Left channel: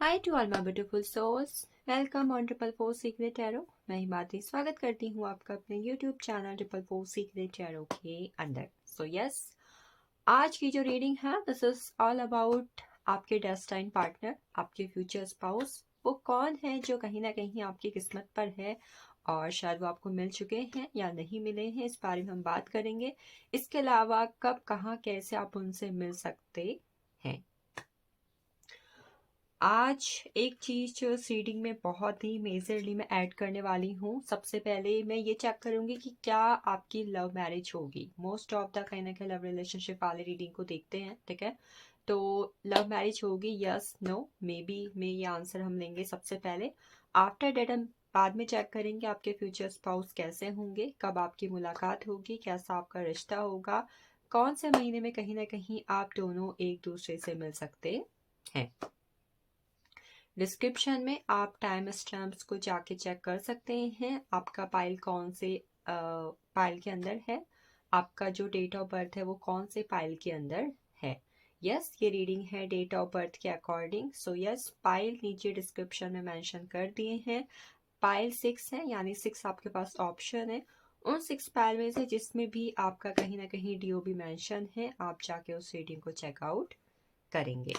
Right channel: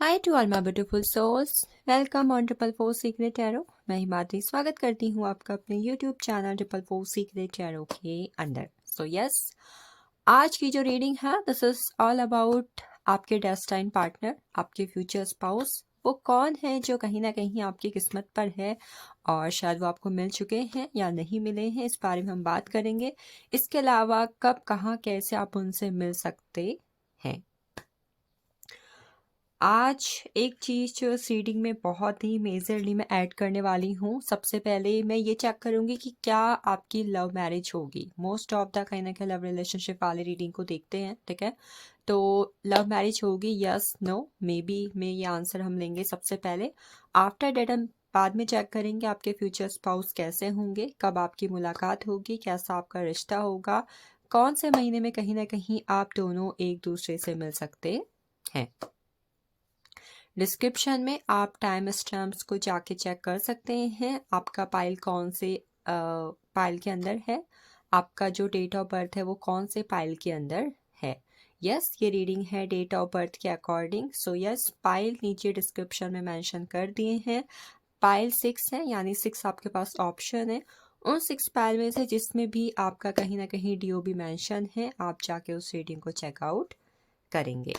Hi to all my beautiful souls, welcome on triple four secret tarot. मैं हिमाद्री स्वागत करती हूँ आपका अपने YouTube channel triple four secret tarot के अंदर। सो यस, आज की जो रीडिंग है दिस इज ऑल अबाउट आपके डेस्टाइन पार्टनर, आपके फ्यूचर स्पाउस। वो कौन है जो कहीं ना कहीं आपकी किस्मत पर है और शायद वो आपको मिल चुके हैं या नहीं मिले हैं, इस बारे में हम बात करेंगे। इसके अलावा कब, कहाँ, कैसे आप उनसे मिल सकते हैं। आज एक चीज़ जो इस रीडिंग में बहुत ही मेजरली मैं ऐड करने वाली हूँ। सबसे पहले मैं ये चेक करूँगी कि क्या आपकी लव मैरिज होगी। मोस्ट ऑफ द कहीं ना कहीं लव रिलेशनशिप वाली रीडिंग को देखते हैं, ठीक है। तो लव मैरिज होगी, यस नो मे बी में ये आंसर हम लेंगे सबसे पहले। आफ्टर डेट हम बाद में चेक करेंगे आपके फ्यूचर स्पाउस कैसे होंगे, कब आपकी मुलाकात होगी, कैसा आपका रिश्ता होगा, कौन से महीने में कहीं ना कहीं आप दोनों एक दूसरे से मिल सकते हैं। डिस्क्रिप्शन में आप टाइम स्टैम्प्स को जाके चेक कर सकते हैं। आपका पाइल कौन से पाइल के अंदर है, आपका जो डेट ऑफ बर्थ है वो कौन से पाइल के अंदर है। यस, ये रीडिंग है डेट ऑफ बर्थ के अकॉर्डिंग। सो यस, पाइल नीचे डिस्क्रिप्शन में मेंशन कर दिए हैं। पाइल 6 है, यानी 6 आपके पास ऑप्शन है। उन 6 पाइल में से जिसमें भी आपका कहीं ना कहीं डीओबी मेंशन है, आप जाके उस रीडिंग को चेकआउट करेंगे।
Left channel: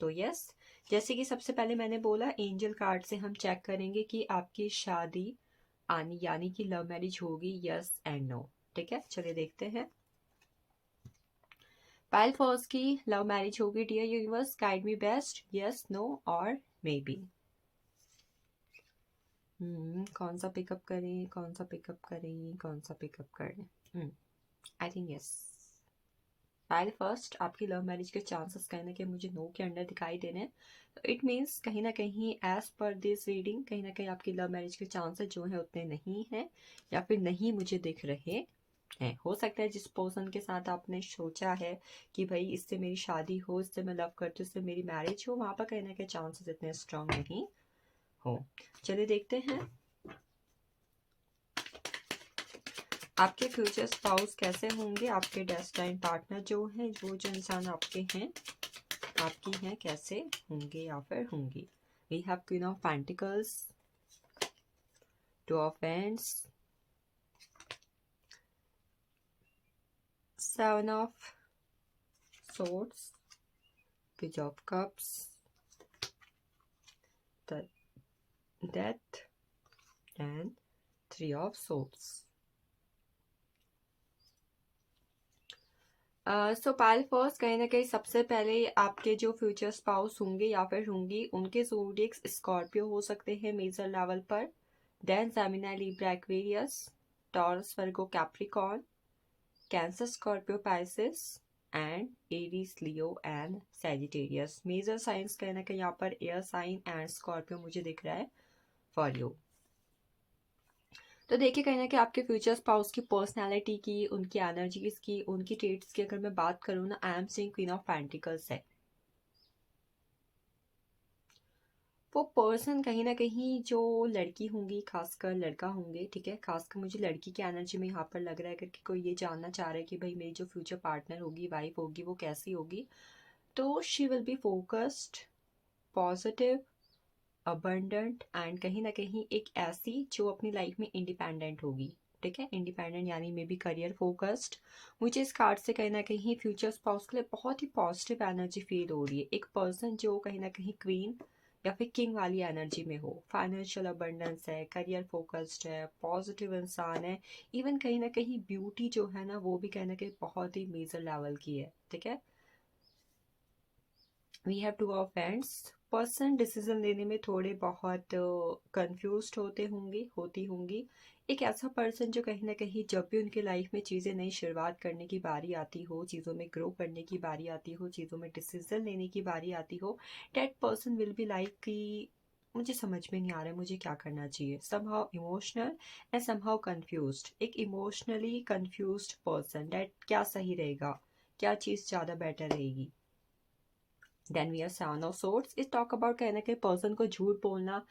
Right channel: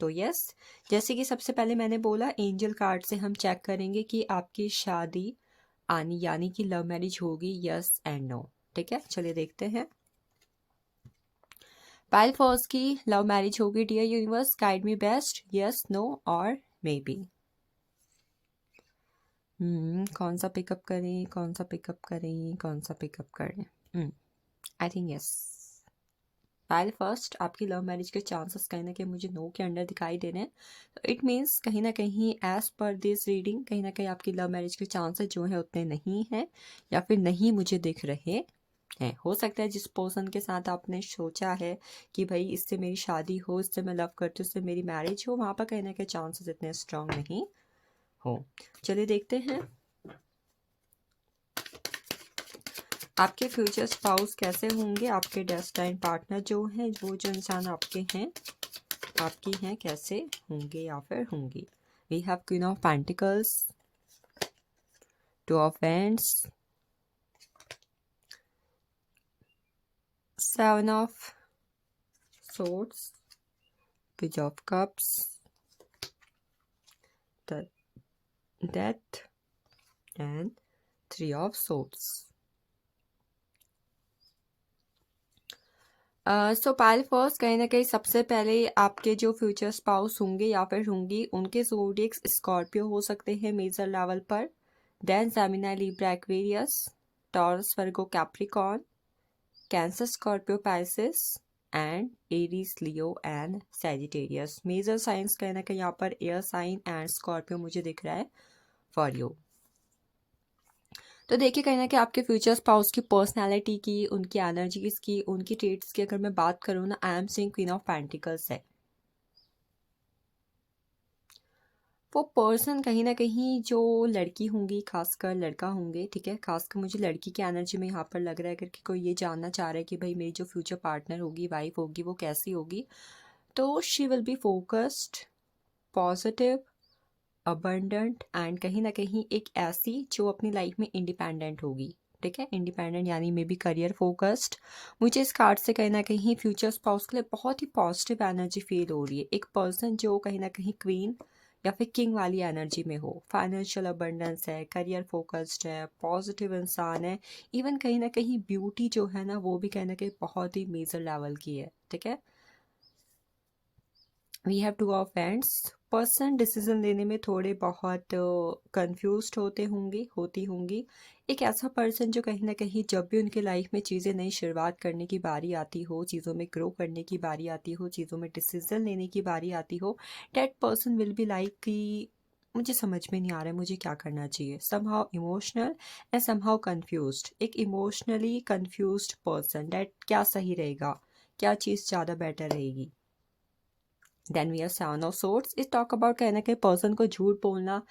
तो यस, जैसे कि सबसे पहले मैंने बोला, एंजल कार्ड से हम चेक करेंगे कि आपकी शादी आनी यानी कि लव मैरिज होगी, यस एंड नो। ठीक है, चलिए देखते हैं। पाइल फर्स्ट की लव मैरिज होगी। Dear universe, guide me best, yes no और मे बी। कौन सा पिकअप करें, कौन सा पिकअप करें, कौन सा पिकअप करें। I think yes, Payal first, आपकी लव मैरिज के चांसेस कहीं ना कहीं मुझे नो के अंडर दिखाई दे रहे हैं। तो इट मीन्स कहीं ना कहीं एज पर दिस रीडिंग कहीं ना कहीं आपकी लव मैरिज के चांसेस जो है उतने नहीं हैं, या फिर नहीं मुझे दिख रहे हैं। हो सकता है जिस पर्सन के साथ आपने सोचा है कि भाई इससे मेरी शादी हो, इससे मैं लव करती हूँ, इससे मेरी मैरिज हो, वहाँ पर कहीं ना कहीं चांसेस इतने स्ट्रांग नहीं हो। चलिए देखते हैं आपके फ्यूचर स्पाउस कैसे होंगे। आपके डेस्टाइन पार्टनर जो है, वो जो इंसान आपके हैं, आपकी हैं, कैसे होंगे या फिर होंगी। We have queen of pentacles, two of wands, seven of swords, page of cups, the death and three of swords. So pile first, कहीं ना कहीं सबसे पहले आपके जो फ्यूचर स्पाउस होंगे या फिर होंगी, उनके ज़ोडिएक्स स्कॉर्पियो हो सकते हैं मेजर लेवल पर। Then Gemini, Libra, Aquarius, Taurus, Virgo, Capricorn, Cancer, Scorpio, Pisces and Aries, Leo and Sagittarius. Major signs कहीं ना कहीं यहाँ पर एयर साइन एंड स्कॉर्पियो मुझे दिख रहा है फॉर यू। तो देखिए कहीं ना कहीं आपके फ्यूचर स्पाउस की पर्सनालिटी की, उनकी एनर्जीज की, उनकी ट्रेट्स की अगर मैं बात करूँ ना, I am saying queen of pentacles है। वो पर्सन कहीं ना कहीं जो लड़की होंगी, खासकर लड़का होंगे, ठीक है, खासकर मुझे लड़की की एनर्जी में यहाँ पर लग रहा है कि कोई ये जानना चाह रहा है कि भाई मेरी जो फ्यूचर पार्टनर होगी, वाइफ होगी, वो कैसी होगी। तो she will be focused, positive, abundant and कहीं ना कहीं एक ऐसी जो अपनी लाइफ में इंडिपेंडेंट होगी। ठीक है, इंडिपेंडेंट यानी मे बी करियर फोकस्ड। मुझे इस कार्ड से कहीं ना कहीं फ्यूचर स्पाउस के लिए बहुत ही पॉजिटिव एनर्जी फील हो रही है। एक पर्सन जो कहीं ना कहीं क्वीन या फिर किंग वाली एनर्जी में हो, फाइनेंशियल अबंडेंस है, करियर फोकस्ड है, पॉजिटिव इंसान है। इवन कहीं ना कहीं ब्यूटी जो है ना, वो भी कहीं ना कहीं बहुत ही मेजर लेवल की है। ठीक है, we have two of wands. Person decision लेने में थोड़े बहुत कंफ्यूज होते होंगे, होती होंगी। एक ऐसा पर्सन जो कहीं ना कहीं जब भी उनके लाइफ में चीज़ें नई शुरुआत करने की बारी आती हो, चीज़ों में ग्रो करने की बारी आती हो, चीज़ों में डिसीजन लेने की बारी आती हो, that person will be like कि मुझे समझ में नहीं आ रहा है मुझे क्या करना चाहिए। Somehow emotional and somehow confused. एक इमोशनली कंफ्यूज्ड पर्सन, डेट क्या सही रहेगा, क्या चीज़ ज़्यादा बेटर रहेगी। Then we are seven of swords. इस टॉक अबाउट कहना कि पर्सन को झूठ बोलना,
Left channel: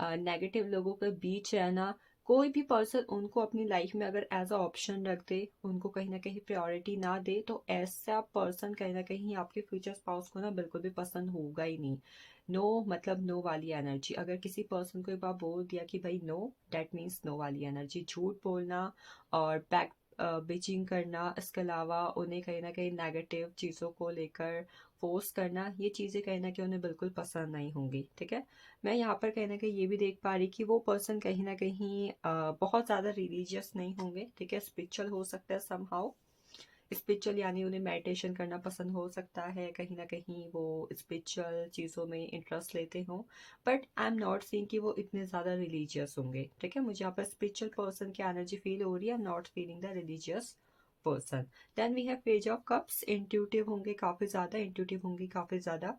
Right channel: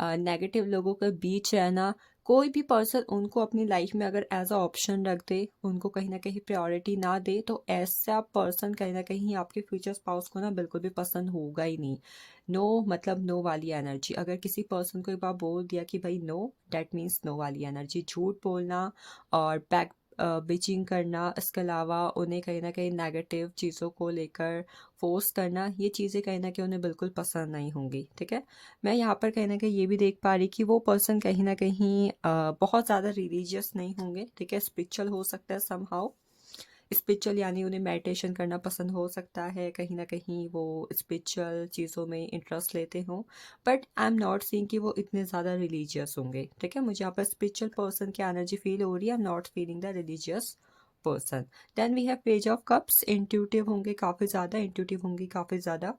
नेगेटिव लोगों के बीच रहना, कोई भी पर्सन उनको अपनी लाइफ में अगर एज अ ऑप्शन रख दे, उनको कहीं ना कहीं प्रायोरिटी ना दे, तो ऐसा पर्सन कहीं ना कहीं आपके फ्यूचर स्पाउस को ना बिल्कुल भी पसंद होगा ही नहीं। नो मतलब नो वाली एनर्जी। अगर किसी पर्सन को एक बार बोल दिया कि भाई नो, डेट मीन्स नो वाली एनर्जी। झूठ बोलना और बैक बिचिंग करना, इसके अलावा उन्हें कहीं ना कहीं नेगेटिव चीज़ों को लेकर फोर्स करना, ये चीज़ें कहीं ना कहीं उन्हें बिल्कुल पसंद नहीं होंगी। ठीक है, मैं यहाँ पर कहीं ना कहीं ये भी देख पा रही कि वो पर्सन कहीं ना कहीं बहुत ज़्यादा रिलीजियस नहीं होंगे। ठीक है, स्पिरिचुअल हो सकता है समहाउ। स्पिरिचुअल यानी उन्हें मेडिटेशन करना पसंद हो सकता है, कहीं ना कहीं वो स्पिरिचुअल चीज़ों में इंटरेस्ट लेते हों, but I am not seeing कि वो इतने ज़्यादा रिलीजियस होंगे। ठीक है, मुझे यहाँ पर स्पिरिचुअल पर्सन की एनर्जी फील हो रही है, I am not feeling the religious person. Then we have page of cups. Intuitive होंगे काफ़ी ज़्यादा, इंट्यूटिव होंगी काफ़ी ज़्यादा।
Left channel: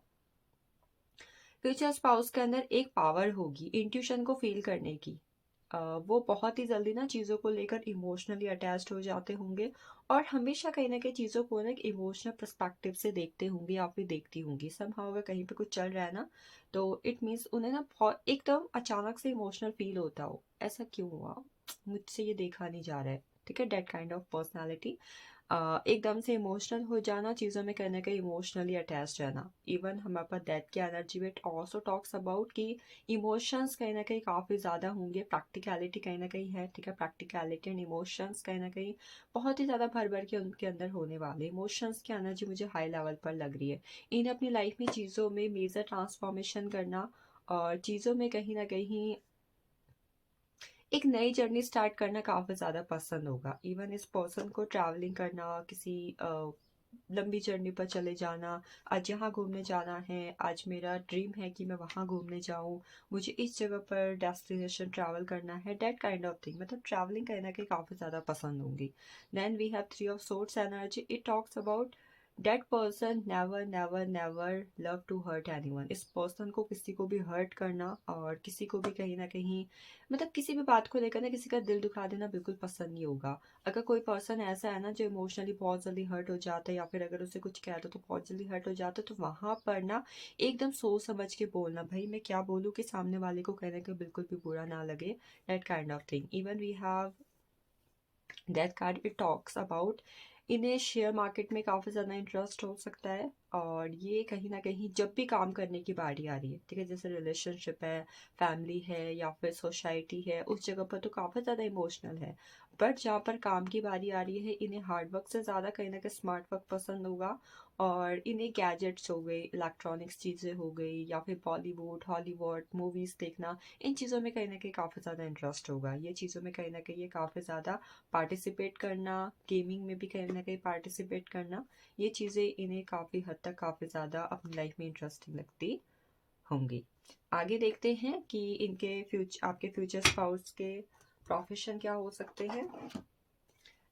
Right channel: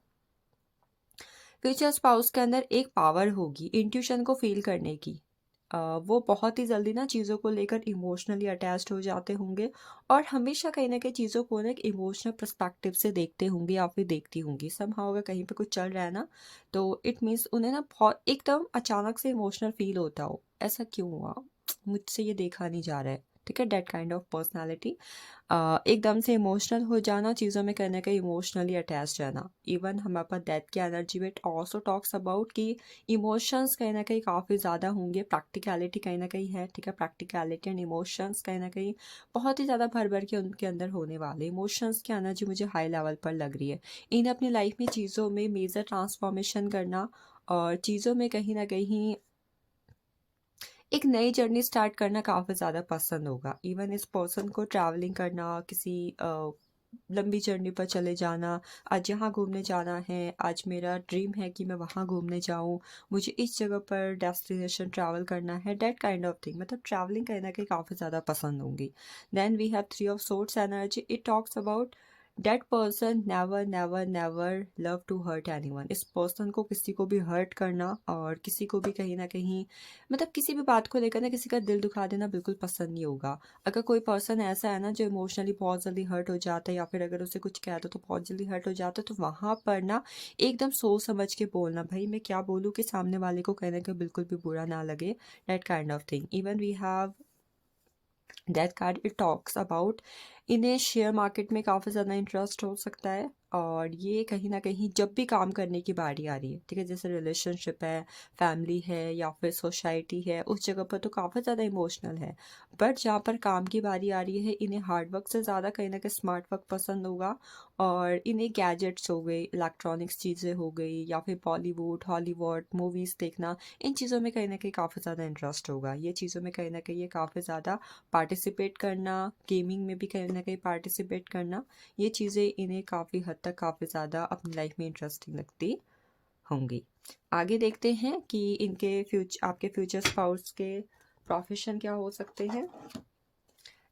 फ्यूचर स्पाउस के अंदर एक पावर होगी इंट्यूशन को फील करने की। वो बहुत ही जल्दी ना चीज़ों को लेकर इमोशनली अटैच्ड हो जाते होंगे, और हमेशा कहीं ना कहीं चीज़ों को ना एक इमोशनल पर्सपेक्टिव से देखते होंगे या फिर देखती होंगी। समहाउ अगर कहीं पे कुछ चल रहा है ना, तो इट मीन्स उन्हें ना बहुत एकदम अचानक से इमोशनल फील होता हो, ऐसा क्यों हुआ, मुझसे ये देखा नहीं जा रहा है। ठीक है, डेट काइंड ऑफ पर्सनैलिटी। एकदम से इमोशनल हो जाना, चीज़ों में कहीं ना कहीं इमोशनली अटैच रहना। इवन हमारे पास डेथ की एनर्जी में ऑल्सो टॉक्स अबाउट कि इमोशंस कहीं ना कहीं काफ़ी ज़्यादा होंगे, प्रैक्टिकलिटी कहीं ना कहीं है। ठीक है, प्रैक्टिकलिटी एंड इमोशंस कहीं ना कहीं बहुत ही ज़्यादा भर भर के उनके अंदर होने वाले। इमोशंस की एनर्जी मुझे हाई लेवल पर लग रही है। इन्हें अपनी लाइफ में चीज़ों में मेजर ट्रांसफॉर्मेशन करना, और चीज़ों में कहीं ना कहीं एक नई जर्नी स्टार्ट करना काफ़ी ज़्यादा पसंद होगा। इवन इस पर्सन को ट्रैवलिंग करना, किसी लंबी जर्नी पर चले जाना, आज यहाँ घूमने जाना है, आज मेरा ड्रीम है कि मैं वहाँ घूमने जाऊँ, मुझे इस जगह पर डेस्टिनेशन ट्रैवल करना है, डेट काइंड ऑफ थिंग। मतलब ट्रैवलिंग कहीं ना कहीं काफ़ी ज़्यादा पसंद होंगी। Then we have three of swords energy. It talks about that person never never never love to hurt anyone. इस पर्सन को किसी को भी हर्ट करना, और किसी को भी कहीं ना कहीं मतलब किसी भी बात को लेकर ना किसी का दिल दुखा देना बिल्कुल पसंद नहीं होगा। अगर कोई पर्सन ऐसा है ना जो इमोशनली बहुत जल्दी हर्ट हो जाता है, या फिर अगर उसे कुछ कह दो तो बहुत जल्दी हर्ट हो जाता है, तो वहाँ पर ना एकदम सोच समझ के बोलना, भाई मैं क्या बोलूँ कि सामने वाले को कहीं ना कहीं बिल्कुल भी बुरा ना लगे, that kind of thing. Even we have that card. It talks about इन्हें शेयर मार्केट में काफ़ी ज़्यादा इंटरेस्ट हो सकता है, और ये कहीं ना कहीं जब भी काम करने की बारी आ रही है, ठीक है, जैसे रिलेशनशिप है, फैमिली है, या फिर सोसाइटी है, उस जगह पर तो काफ़ी ज़्यादा इमोशनल है। बट जहाँ पर काम की बारी आ रही है, इन्हें हार्ड वर्क से ज़्यादा कहीं ना कहीं स्मार्ट वर्क पसंद होगा। और इन्हें गैजेट्स हो गए, इलेक्ट्रॉनिक्स चीज़ें हो गई, या फिर बॉलीवुड हॉलीवुड मूवीज़ देखना, इन चीज़ों में कहीं ना कहीं काफ़ी ज़्यादा इंटरेस्ट होगा। ये चीज़ों में कहीं ना कहीं ये काफ़ी ज़्यादा पार्टिसिपेट करना, गेमिंग में भी कहीं ना कहीं पार्टिसिपेट करना, ये चीज़ें इन्हें काफ़ी हद तक काफ़ी ज़्यादा अपनी लाइफ में इंटरेस्टिंग लगती होंगी। आगे देखते हैं कि इनके आपके फ्यूचर स्पाउस के प्रोफेशन क्या हो सकते हैं।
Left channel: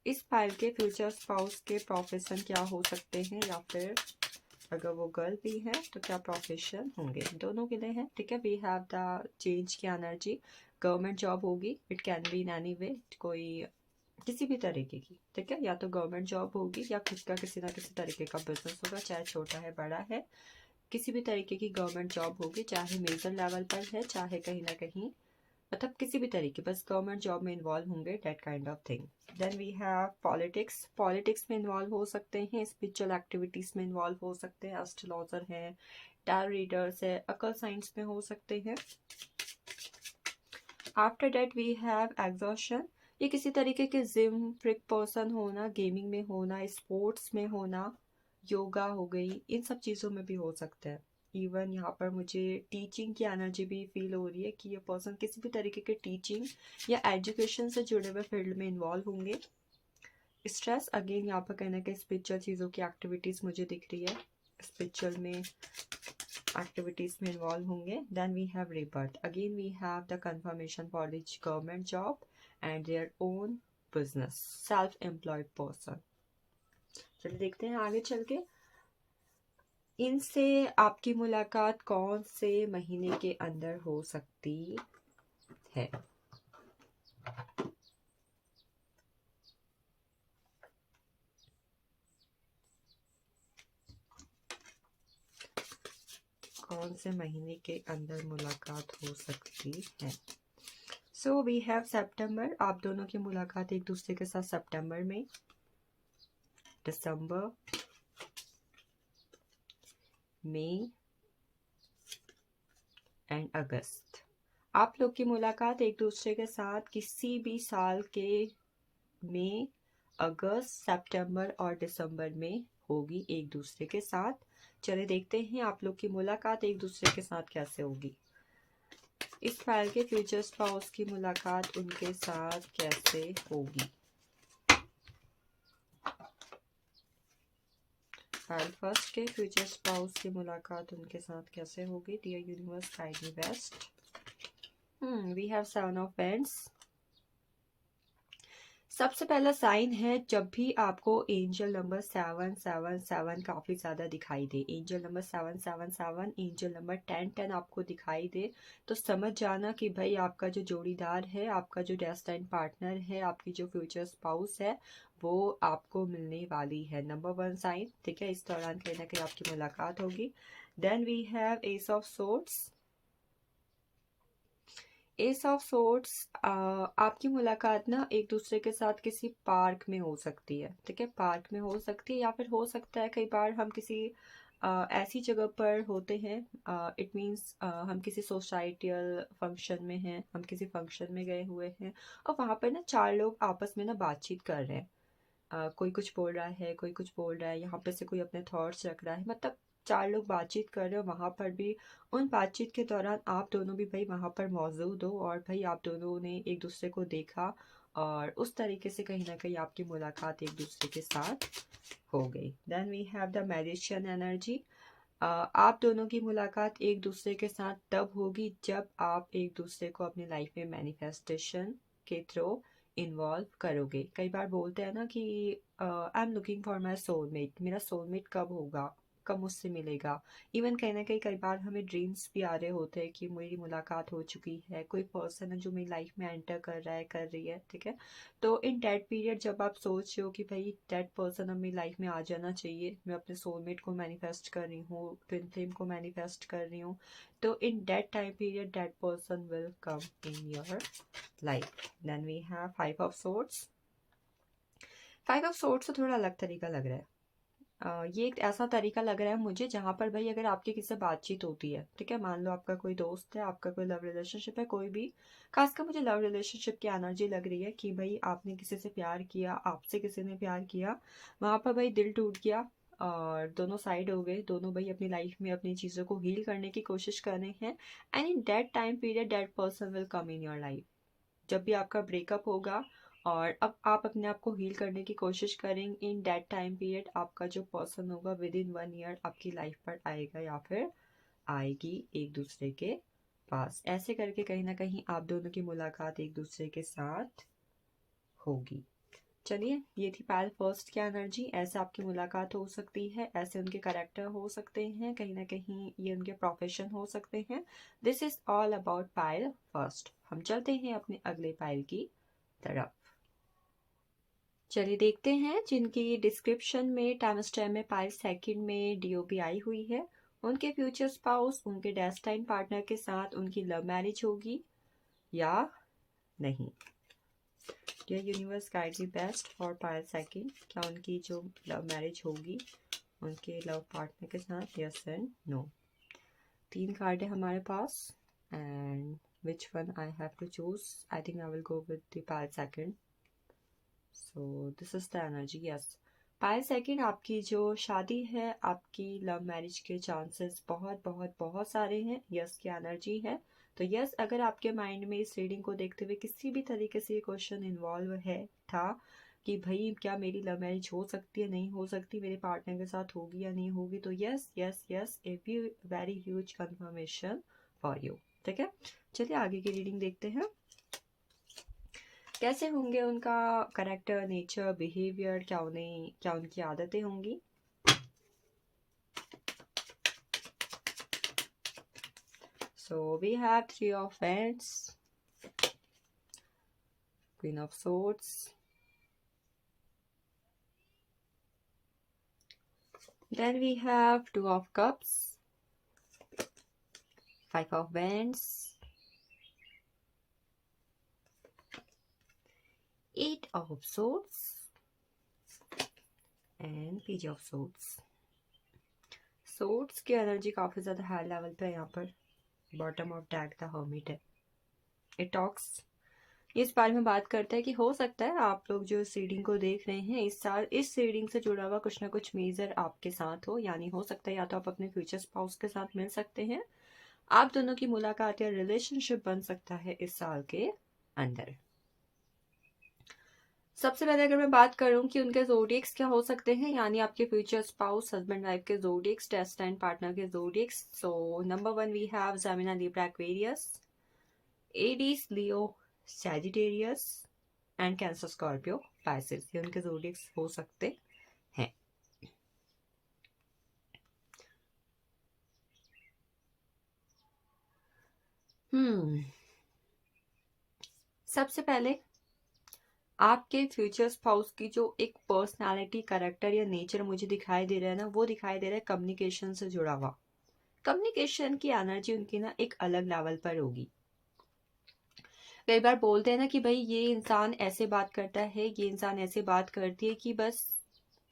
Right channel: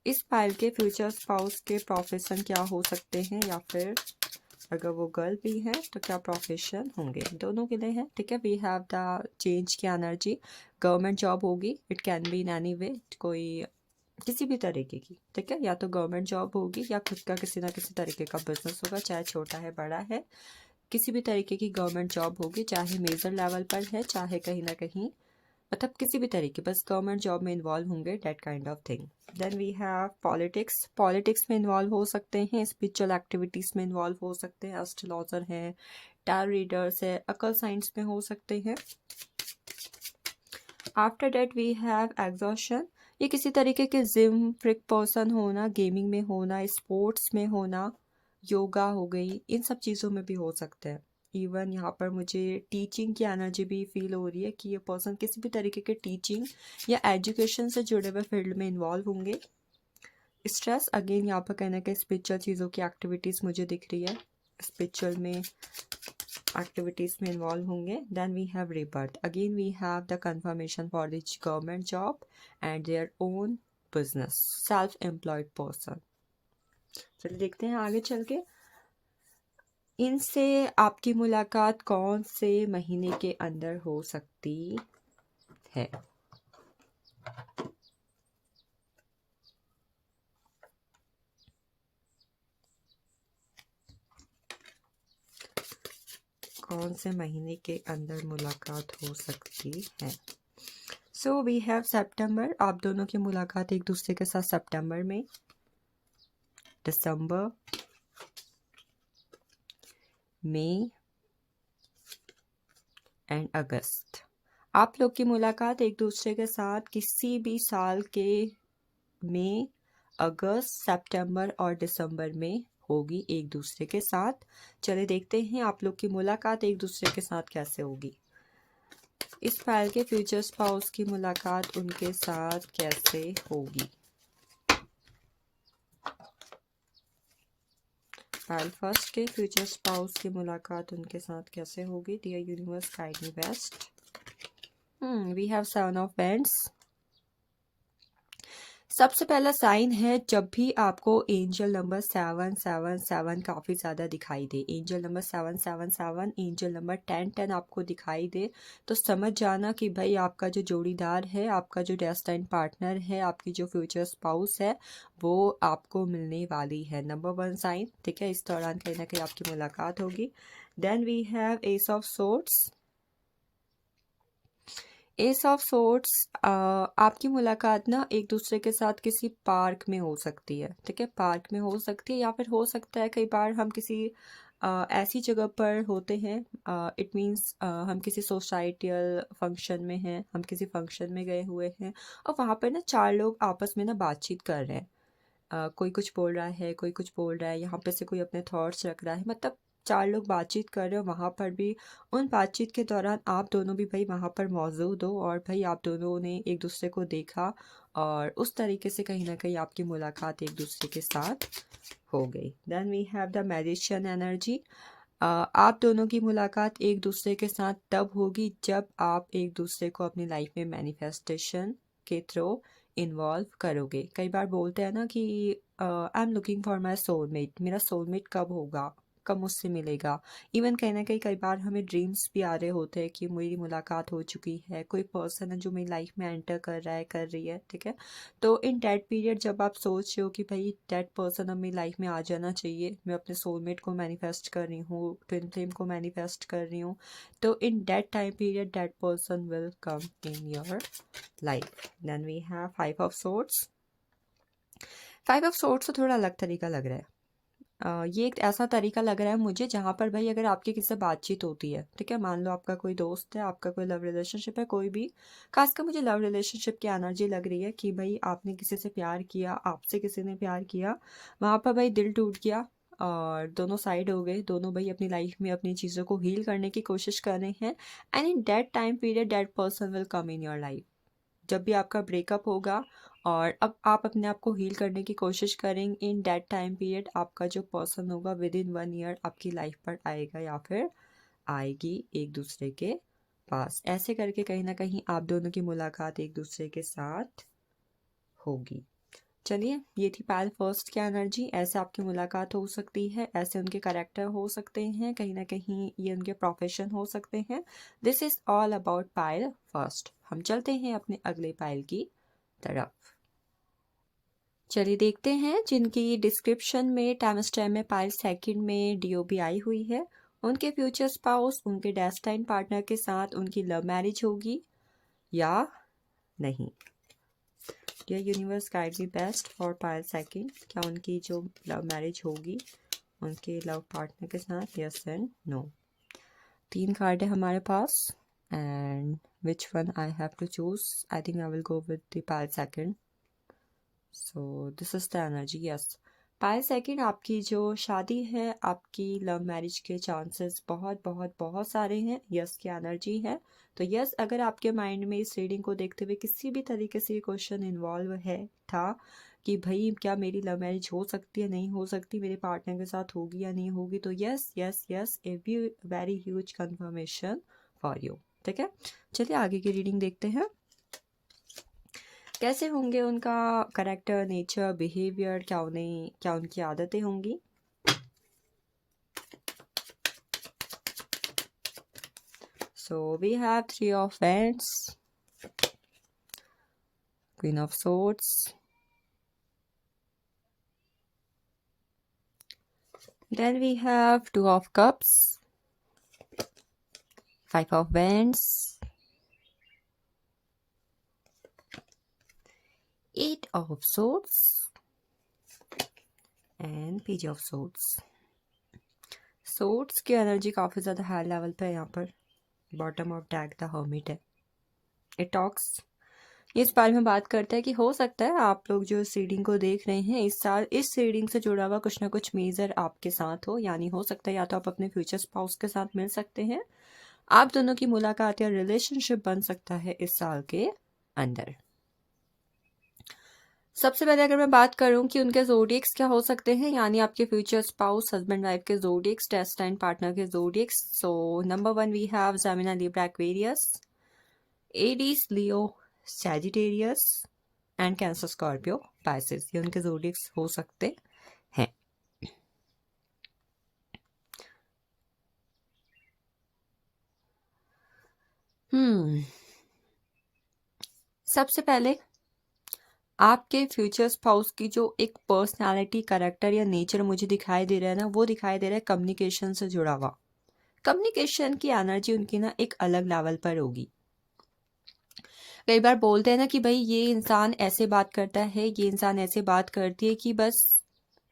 इस फाइल के फ्यूचर स्पाउस के प्रोफेशन क्या हो सकते हैं, या फिर अगर वो गर्ल भी है तो क्या प्रोफेशन होंगे, दोनों के लिए है। ठीक है, वी हैव द चेंज की एनर्जी। गवर्नमेंट जॉब होगी, it can be in any way, कोई किसी भी तरीके की। ठीक है, या तो गवर्नमेंट जॉब होगी, या खुद का किसी ना किसी तरीके का बिजनेस होगा, चाहे छोटा है बड़ा है, किसी भी तरीके की गवर्नमेंट जॉब होगी, चाहे मेजर लेवल पर है, चाहे कहीं ना कहीं मतलब किसी भी तरीके, बस गवर्नमेंट जॉब में इन्वॉल्व होंगे, that kind of thing. Then we have politics. Politics में इन्वॉल्व हो सकते हैं, स्पिरिचुअल एक्टिविटीज़ में इन्वॉल्व हो सकते हैं, एस्ट्रोलॉजर हैं, टैरो रीडर्स है, अकल साइंस में हो सकते हैं। After that we have exhaustion. ये किसी तरीके के जिम फ्रिक पर्सन होना, गेमिंग में होना, स्पोर्ट्स में होना, योगा हो गई, इन सब चीज़ों में भी हो सकते हैं। इवन यहाँ पर मुझे टीचिंग की एनर्जी भी फील हो रही है कि ये पर्सन किसी भी तरीके के टीचिंग या एजुकेशन से जुड़े हुए फील्ड में इन्वॉल्व होंगे। स्ट्रेस अगेन यहाँ पर कहना कि स्पिरिचुअल चीज़ों की एक्टिविटीज़ मुझे दिख रही है, स्पिरिचुअल में एक्टिविटीज़ में इन्वॉल्व होंगे। Then we have rebirth। Again we have the confirmation for the government job and their own business, self employed person. चलिए देखते हैं आगे चल के इनसे आपकी मुलाकात कौन से महीने के अंदर हो सकती है। कौन से महीने के अंदर मुलाकात हो सकती है। सो वी हैव सितंबर, आप दोनों की मुलाकात एक दूसरे के साथ सितंबर में, दिसंबर, मई एंड अगस्त। आप लोग की मुलाकात एक दूसरे के साथ किसी भी साल के मई, अगस्त, सितंबर और दिसंबर में होगी एक दूसरे के साथ। चले देखते हैं आप लोग की मुलाकात एक दूसरे के साथ कैसे होगी। इस फाइल के फ्यूचर स्पाउस की मुलाकात उनके साथ कैसे होगी। फाइल फर्स्ट के फ्यूचर स्पाउस की मुलाकात उनके साथ कैसे होगी। Dear universe guide me best. We have 7 of pentacles. सबसे पहला साइन है, जब भी आपको एंजल नंबर 777 काफ़ी ज़्यादा दिखाई दे, एंजल नंबर 777, एंजल नंबर 1010 आपको दिखाई दे, तो समझ जाना कि भाई आपका जो जोड़ीदार है, आपका जो डेस्टाइन पार्टनर है, आपकी जो फ्यूचर स्पाउस है, वो आपको मिलने वाली है। नंबर 1 साइन, ठीक है। इस दौरान कहीं ना कहीं आपकी मुलाकात होगी। Then we have ace of swords. Ace of swords, आपकी मुलाकात ना एक दूसरे के साथ किसी पार्क में हो सकती है, ठीक है। पार्क में हो सकती है, या फिर हो सकता है कई बार हम किसी ऐसी जगह पर होते हैं, इट मीन्स हम किसी सोसाइटियल फंक्शन में हैं, हम किसी फंक्शन में गए हुए हैं और वहाँ पर ना 4 लोग आपस में ना बातचीत कर रहे हैं। कोई कुछ बोल रहा है, कोई कुछ बोल रहा है, यहाँ पे से कोई अपने थॉट्स रख रहा है, मतलब 4 लोग बातचीत कर रहे हो। वहाँ पर भी उन बातचीत के दौरान आप दोनों भी भाई वहाँ पर मौजूद हो और भाई आप दोनों ने एक दूसरे को देखा और उस तरीके से कहीं ना कहीं आपकी मुलाकात एक दूसरे के साथ हो गई। Then we have the magician energy. आप दोनों की मुलाकात एक दूसरे के साथ तब होगी जब आप एक दूसरे को अपनी लाइफ में मैनिफेस्टेशन के थ्रू इन्वॉल्व करोगे। कई बार बोलते हैं ना कि I am looking for my soulmate, मेरा सोलमेट कब होगा, कब मुझसे मिलेगा। इवन कहीं ना कहीं कई बार हमें ड्रीम्स भी आ रहे होते हैं कि मेरी मुलाकात हो चुकी है, कोई पर्सन है जो मेरी लाइफ में एंटर कर रहा है, कर रही है, ठीक है। तो इन डेट पीरियड जब आप सोच रहे हो कि भाई डेट पर्सन अब मेरी लाइफ में आ जाना चाहिए, मैं अपने सोलमेट को मैनिफेस्ट कर रही हूँ, ट्विन फ्लेम को मैनिफेस्ट कर रही हूँ, तो in that time period that person will come in your life. Then we have 5 of swords. 5 of swords तो थोड़ा अलग तरीका लग रहा है। ये एक ऐसा तरीका लग रहा है मुझे जहाँ पर भाई अगर आपकी किसी से बातचीत होती है, ठीक है, मान लो आपका कोई दोस्त है, आपका कोई लव रिलेशनशिप है, कोई भी, खासकर मुझे लव रिलेशनशिप की एनर्जी लग रही है कि भाई आपने किसी से प्यार किया, आपसे किसी ने प्यार किया, वहाँ पर भाई दिल टूट गया और दोनों साइड हो गए, दोनों भाई अपनी लाइफ में अपनी चीज़ों को हील करने की कोशिश कर रहे हैं। And in that time period that person will come in your life. जब भी आपका ब्रेकअप होगा और अब आप अपने आप को हील करने की कोशिश करेंगे, इन दैट टाइम पीरियड आपका जो पर्सन होगा विद इन 1 ईयर आपकी लाइफ पर आएगा या फिर आएगी एक दूसरे के पास। ऐसे करके कहीं ना कहीं आप दोनों की मुलाकात एक दूसरे के साथ होगी। चलिए, ये थी पायल फर्स्ट की एनर्जी। ऐसे आपकी मुलाकात हो सकती है, ऐसे उनके कैरेक्टर हो सकते हैं, कहीं ना कहीं ये उनके प्रोफेशन हो सकते हैं। This is all about Payal first. हम चलते हैं अपने अगले पायल की तरफ। चलिए देखते हैं जिनकी डिस्क्रिप्शन में टाइम स्टैम्प में पायल सेकंड में डीओबी आई हुई है, उनके फ्यूचर स्पाउस उनके डेस्टाइन पार्टनर के साथ उनकी लव मैरिज होगी या नहीं। Dear universe guide me best for pile second. क्या उनकी जो लव मैरिज होगी उनके लव पार्टनर के साथ, यस एंड नो। 3 कार्ड है हमारे पास and which one I have to choose. I think I will go with the pile second. So this is the energy, yes. Pile second, आपकी जो शादी है, आपकी लव मैरिज के चांसेस बहुत बहुत बहुत सारे हैं, यस की एनर्जी है। तो यस, अगर आपके माइंड में इस रीडिंग को देखते हुए किसी भी तरीके से ये क्वेश्चन इन्वॉल्व है था कि भाई क्या मेरी लव मैरिज हो सकती है, नहीं हो सकती, मेरे पार्टनर के साथ होगी या नहीं होगी, तो yes yes yes, a very huge confirmation for you, ठीक है। चलिए आगे की रीडिंग देखते हैं। कैसे होंगे उनका करेक्टर, नेचर, बिहेवियर, क्या उनकी आदतें होंगी। So we have 3 of Wands, Queen of Swords, then we have 2 of Cups, 5 of Wands, of swords and page of swords. Swords की एनर्जी काफ़ी ज़्यादा हाई लेवल पे है यहाँ पर। Bottom of deck the hermit है। इट टॉक्स, ये इस बारे में बात करता है कि हो सकता है आप लोग जो इस रीडिंग को देख रहे हैं इस साल इस रीडिंग से जुड़ा हुआ कुछ ना कुछ मेजर आपके साथ हो, यानी हो सकता है या तो आप अपने फ्यूचर स्पाउस के साथ मिल सकते हैं, आप दोनों की मुलाकात या रिलेशनशिप बन सकता है इस साल के अंदर। सबसे पहले अगर मैं बात करूं कि उनके जोडिएक्स क्या हो सकते हैं, यानी आपके फ्यूचर स्पाउस हस्बैंड वाइफ के जोडिएक्स, डेस्टाइन पार्टनर के zodiacs. So number 1 we have Gemini, Libra, Aquarius, Aries, Leo, Sagittarius and Cancer, Scorpio, Pisces. ये उनके जोडिएक्स हो सकते हैं। सबसे पहले आपके फ्यूचर स्पाउस की जो एक पर्सनालिटी, करेक्टर या नेचर मुझे दिखाई दे रहा है ना, वो दिखाई दे रहा है कम्युनिकेशन से जुड़ा हुआ। कम्युनिकेशन की एनर्जी उनकी ना एक अलग लेवल पर होगी। कई बार बोलते हैं ना कि भाई ये इंसान ऐसे बात करता है, ये इंसान ऐसे बात करती है कि बस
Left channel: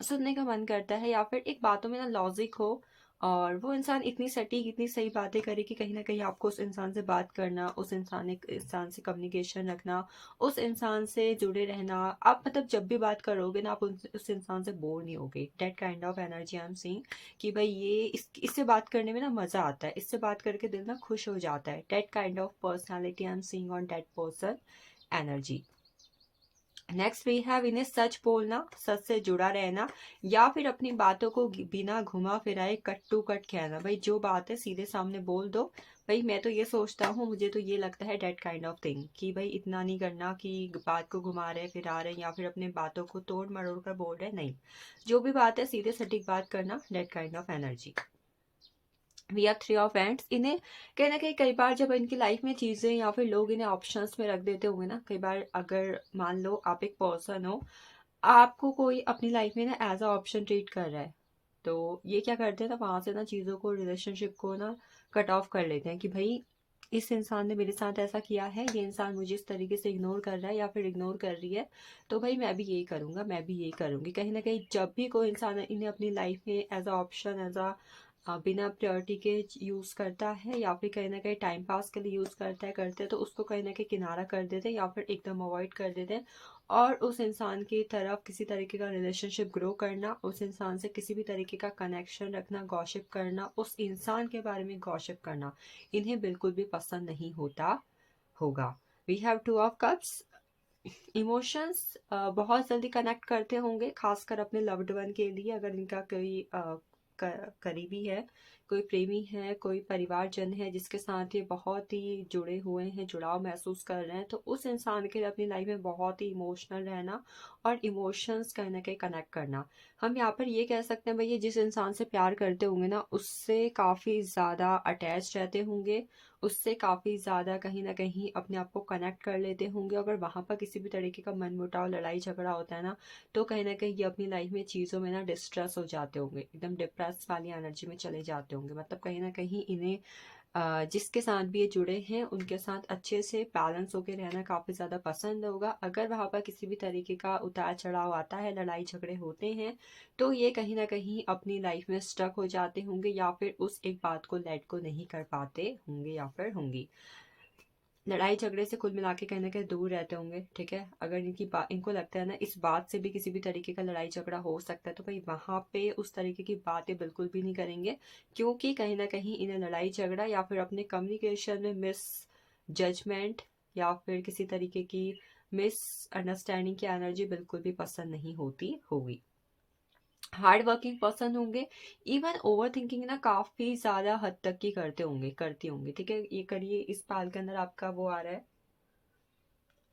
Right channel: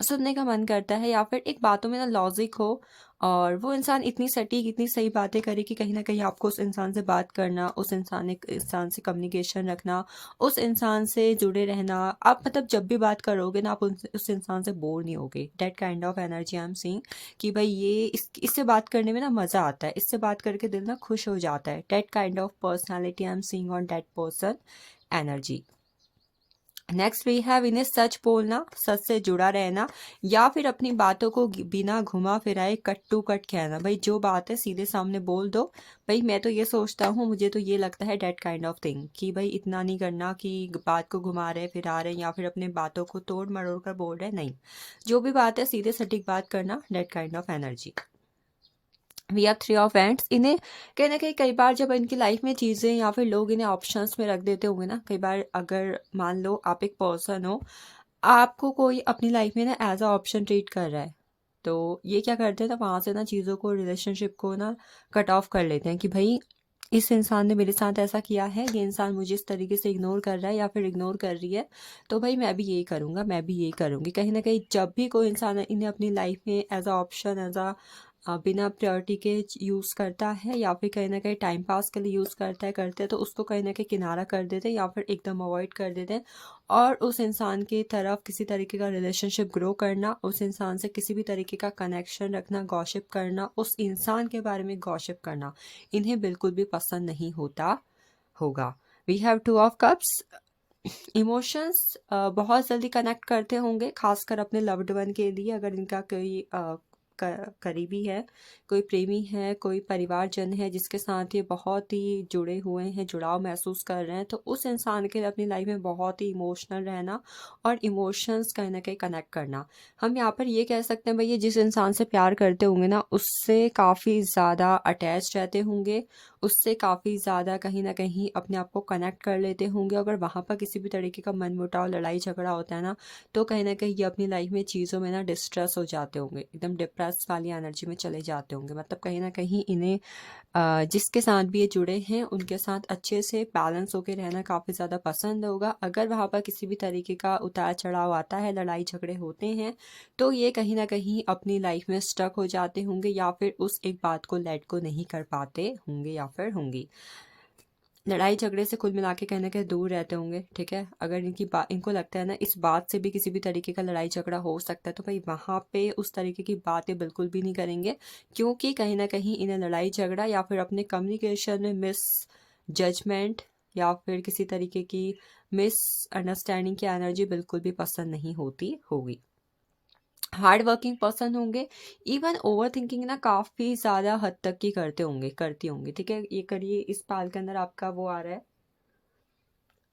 सुनने का मन करता है, या फिर एक बातों में ना लॉजिक हो और वो इंसान इतनी सटीक, इतनी सही बातें करे कि कहीं ना कहीं आपको उस इंसान से बात करना, उस इंसान से कम्युनिकेशन रखना, उस इंसान से जुड़े रहना, आप मतलब जब भी बात करोगे ना आप उस इंसान से बोर नहीं होगे। That kind of energy I am seeing कि भाई ये इससे बात करने में ना मज़ा आता है, इससे बात करके दिल ना खुश हो जाता है। That kind of personality I am seeing on that person energy. Next we have इन्हें सच बोलना, सच से जुड़ा रहना, या फिर अपनी बातों को बिना घुमा फिराए कट टू कट कहना। भाई जो बात है सीधे सामने बोल दो, भाई मैं तो ये सोचता हूँ, मुझे तो ये लगता है, डेट काइंड ऑफ थिंग कि भाई इतना नहीं करना कि बात को घुमा रहे फिरा रहे या फिर अपने बातों को तोड़ मरोड़ कर बोल रहे, नहीं, जो भी बात है सीधे सटीक बात करना, that kind of energy. We have three of wands. इन्हें कहीं ना कहीं कई बार जब इनकी लाइफ में चीज़ें या फिर लोग इन्हें ऑप्शंस में रख देते होंगे ना, कई बार अगर मान लो आप एक पर्सन हो, आपको कोई अपनी लाइफ में ना एज अ ऑप्शन ट्रीट कर रहा है, तो ये क्या करते हैं ना, वहाँ से ना चीज़ों को, रिलेशनशिप को ना कट ऑफ कर लेते हैं कि भाई इस इंसान ने मेरे साथ ऐसा किया है, ये इंसान मुझे इस तरीके से इग्नोर कर रहा है या फिर इग्नोर कर रही है, तो भाई मैं भी यही करूँगा, मैं भी यही करूँगी। कहीं ना कहीं जब भी कोई इंसान इन्हें अपनी लाइफ में as a option, as a बिना प्रायोरिटी के यूज़ करता है या फिर कहीं ना कहीं टाइम पास के लिए यूज़ करते हैं, तो उसको कहीं ना कहीं किनारा कर देते हैं या फिर एकदम अवॉइड कर देते हैं, और उस इंसान की तरफ किसी तरीके का रिलेशनशिप ग्रो करना, उस इंसान से किसी भी तरीके का कनेक्शन रखना, गॉसिप करना, उस इंसान के बारे में गॉसिप करना, इन्हें बिल्कुल भी पसंद नहीं होता होगा। We have two of cups. Emotions बहुत जल्दी कनेक्ट करते होंगे, खासकर अपने लव्ड वन के लिए। अगर इनका कोई करीबी है, कोई प्रेमी है, कोई परिवारजन है जिसके साथ ये बहुत ही जुड़े हुए हैं, जुड़ाव महसूस कर रहे हैं, तो उस इंसान के लिए अपनी लाइफ में बहुत ही इमोशनल रहना और इमोशंस कहीं ना कहीं कनेक्ट करना। हम यहाँ पर ये कह सकते हैं भाई ये जिस इंसान से प्यार करते होंगे ना, उससे काफ़ी ज़्यादा अटैच रहते होंगे, उससे काफ़ी ज़्यादा कहीं न कहीं अपने आप को कनेक्ट कर लेते होंगे। अगर वहाँ पर किसी भी तरीके का मनमुटाव, लड़ाई झगड़ा होता है ना, तो कहीं न कहीं ये अपनी लाइफ में चीज़ों में ना डिस्ट्रेस हो जाते होंगे, एकदम डिप्रेस वाली एनर्जी में चले जाते होंगे। मतलब कहीं न कहीं इन्हें जिसके साथ भी ये जुड़े हैं उनके साथ अच्छे से बैलेंस होकर रहना काफ़ी ज़्यादा पसंद होगा। अगर वहाँ पर किसी भी तरीके का उतार चढ़ाव आता है, लड़ाई झगड़े होते हैं, तो ये कहीं ना कहीं अपनी लाइफ में स्टक हो जाते होंगे या फिर उस एक बात को लेट को नहीं कर पाते होंगे या फिर होंगी। लड़ाई झगड़े से कुल मिला के कहीं ना कहीं दूर रहते होंगे, ठीक है। अगर इनको लगता है ना इस बात से भी किसी भी तरीके का लड़ाई झगड़ा हो सकता है, तो भाई वहाँ पे उस तरीके की बातें बिल्कुल भी नहीं करेंगे, क्योंकि कहीं ना कहीं इन्हें लड़ाई झगड़ा या फिर अपने कम्युनिकेशन में मिस जजमेंट या फिर किसी तरीके की मिस अंडरस्टैंडिंग की एनर्जी बिल्कुल भी पसंद नहीं होती होगी। हार्ड वर्किंग पर्सन होंगे, इवन ओवर थिंकिंग ना काफ़ी ज़्यादा हद तक की करती होंगी, ठीक है। ये करिए इस पाल के अंदर आपका वो आ रहा है,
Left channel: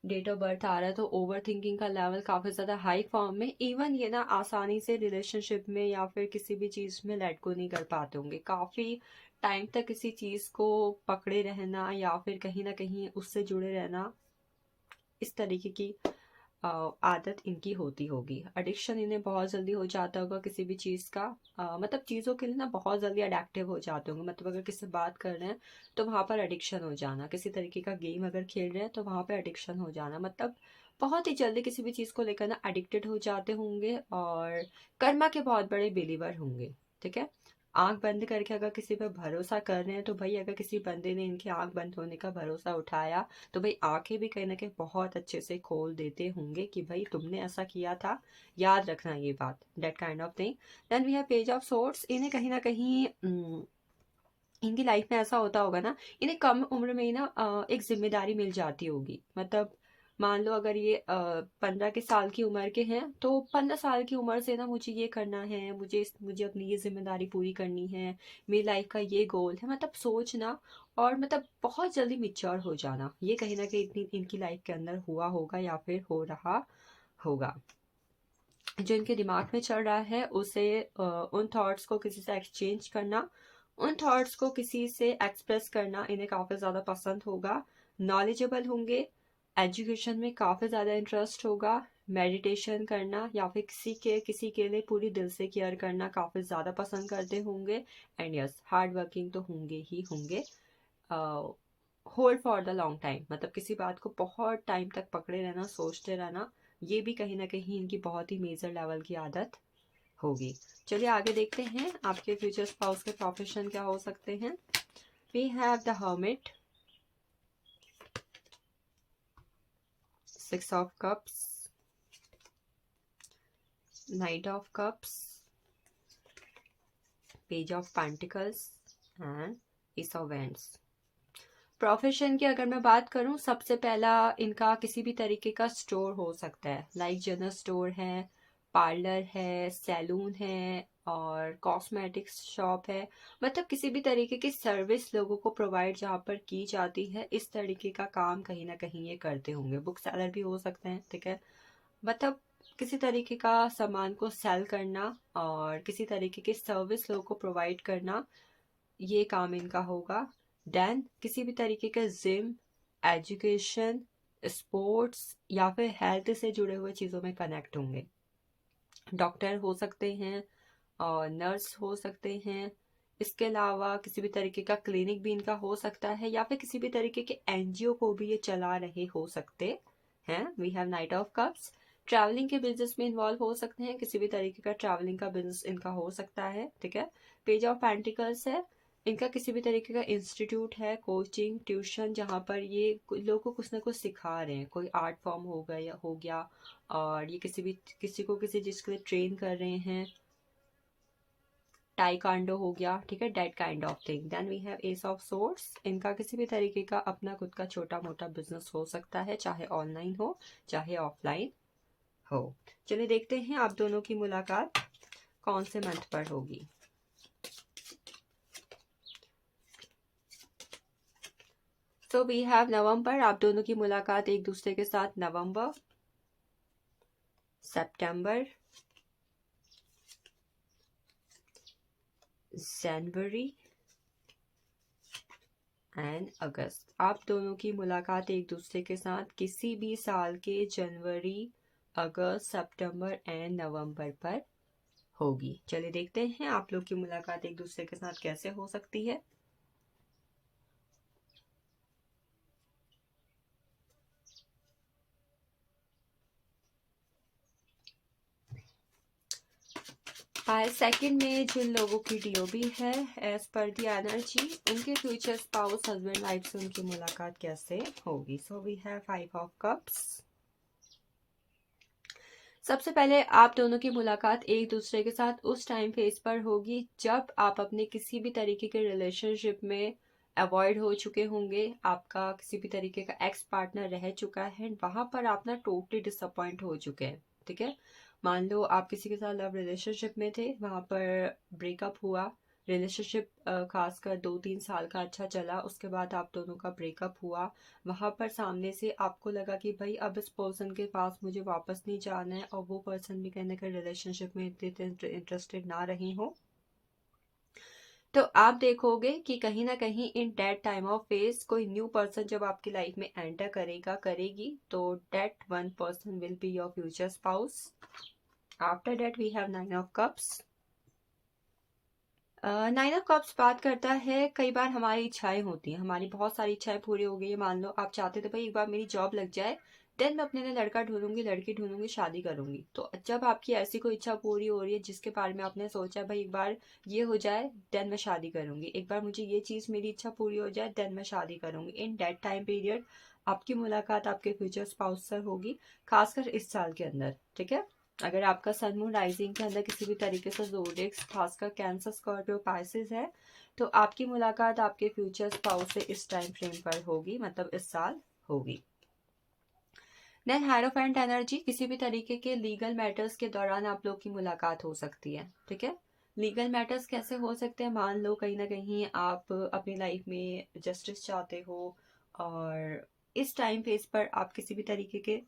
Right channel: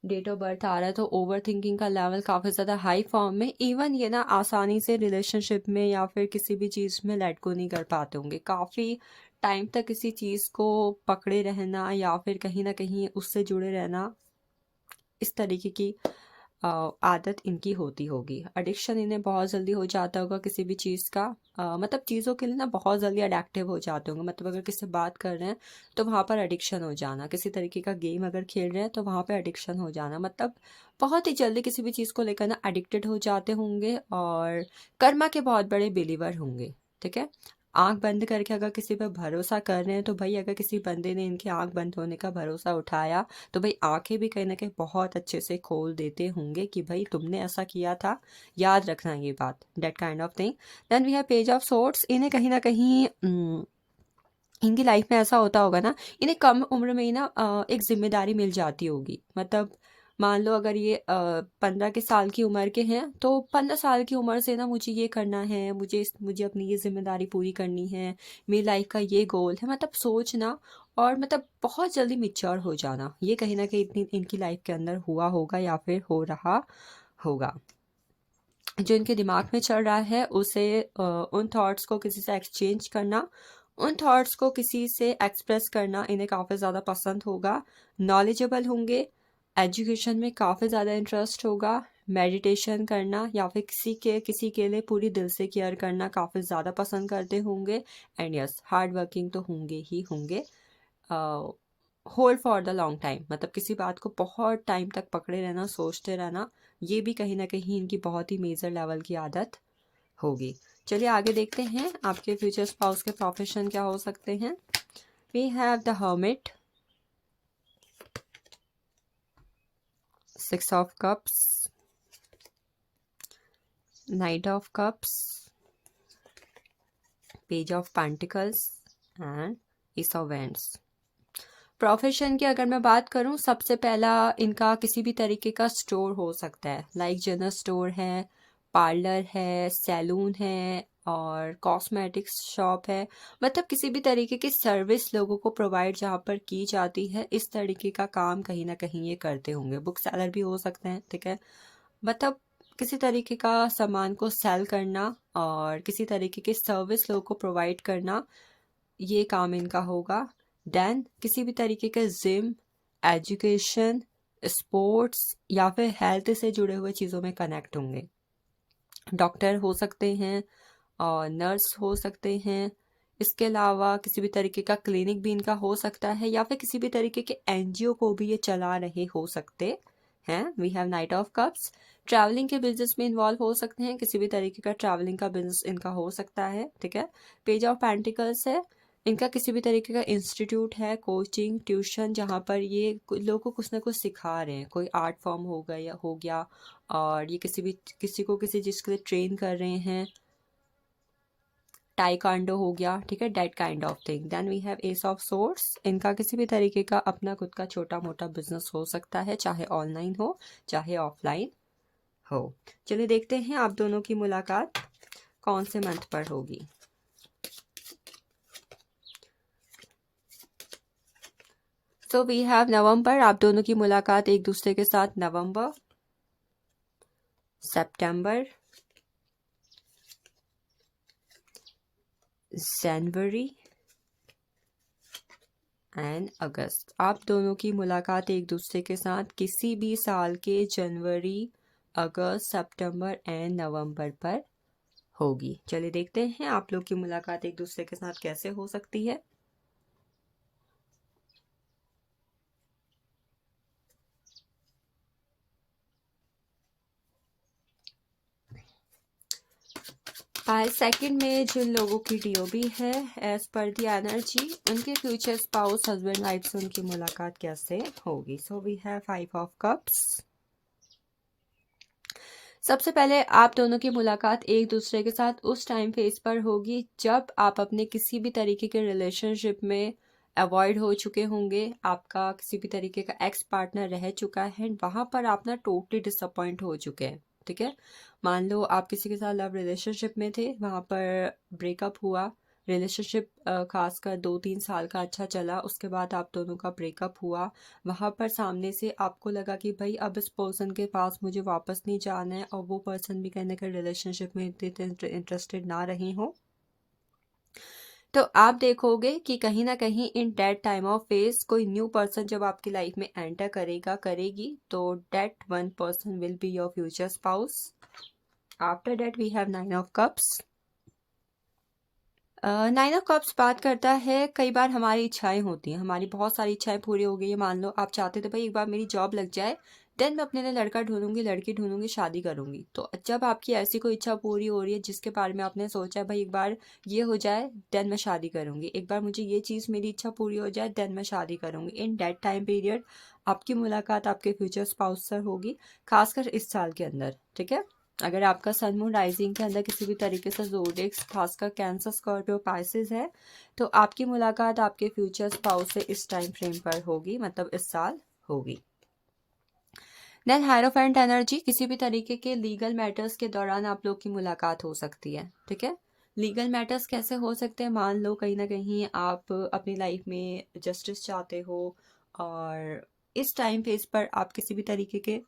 डेट ऑफ बर्थ आ रहा है, तो ओवर थिंकिंग का लेवल काफ़ी ज़्यादा हाई फॉर्म में। इवन ये ना आसानी से रिलेशनशिप में या फिर किसी भी चीज़ में लेट गो नहीं कर पाते होंगे, काफ़ी टाइम तक किसी चीज़ को पकड़े रहना या फिर कहीं ना कहीं उससे जुड़े रहना, इस तरीके की आदत इनकी होती होगी। एडिक्शन इन्हें बहुत जल्दी हो जाता होगा किसी भी चीज़ का, मतलब चीज़ों के लिए ना बहुत जल्दी अडेक्टिव हो जाते होंगे। मतलब अगर किसी से बात कर रहे हैं तो वहाँ पर एडिक्शन हो जाना, किसी तरीके का गेम अगर खेल रहे हैं तो वहाँ पर एडिक्शन हो जाना, मतलब बहुत ही जल्दी किसी भी चीज़ को लेकर ना एडिक्टेड हो जाते होंगे और कर्मा के बहुत बड़े बिलीवर होंगे। ठीक है, आंख बंद करके अगर किसी पर भरोसा कर रहे हैं तो भाई अगर किसी बंदे ने इनकी आंख बंद होने का भरोसा उठाया तो भाई आंखें भी कहीं ना कहीं बहुत अच्छे से खोल देते होंगे कि भाई तुमने ऐसा किया था, याद रखना ये बात, that kind of thing. Then we have page of swords. इन्हें कहीं ना कहीं इनकी लाइफ में ऐसा होता होगा ना, इन्हें कम उम्र में ही ना एक जिम्मेदारी मिल जाती होगी। मतलब मान लो अगर ये 15 के साल की उम्र के हैं तो 15 साल की उम्र से ना मुझे ये करना है, मुझे अपनी ये जिम्मेदारी पूरी करनी है, मेरी लाइफ का ये गोल है, मतलब सोचना और मतलब बहुत जल्दी मिच्योर हो जाना, ये कहीं ना कहीं इतनी इनकी लाइफ के अंदर हुआ होगा या फिर हो रहा होगा। जो इनके दिमाग में चल रहा है उसे उन थॉट्स को किसी से एक्सचेंज करना, उन थॉट्स को किसी से एक्सप्रेस करना इन्हें काफ़ी ज़्यादा पसंद होगा। नॉलेजेबल होंगे, एजुकेशन में काफ़ी ज़्यादा इंटरेस्ट होगा, मेडिटेशन करना या फिर किसी के लिए पूरी दिल से केयर करना काफ़ी ज़्यादा पसंद करते होंगे। एंड यस, हार्ड वर्किंग तो होंगे ही होंगे। Hold for the long time, मतलब किसी बात को बहुत टाइम तक पकड़े रहना, सोचते रहना, ये भी कहीं ना कहीं इनकी बहुत ही मेजर लेवल की आदत होगी। चलिए आगे देखते हैं आपके फ्यूचर स्पाउस के प्रोफेशन क्या हो सकते हैं। We have the hermit, 6 of cups, knight of cups, page of pentacles and ace of wands. Profession की अगर मैं बात करूं, सबसे पहला इनका किसी भी तरीके का स्टोर हो सकता है, लाइक जनरल स्टोर है, पार्लर है, सैलून है और कॉस्मेटिक्स शॉप है। मतलब किसी भी तरीके की सर्विस लोगों को प्रोवाइड जहाँ पर की जाती है, इस तरीके का काम कहीं ना कहीं ये करते होंगे। बुक सेलर भी हो सकते हैं, ठीक है, मतलब किसी तरीके का सामान को सेल करना और किसी तरीके की सर्विस लोगों को प्रोवाइड करना, ये काम इनका होगा। देन किसी भी तरीके के जिम, एजुकेशन, स्पोर्ट्स या फिर हेल्थ से जुड़े हुए चीज़ों में कनेक्ट होंगे। डॉक्टर हो सकते हैं और नर्स हो सकते हैं। इसके अलावा किसी भी तरीके का क्लिनिक भी इनका हो सकता है या फिर किसी भी तरीके के एनजीओ को भी ये चला रहे हो सकते हैं। We have knight of cups. Travelling के बिजनेस में इन्वॉल्व हो सकते हैं, किसी भी तरीके का ट्रैवलिंग का बिजनेस इनका हो सकता है, ठीक है। पेज ऑफ पेंटिकल्स है, इनका किसी भी तरीके का इंस्टीट्यूट है, कोचिंग, ट्यूशन, जहाँ पर ये लोगों को कुछ ना कुछ सिखा रहे हैं, कोई आर्ट फॉर्म हो गया और ये किसी को किसी चीज़ के लिए ट्रेन कर रहे हैं, टाइकांडो हो गया, ठीक है, that kind of thing. Then we have ace of swords, इनका किसी भी तरीके का अपना खुद का छोटा मोटा बिजनेस हो सकता है, चाहे ऑनलाइन हो चाहे ऑफलाइन हो। चलिए देखते हैं आप दोनों की मुलाकात कौन से मंथ पर होगी। सो वी हैव नवंबर, आप दोनों की मुलाकात एक दूसरे के साथ नवंबर, सितंबर, जनवरी एंड अगस्त। आप दोनों की मुलाकात एक दूसरे के साथ किसी भी साल के जनवरी, अगस्त, सितंबर एंड नवंबर पर होगी। चलिए देखते हैं आप लोग की मुलाकात एक दूसरे के साथ कैसे हो सकती है। सेकंड में जिन लोगों की डीओबी है, एज पर दी एनर्जी, उनके फ्यूचर स्पाउस, हस्बैंड वाइफ से उनकी मुलाकात कैसे होगी। So we have 5 of cups. सबसे पहले आप दोनों की मुलाकात एक दूसरे के साथ उस टाइम फेज पर होगी जब आप अपने किसी भी तरीके के रिलेशनशिप में अवॉइड हो चुके होंगे, आपका किसी भी तरीके का एक्स पार्टनर रह चुका है, वहां पर आप ना टोटली डिसअपॉइंट हो चुके हैं, ठीक है। मान लो आप किसी के साथ लव रिलेशनशिप में थे, वहां पर ब्रेकअप हुआ, रिलेशनशिप खासकर 2-3 साल का अच्छा चला, उसके बाद आप दोनों का ब्रेकअप हुआ, वहाँ पर सामने से आपको लगा कि भाई अब इस पर्सन के पास मुझे वापस नहीं जाना है और वो पर्सन भी कहीं ना कहीं रिलेशनशिप में इतने इंटरेस्टेड ना रही हो, तो आप देखोगे कि कहीं ना कहीं in that time of phase कोई न्यू पर्सन जब आपकी लाइफ में एंटर करेगा करेगी, तो that one person will be your future spouse. After that we have nine of cups. Nine of cups बात करता है कई बार हमारी इच्छाएं होती हैं, हमारी बहुत सारी इच्छाएं पूरी हो गई है। मान लो आप चाहते थे भाई एक बार मेरी जॉब लग जाए, देन मैं अपने लिए लड़का ढूंढूंगी, लड़की ढूंढूंगी, शादी करूंगी। तो जब आपकी ऐसी कोई इच्छा पूरी हो रही है जिसके बारे में आपने सोचा है भाई एक बार ये हो जाए देन मैं शादी करूंगी, एक बार मुझे ये चीज़ मेरी इच्छा पूरी हो जाए देन मैं शादी करूंगी, इन दैट टाइम पीरियड आपकी मुलाकात आपके फ्यूचर स्पाउस से होगी, खासकर इस साल के अंदर। ठीक है, अगर आपका सन मून राइजिंग के अंदर किसी भी तरीके से ज़ोडिएक्स खासकर कैंसर स्कॉर्पियो पाइसेस है, तो आपकी मुलाकात आपके फ्यूचर स्पाउस से इस टाइम फ्रेम पर होगी, मतलब इस साल होगी। देन हायरोफेंट एनर्जी, किसी भी तरीके के लीगल मैटर्स के दौरान आप लोग की मुलाकात हो सकती है। ठीक है, लीगल मैटर्स कैसे हो सकते हैं, मान लो कहीं ना कहीं आप अपनी लाइफ में जस्टिस चाहते हो और इस टाइम फेज पर आप किसी भी तरीके के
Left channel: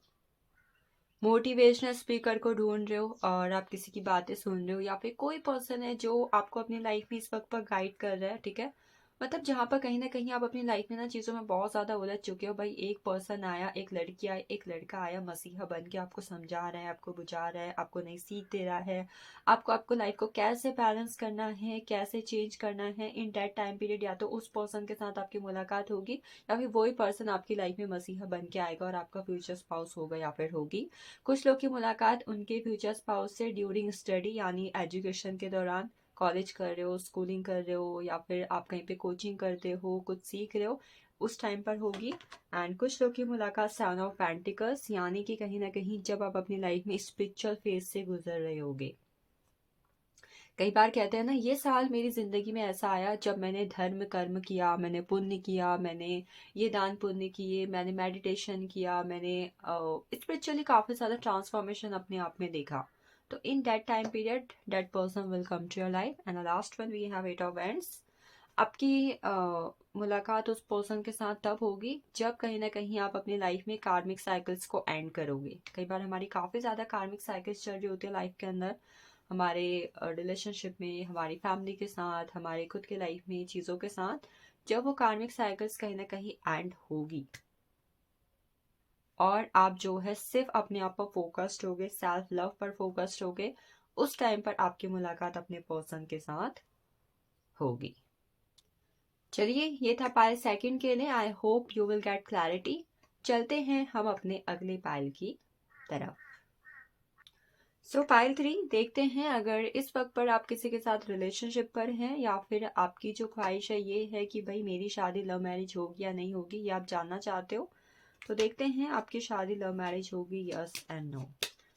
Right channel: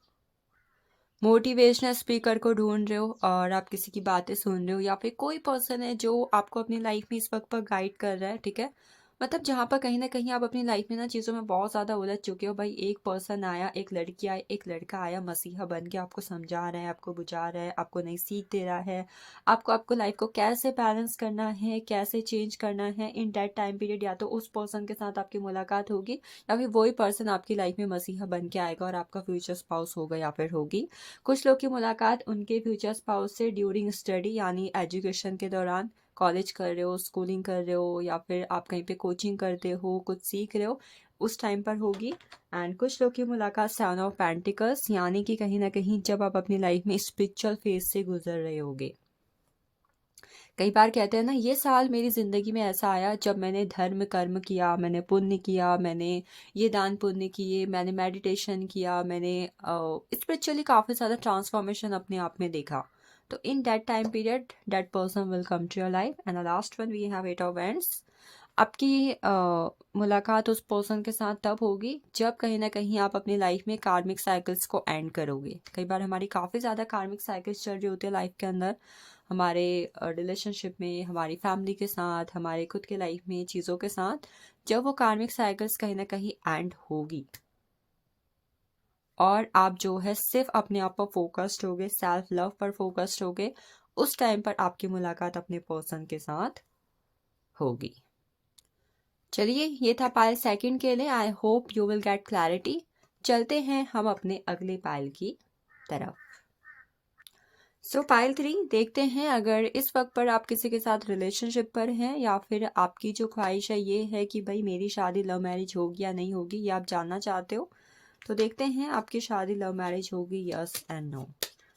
मोटिवेशनल स्पीकर को ढूंढ रहे हो और आप किसी की बातें सुन रहे हो, या फिर कोई पर्सन है जो आपको अपनी लाइफ में इस वक्त पर गाइड कर रहा है। ठीक है, मतलब जहाँ पर कहीं ना कहीं आप अपनी लाइफ में ना चीज़ों में बहुत ज़्यादा उलझ चुके हो, भाई एक पर्सन आया, एक लड़की आई, एक लड़का आया मसीहा बन के आपको समझा रहा है, आपको बुझा रहा है, आपको नई सीख दे रहा है, आपको लाइफ को कैसे बैलेंस करना है, कैसे चेंज करना है। इन दैट टाइम पीरियड या तो उस पर्सन के साथ आपकी मुलाकात होगी या फिर वही पर्सन आपकी लाइफ में मसीहा बन के आएगा और आपका फ्यूचर स्पाउस होगा या फिर होगी। कुछ लोग की मुलाकात उनके फ्यूचर स्पाउस से ड्यूरिंग स्टडी यानी एजुकेशन के दौरान, कॉलेज कर रहे हो, स्कूलिंग कर रहे हो, या फिर आप कहीं पे कोचिंग करते हो, कुछ सीख रहे हो, उस टाइम पर होगी। एंड कुछ लोग की मुलाकात सेवन ऑफ पेंटिकल्स यानी कि कहीं ना कहीं जब आप अपनी लाइफ में स्पिरिचुअल फेज से गुजर रहे होगे। कई बार कहते हैं ना, ये साल मेरी ज़िंदगी में ऐसा आया जब मैंने धर्म कर्म किया, मैंने पुण्य किया, मैंने ये दान पुण्य किए, मैंने मेडिटेशन किया, मैंने स्पिरिचुअली काफ़ी ज़्यादा ट्रांसफॉर्मेशन अपने आप में देखा। तो in that time period that person will come to your life. And the last one we have eight of wands. आपकी मुलाकात उस पर्सन के साथ तब होगी जब कहीं ना कहीं आप अपनी लाइफ में कार्मिक साइकिल्स को एंड करोगे। कई बार हमारी काफ़ी ज़्यादा कार्मिक साइकिल्स चल रही होती है लाइफ के अंदर, हमारे रिलेशनशिप में, हमारी फैमिली के साथ, हमारे खुद के लाइफ में चीज़ों के साथ, जब वो कार्मिक साइकिल्स कहीं ना कहीं एंड होगी और आप जो है सिर्फ अपने आप पर फोकस्ड होगे, सेल्फ लव पर फोकस्ड होगे, उस टाइम पर आपकी मुलाकात अपने पर्सन के साथ होगी। चलिए, ये था पाइल सेकंड के लिए। आई hope you will get clarity. चलते हैं हम अपने अगले पाइल की तरफ। सो पाइल 3 देखते हैं, अगर इस वक्त पर आप किसी के साथ रिलेशनशिप पर हैं या फिर आपकी जो ख्वाहिश है ये है कि भाई मेरी शादी लव मैरिज होगी या नहीं होगी, ये आप जानना चाहते हो, तो देखते हैं आपकी शादी लव मैरिज होगी, yes and no.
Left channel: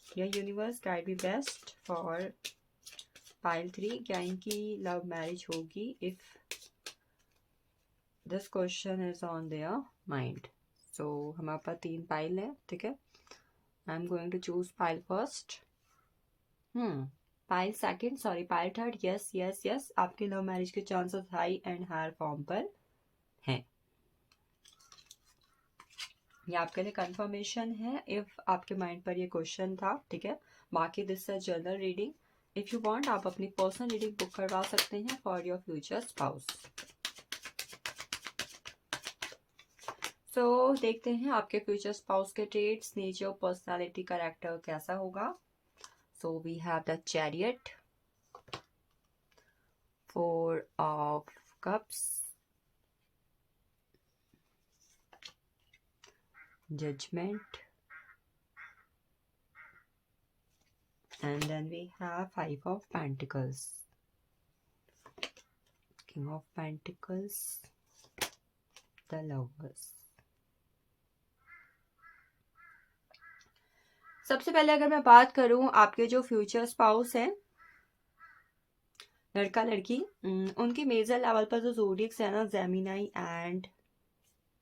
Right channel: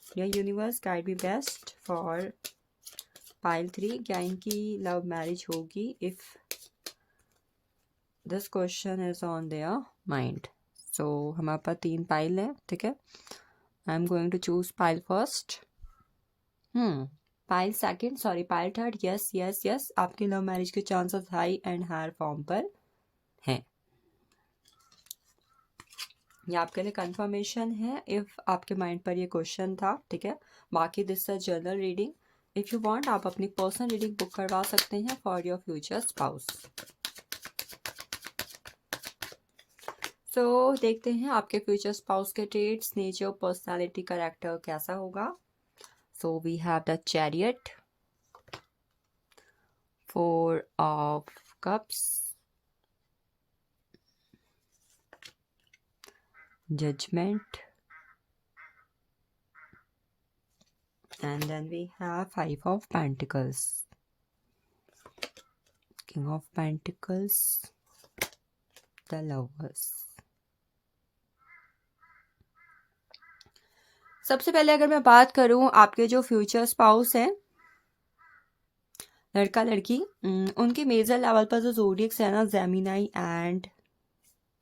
Dear universe guide me best for pile 3, क्या इनकी लव मैरिज होगी if this question is on their mind. So हमारे पास 3 पाइल है। ठीक है, I am going to choose pile first. Pile second, sorry pile third. Yes yes yes, आपकी love marriage के chances high and higher form पर हैं। ये आपके लिए कंफर्मेशन है इफ आपके माइंड पर ये क्वेश्चन था। ठीक है, बाकी this is general reading. If you want आप अपनी पर्सनल रीडिंग बुक करवा सकते हैं फॉर योर फ्यूचर स्पाउस। सो देखते हैं आपके फ्यूचर स्पाउस के ट्रेड्स, नेचर, पर्सनालिटी, कैरेक्टर कैसा होगा। So we have the Chariot, 4 of Cups, Judgment, and then we have 5 of Pentacles, King of Pentacles, the Lovers. सबसे पहले अगर मैं बात करूं आपके जो फ्यूचर स्पाउस हैं, लड़का लड़की, उनके मेजर लेवल पर जो ज़ोडिएक्स है ना, जेमिनी एंड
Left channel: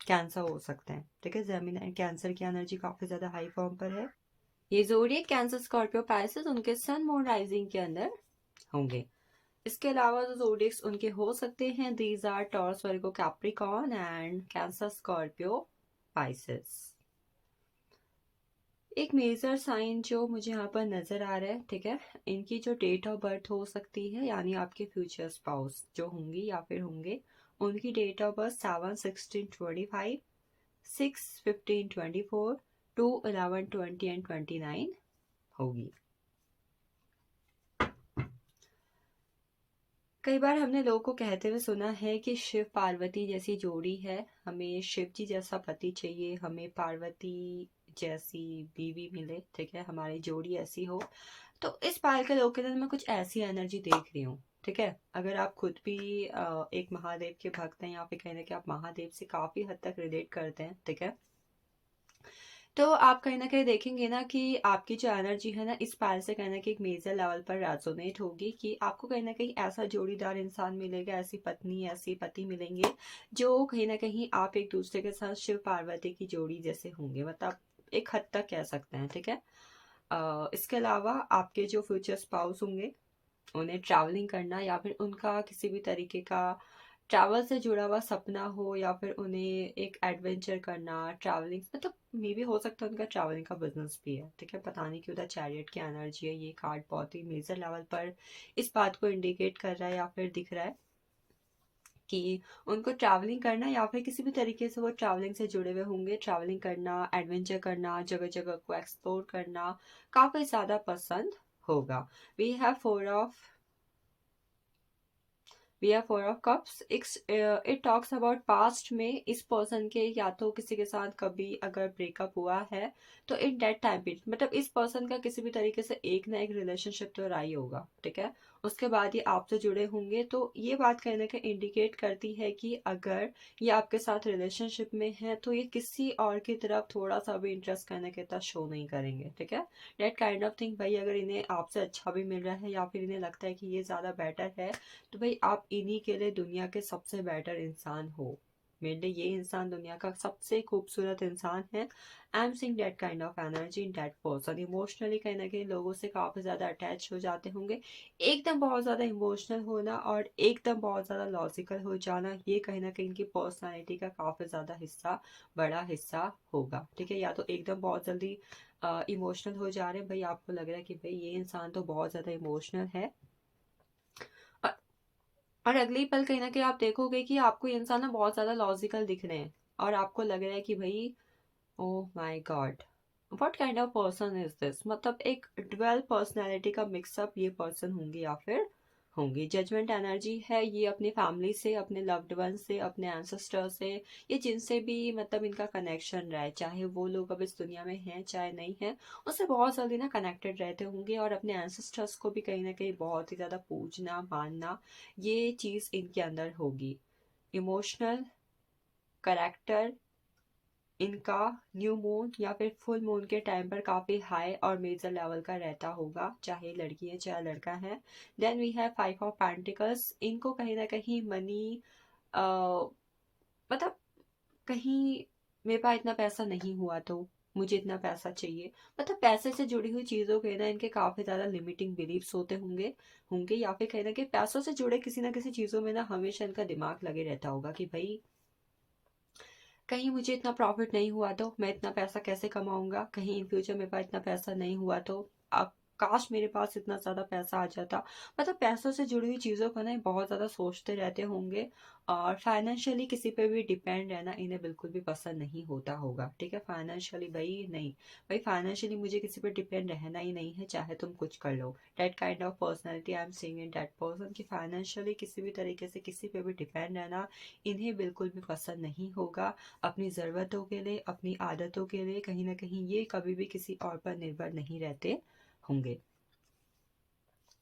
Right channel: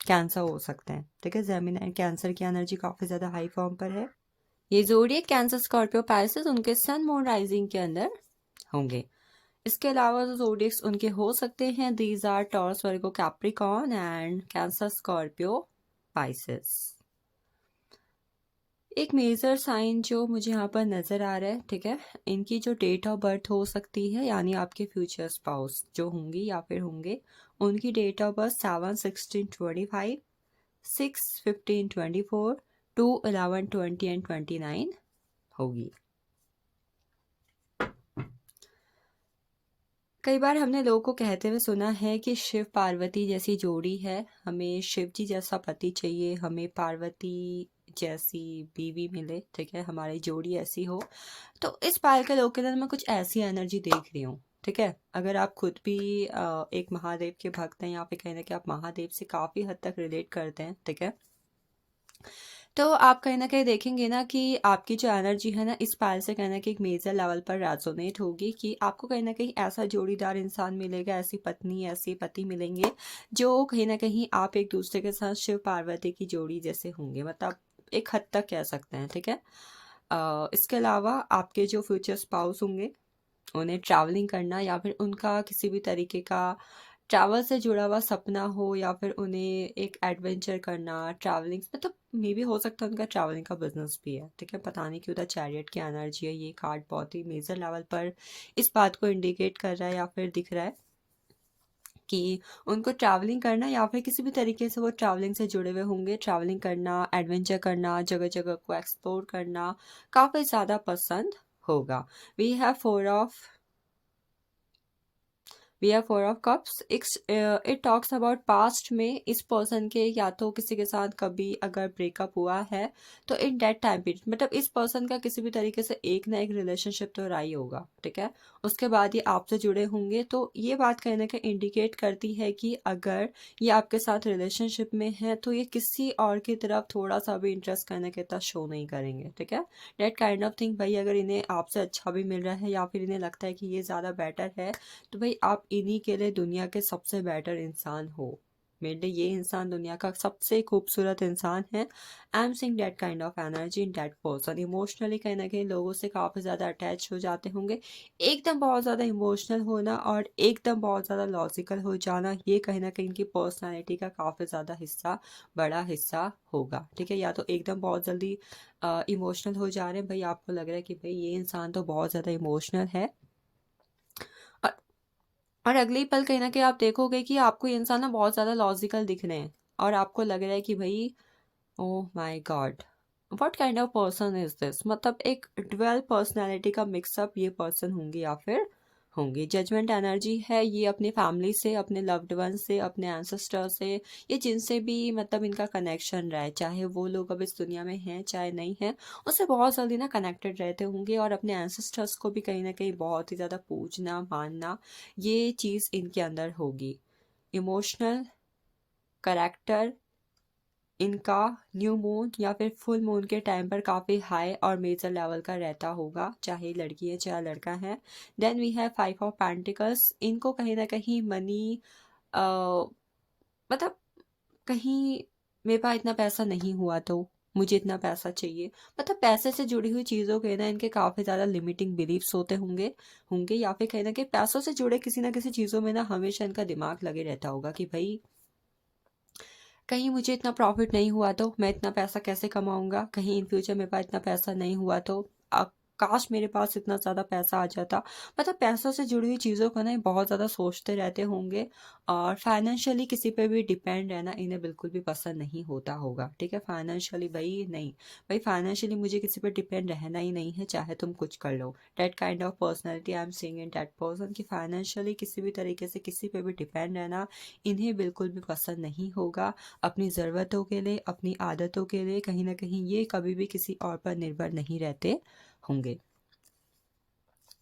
कैंसर हो सकते हैं। ठीक है, जेमिनी एंड कैंसर की एनर्जी काफ़ी ज़्यादा हाई फॉर्म पर है। ये ज़ोडिएक कैंसर स्कॉर्पियो पाइसेस उनके सन मून राइजिंग के अंदर होंगे। इसके अलावा जो ज़ोडिएक्स उनके हो सकते हैं, these are Taurus, Virgo, Capricorn and Cancer Scorpio Pisces. एक मेजर साइन जो मुझे यहाँ पर नज़र आ रहा है, ठीक है, इनकी जो डेट ऑफ बर्थ हो सकती है, यानी आपके फ्यूचर स्पाउस जो होंगी या फिर होंगे, उनकी डेट ऑफ बर्थ 7/16/25, 6/15/24, 2/11/20 एंड 29 होगी। कई बार हमने लोगों को कहते हुए सुना है कि शिव पार्वती जैसी जोड़ी है, हमें शिव जी जैसा पति चाहिए, हमें पार्वती जैसी बीवी मिले, ठीक है, हमारी जोड़ी ऐसी हो। तो इस पाल के लोग के अंदर मैं कुछ ऐसी एनर्जी देख रही हूँ, ठीक है। अगर आप खुद भी एक महादेव के भक्त हैं या फिर कहीं ना कहीं आप महादेव से काफ़ी हद तक रिलेट करते हैं, ठीक है, तो आप कहीं न कहीं देखेंगे ना कि आपकी जो एनर्जी है ना, इस पायल से कहीं न कहीं एक मेजर लेवल पर रेजोनेट होगी कि आपको कहीं न कहीं ऐसा जोड़ीदार इंसान मिलेगा, ऐसी पत्नी, ऐसे पति मिलेंगे, जो कहीं न कहीं आप एक दूसरे के साथ शिव पार्वती की जोड़ी जैसे होंगे, मतलब एक हद तक कह सकते हैं, ठीक है। इसके अलावा आपके जो फ्यूचर स्पाउस होंगे, उन्हें ट्रैवलिंग करना या फिर उनका किसी भी तरीके का ट्रैवल से जुड़ा हुआ सपना हो, या फिर उन्हें एक एडवेंचर करना, ट्रैवलिंग, मतलब मे भी हो सकता है उनका ट्रैवलिंग का बिजनेस भी है, ठीक है। पता नहीं क्यों द चैरियट की एनर्जी है, ये कार्ड बहुत ही मेजर लेवल पर इस बात को इंडिकेट कर रहा है या फिर दिख रहा है कि उनको ट्रैवलिंग करना या फिर किसी भी तरीके से वो ट्रैवलिंग से जुड़े हुए होंगे, ट्रैवलिंग करना, एडवेंचर करना, जगह जगह को एक्सप्लोर करना काफ़ी ज़्यादा पसंद होगा। We have four of cups. It talks about past में इस पर्सन के या तो किसी के साथ कभी अगर ब्रेकअप हुआ है, तो इन दैट टाइम पीरियड, मतलब इस पर्सन का किसी भी तरीके से एक ना एक रिलेशनशिप तो रहा ही होगा, ठीक है। उसके बाद ये आपसे जुड़े होंगे, तो ये बात कहीं ना कहीं इंडिकेट करती है कि अगर ये आपके साथ रिलेशनशिप में है, तो ये किसी और की तरफ थोड़ा सा भी इंटरेस्ट करने के तक शो नहीं करेंगे, ठीक है। डेट काइंड ऑफ थिंग, भाई अगर इन्हें आपसे अच्छा भी मिल रहा है या फिर इन्हें लगता है कि ये ज़्यादा बेटर है, तो भाई आप इन्हीं के लिए दुनिया के सबसे बेटर इंसान हो। मेरे लिए ये इंसान दुनिया का सबसे खूबसूरत इंसान है। I am seeing that kind of energy in that person. Emotionally कहीं ना कहीं लोगों से काफ़ी ज़्यादा अटैच हो जाते होंगे। एकदम बहुत ज़्यादा इमोशनल होना और एकदम बहुत ज़्यादा लॉजिकल हो जाना, ये कहीं ना कहीं इनकी पर्सनैलिटी का काफ़ी ज़्यादा हिस्सा, बड़ा हिस्सा होगा, ठीक है। या तो एकदम बहुत जल्दी इमोशनल हो जा रहे हैं, भाई आपको लग रहा है कि भाई ये इंसान तो बहुत ज़्यादा इमोशनल है, और और अगले ही पल कहीं न कहीं आप देखोगे कि आपको ये इंसान ना बहुत ज़्यादा लॉजिकल दिख रहे हैं, और आपको लग रहा है कि भई oh my God! What kind of person is this? मतलब एक ड्यूअल पर्सनैलिटी का मिक्सअप ये पर्सन होंगे या फिर होंगी। जजमेंट एनर्जी है, ये अपनी फैमिली से, अपने लव्ड वन से, अपने एंसेस्टर से, ये जिनसे भी मतलब इनका कनेक्शन रहा है, चाहे वो लोग अब इस दुनिया में हैं, चाहे नहीं हैं, उससे बहुत जल्दी ना कनेक्टेड रहते होंगे, और अपने एंसेस्टर्स को भी कहीं न कहीं बहुत ही ज़्यादा पूजना, मानना, ये चीज़ इनके अंदर होगी। इमोशनल करैक्टर इनका न्यू मून या फिर फुल मून के टाइम पर काफ़ी हाई और मेजर लेवल का रहता होगा, चाहे लड़की है चाहे लड़का है। Then we have 5 of pentacles. इनको कहीं ना कहीं मनी, मतलब कहीं मेरे पास इतना पैसा नहीं हुआ तो मुझे इतना पैसा चाहिए, मतलब पैसे से जुड़ी हुई चीज़ों के ना इनके काफ़ी ज़्यादा लिमिटिंग बिलीव्स होते होंगे होंगे या फिर कहीं ना कहीं पैसों से जुड़े किसी ना किसी चीज़ों में ना हमेशा इनका दिमाग लगे रहता होगा कि भाई कहीं मुझे इतना प्रॉफिट नहीं हुआ तो मैं इतना पैसा कैसे कमाऊँगा? कहीं इन फ्यूचर मेरे पास इतना पैसा नहीं हुआ तो काश मेरे पास इतना ज़्यादा पैसा आ जाता। मतलब पैसों से जुड़ी हुई चीज़ों को ना ये बहुत ज़्यादा सोचते रहते होंगे, और फाइनेंशियली किसी पे भी डिपेंड रहना इन्हें बिल्कुल भी पसंद नहीं होता होगा, ठीक है? फाइनेंशियली भई नहीं, भई फाइनेंशियली मुझे किसी पे डिपेंड रहना ही नहीं है, चाहे तुम कुछ कर लो। That kind of personality I am seeing in that person कि फाइनेंशियली किसी भी तरीके से किसी पे भी डिपेंड रहना इन्हें बिल्कुल भी पसंद नहीं होगा। अपनी ज़रूरतों के लिए, अपनी आदतों के लिए कहीं न कहीं ये कभी भी किसी और पर निर्भर नहीं रहते होंगे।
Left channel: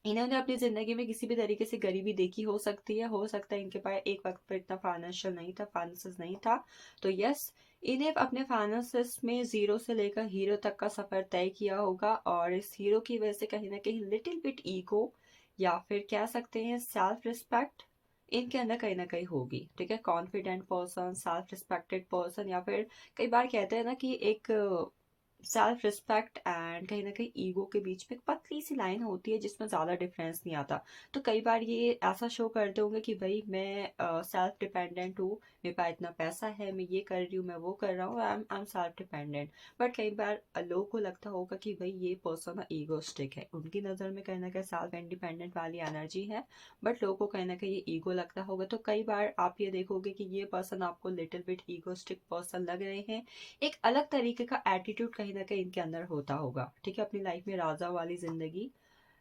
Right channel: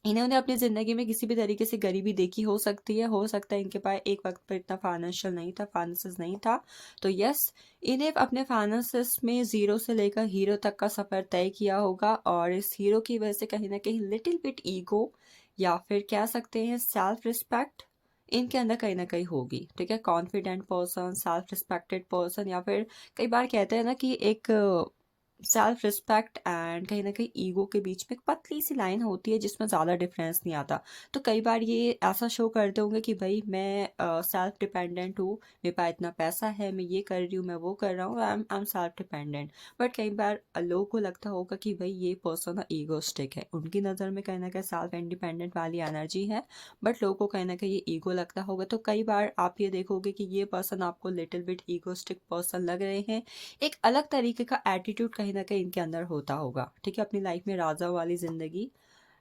इन्होंने अपनी ज़िंदगी में किसी भी तरीके से गरीबी देखी हो सकती है, हो सकता है इनके पास एक वक़्त पर इतना फाइनेंशियल नहीं था, फाइनेंसेस नहीं था। तो यस, इन्हें अपने फाइनेंसेस में ज़ीरो से लेकर हीरो तक का सफ़र तय किया होगा, और इस हीरो की वजह से कहीं न कहीं लिटिल बिट ईगो या फिर कह सकते हैं सेल्फ रिस्पेक्ट इनके अंदर कहीं न कहीं होगी, ठीक है? Confident person, self respected person, या फिर कई बार कहते हैं ना कि एक सेल्फ रिस्पेक्ट एंड कहीं ना कहीं ईगो के बीच में एक पतली सी लाइन होती है जिसमें ज़्यादा डिफरेंस नहीं आता। तो कई बार ये ऐसा शो करते होंगे कि भाई मैं सेल्फ डिपेंडेंट हूँ, मेरे पास इतना पैसा है, मैं ये कर रही हूँ, मैं वो कर रहा हूँ, I am self dependent. But कई बार लोगों को लगता होगा कि भाई ये पर्सन ईगोस्टिक है, उनकी नज़र में कहीं ना कहीं सेल्फ इंडिपेंडेंट वाली एनर्जी है, बट लोगों को कहीं ना कहीं ये ईगो लगता होगा। तो कई बार आप ये देखोगे कि ये पर्सन आपको लिटिल बिट ईगोस्टिक पर्सन लग रहे हैं, एक अलग तरीके का एटीट्यूड कहीं ना कहीं इनके अंदर होता होगा। ठीक है, अपनी लाइफ में राजा वाली जिंदगी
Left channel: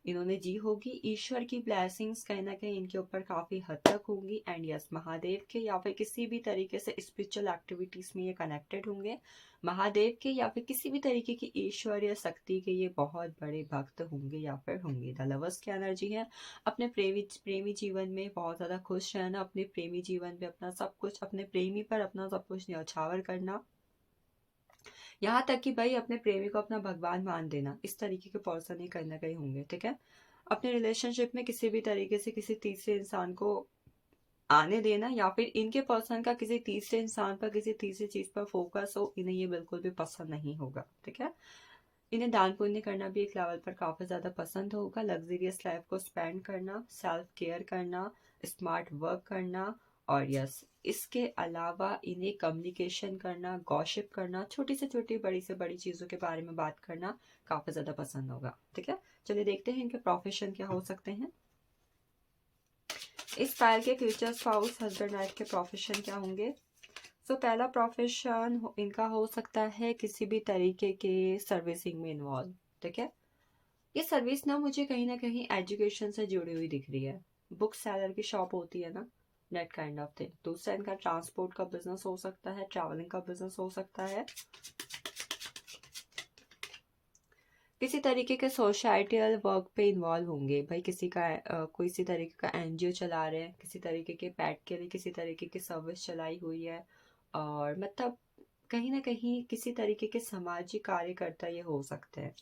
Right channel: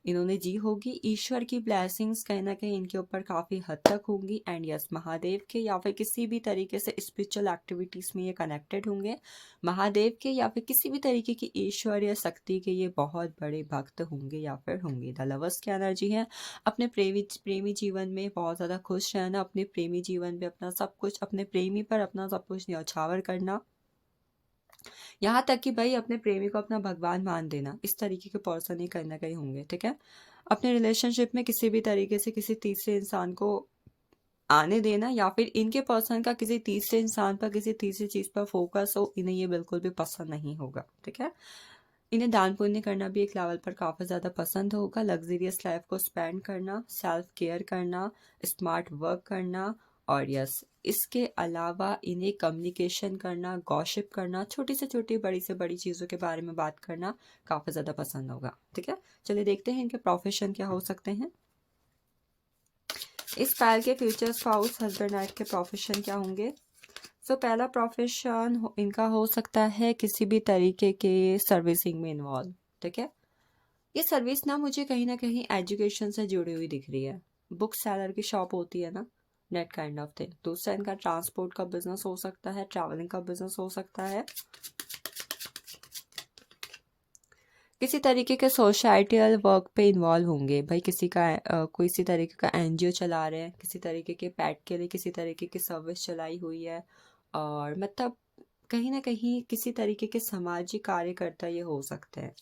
इन्होंने जी होगी, ईश्वर की ब्लेसिंग्स कहीं ना कहीं इनके ऊपर काफ़ी हद तक होंगी। एंड यस, महादेव के या फिर किसी भी तरीके से स्पिरिचुअल एक्टिविटीज़ में ये कनेक्टेड होंगे। महादेव के या फिर किसी भी तरीके की ईश्वर या शक्ति के ये बहुत बड़े भक्त होंगे या फिर होंगे। द लवर्स की एनर्जी है, अपने प्रेमी जीवन में बहुत ज़्यादा खुश रहना, अपने प्रेमी जीवन में अपना सब कुछ, अपने प्रेमी पर अपना सब कुछ न्यौछावर करना, यहाँ तक कि भाई अपने प्रेमी को अपना भगवान मान देना। इस तरीके के पर्सन ही कहीं ना कहीं होंगे। ठीक है, अपने रिलेशनशिप में किसी भी तरीके से किसी तीसरे इंसान को आने देना या फिर इनके पर्सन का किसी तीसरे इंसान पर किसी तीसरी चीज पर फोकस हो, इन्हें ये बिल्कुल भी पसंद नहीं होगा। ठीक है, इन्हें दान पुण्य करना भी एक लेवल पर काफ़ी ज़्यादा पसंद होगा, लग्जरियस लाइफ को स्पेंड करना, सेल्फ केयर करना, स्मार्ट वर्क करना, और यस, इसके अलावा इन्हें कम्युनिकेशन करना, गॉसिप करना, छोटी से छोटी बड़ी से बड़ी चीज़ों के बारे में बात करना काफ़ी ज़्यादा पसंद होगा। ठीक है, चलिए देखते हैं इनके प्रोफेशन क्या हो सकते हैं। इस पैर के फ्यूचर स्पाउस हस्बैंड वाइफ के प्रोफेशन क्या होंगे। सो पहला प्रोफेशन इनका हो सकता है किसी भी तरीके के सर्विसिंग में इन्वॉल्व। ठीक है, ये सर्विस ना कहीं एजुकेशन से जुड़ी हुई दिख रही है। बुक सेलर की शॉप होती है ना, नेट काइंड ऑफ थिंग। दूसरा इनका ट्रांसपोर्ट का बिजनेस हो सकता है, ट्रैवलिंग का बिजनेस हो सकता है, किसी तरीके के सोसाइटियल वर्क पे इन्वॉल्व होंगे। भाई किसी का कोई इसी तरीके का एनजीओ चला रहे हैं, किसी तरीके के पैट के लिए किसी तरीके की सर्विस चलाई हुई है, और मतलब कहीं ना कहीं किसी तरीके के सामाजिक कार्यकर्ता ये हो सकते हैं।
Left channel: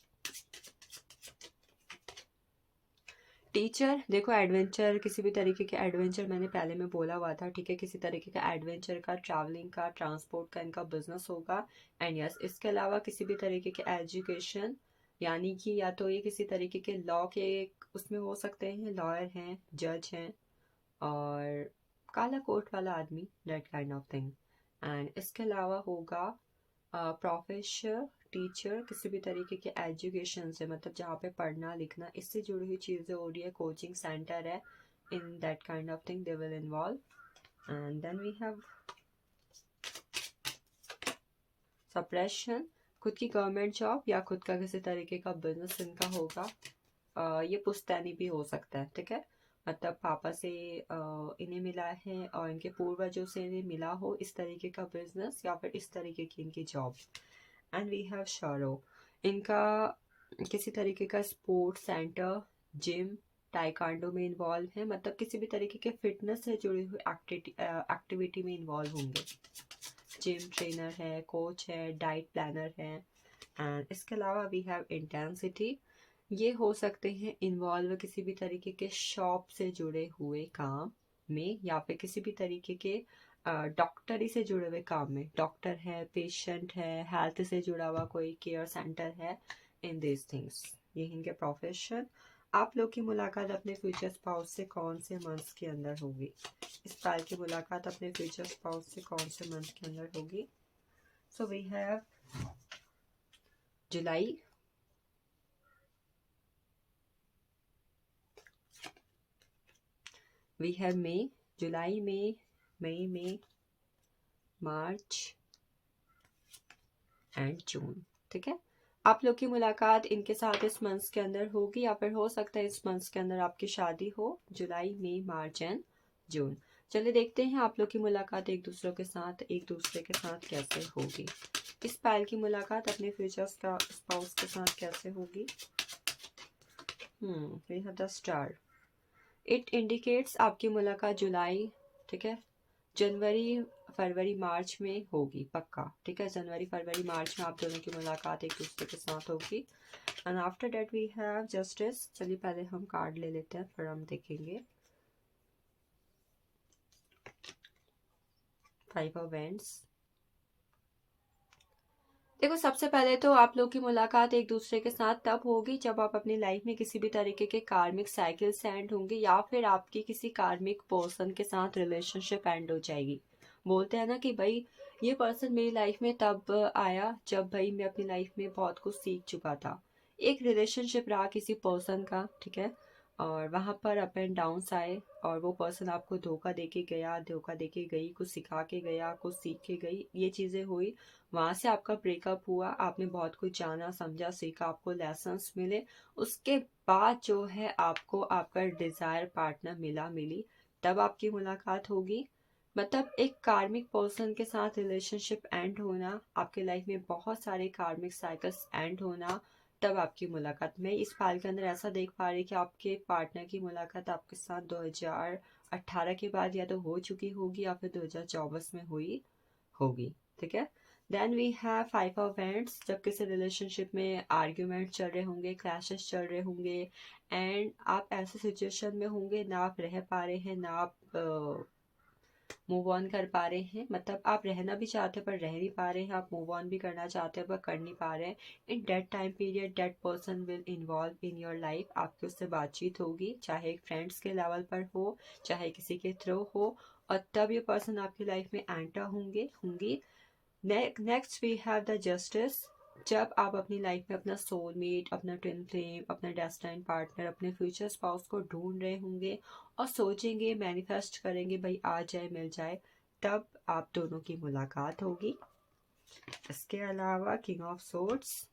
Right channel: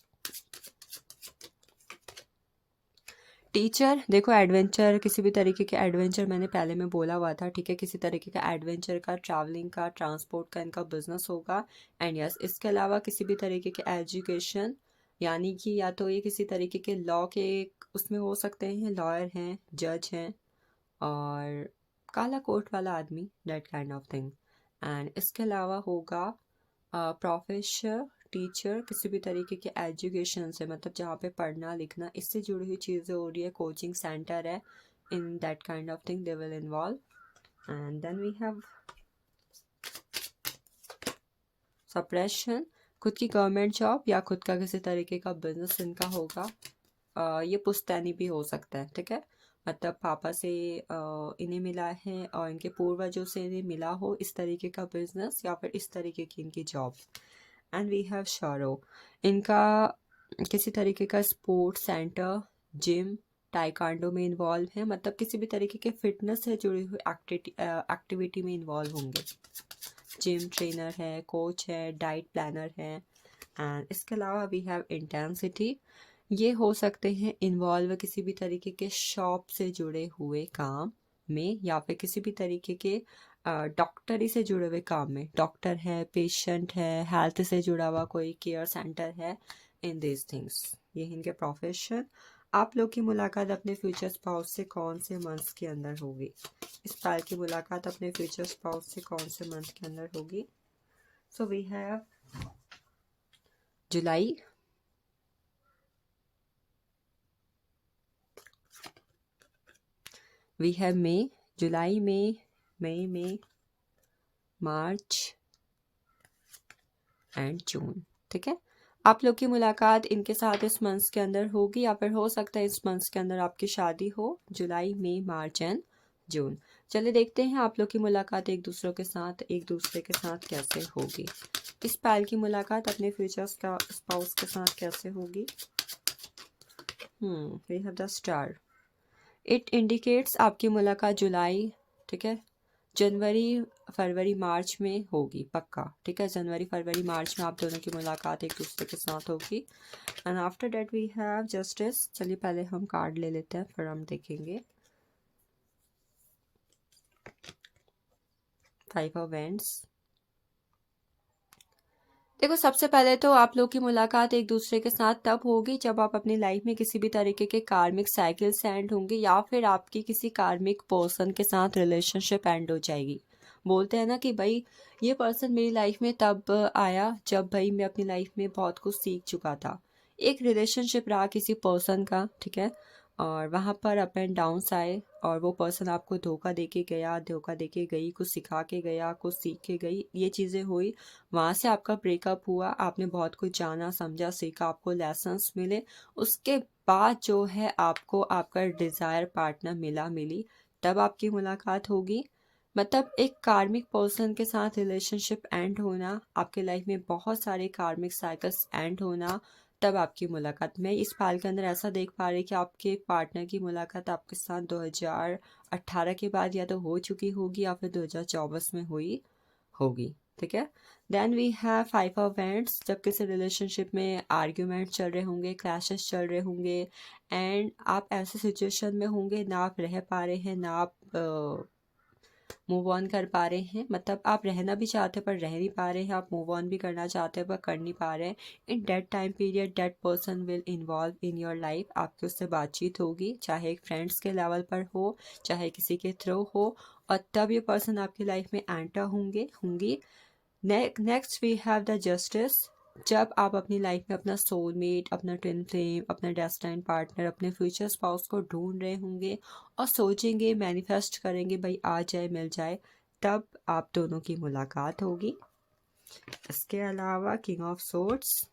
टीचर, देखो एडवेंचर, किसी भी तरीके के एडवेंचर मैंने पहले में बोला हुआ था। ठीक है, किसी तरीके का एडवेंचर का, ट्रैवलिंग का, ट्रांसपोर्ट का इनका बिजनेस होगा। एंड यस, इसके अलावा किसी भी तरीके के एजुकेशन, यानी कि या तो ये किसी तरीके के लॉ के उसमें हो सकते हैं, लॉयर हैं, जज हैं, और काला कोट वाला आदमी, that kind of thing. And इसके अलावा होगा प्रोफेसर, टीचर, किसी भी तरीके के एजुकेशन से, मतलब जहाँ पे पढ़ना लिखना इससे जुड़ी हुई चीज़ें हो रही है, कोचिंग सेंटर है, in that kind of thing they will involve. And then we have suppression, खुद की गवर्नमेंट जॉब या खुद का किसी तरीके का बिजनेस इनका होगा। ये पुश्तैनी भी हो सकता है। ठीक है, मतलब पापा से इन्हें मिला है और इनके पूर्वजों से इन्हें मिला हो इस तरीके का बिजनेस या फिर इस तरीके की इनकी जॉब। एंड वी हैव शोरो, इनका किसी तरीके का स्पोर्ट्स सेंटर, जिम, टाइकांडो में इन्वॉल्व है, मतलब किसी भी तरीके के फिटनेस से जुड़ी हुई एक्टिविटी में इन्वॉल्व होंगे। जिम ट्रेनर है, कोच है, डाइट प्लानर है। एंड इसके अलावा वी हैव इंटेंसिटी, ये हो सकते हैं इन्वॉल्व किसी भी तरीके के शॉप से जुड़े हुए काम में या फिर किसी भी तरीके के डॉक्टरी से जुड़े हुए काम में। डॉक्टर है, पेशेंट है, हेल्थ से जुड़ा हुआ कोई केयर सेंटर है, इन दिस थिंग्स, ये इनके प्रोफेशन। आप लोग की मुलाकात अपने फ्यूचर स्पाउस से कौन से मंथ के अंदर होगी। इस पाल की मुलाकात अपने फ्यूचर स्पाउस से कौन से मंथ के अंदर होगी। So we have July, we have May, जुलाई में, मई में, मार्च एंड जून। ठीक है, आप लोग की मुलाकात इनके साथ इस मंथ के अंदर होगी या फिर हो सकता है इस मंथ के अंदर आपकी शादी हो, जुलाई, मई, मार्च एंड जून। चलिए देखते हैं आप लोग की मुलाकात एक दूसरे के साथ कैसे होगी। इस पायल की मुलाकात अपने फ्यूचर का स्पाउस के साथ कैसे होगी। We have the star, it indicates आपकी मुलाकात जुलाई, ठीक है, जनवरी, फरवरी, मार्च में होगी पक्का। ठीक है, जनवरी, फरवरी, मार्च में आप दोनों की मुलाकात एक दूसरे के साथ होगी। And after that we have justice. चलिए पहले हम कार्ड ले लेते हैं, फिर हम देखेंगे। 5 ऑफ वेंड्स, देखो, सबसे पहले तो आप लोग की मुलाकात एक दूसरे के साथ तब होगी जब आप अपनी लाइफ में किसी भी तरीके के कार्मिक साइकिल से एंड होंगे, या फिर आपकी किसी कार्मिक पर्सन के साथ रिलेशनशिप एंड हो जाएगी। बोलते हैं ना कि भाई ये पर्सन मेरी लाइफ में तब आया जब भाई मैं अपनी लाइफ में बहुत कुछ सीख चुका था। एक रिलेशनशिप रहा किसी पर्सन का, ठीक है, और वहाँ पर अप एंड डाउन्स आए, और वो पर्सन आपको धोखा दे के गया, धोखा दे के गई, कुछ सिखा के गया, कुछ सीख के गई, ये चीज़ें हुई। वहाँ से आपका ब्रेकअप हुआ, आपने बहुत कुछ जाना समझा सीखा, आपको लेसन्स मिले। उसके बाद जो है आपको आपका डिज़ायर पार्टनर मिली, तब आपकी मुलाकात होगी। मतलब एक कार्मिक पर्सन के साथ रिलेशनशिप एंड होना, आपके लाइफ में बहुत सारे कार्मिक साइकिल्स एंड होना, तब आपकी मुलाकात। मैं इस पाल के अंदर ऐसा देख पा रही कि आपके पार्टनर की मुलाकात आपके साथ 2018 के बाद या तो हो चुकी होगी या फिर 2024 में हुई होगी, ठीक है। Then we have 5 of wands, जब किसी रिलेशनशिप में आर्ग्यूमेंट चल रहे होंगे, क्लैशेस चल रहे होंगे, एंड आप ऐसे सिचुएशन में होंगे ना आप रह पा रहे हैं, ना आप मूव ऑन कर पा रहे हैं। मतलब आप रहना भी चाहते हैं पर रह नहीं पा रहे हैं, आप मूव ऑन भी करना चाहते हैं पर कर नहीं पा रहे हैं। In that time period that person will involve in your life, आपकी उससे बातचीत होगी, चाहे एक फ्रेंड्स के लेवल पर हो, चाहे किसी के थ्रू हो, और तब ये पर्सन आपकी लाइफ में एंटर होंगी। Next we have the justice, जब आप अपनी लाइफ में अपना सोलमेट, अपना ट्विन फ्लेम, अपना डेस्टिन्ड पार्टनर, अपने फ्यूचर स्पाउस को ढूंढ रहे होंगे और सोचेंगे, मैनिफेस्ट करेंगे भाई आ जाए मिल जाए, तब आप दोनों की मुलाकात होगी। इसके अलावा किंग ऑफ सोर्ड्स,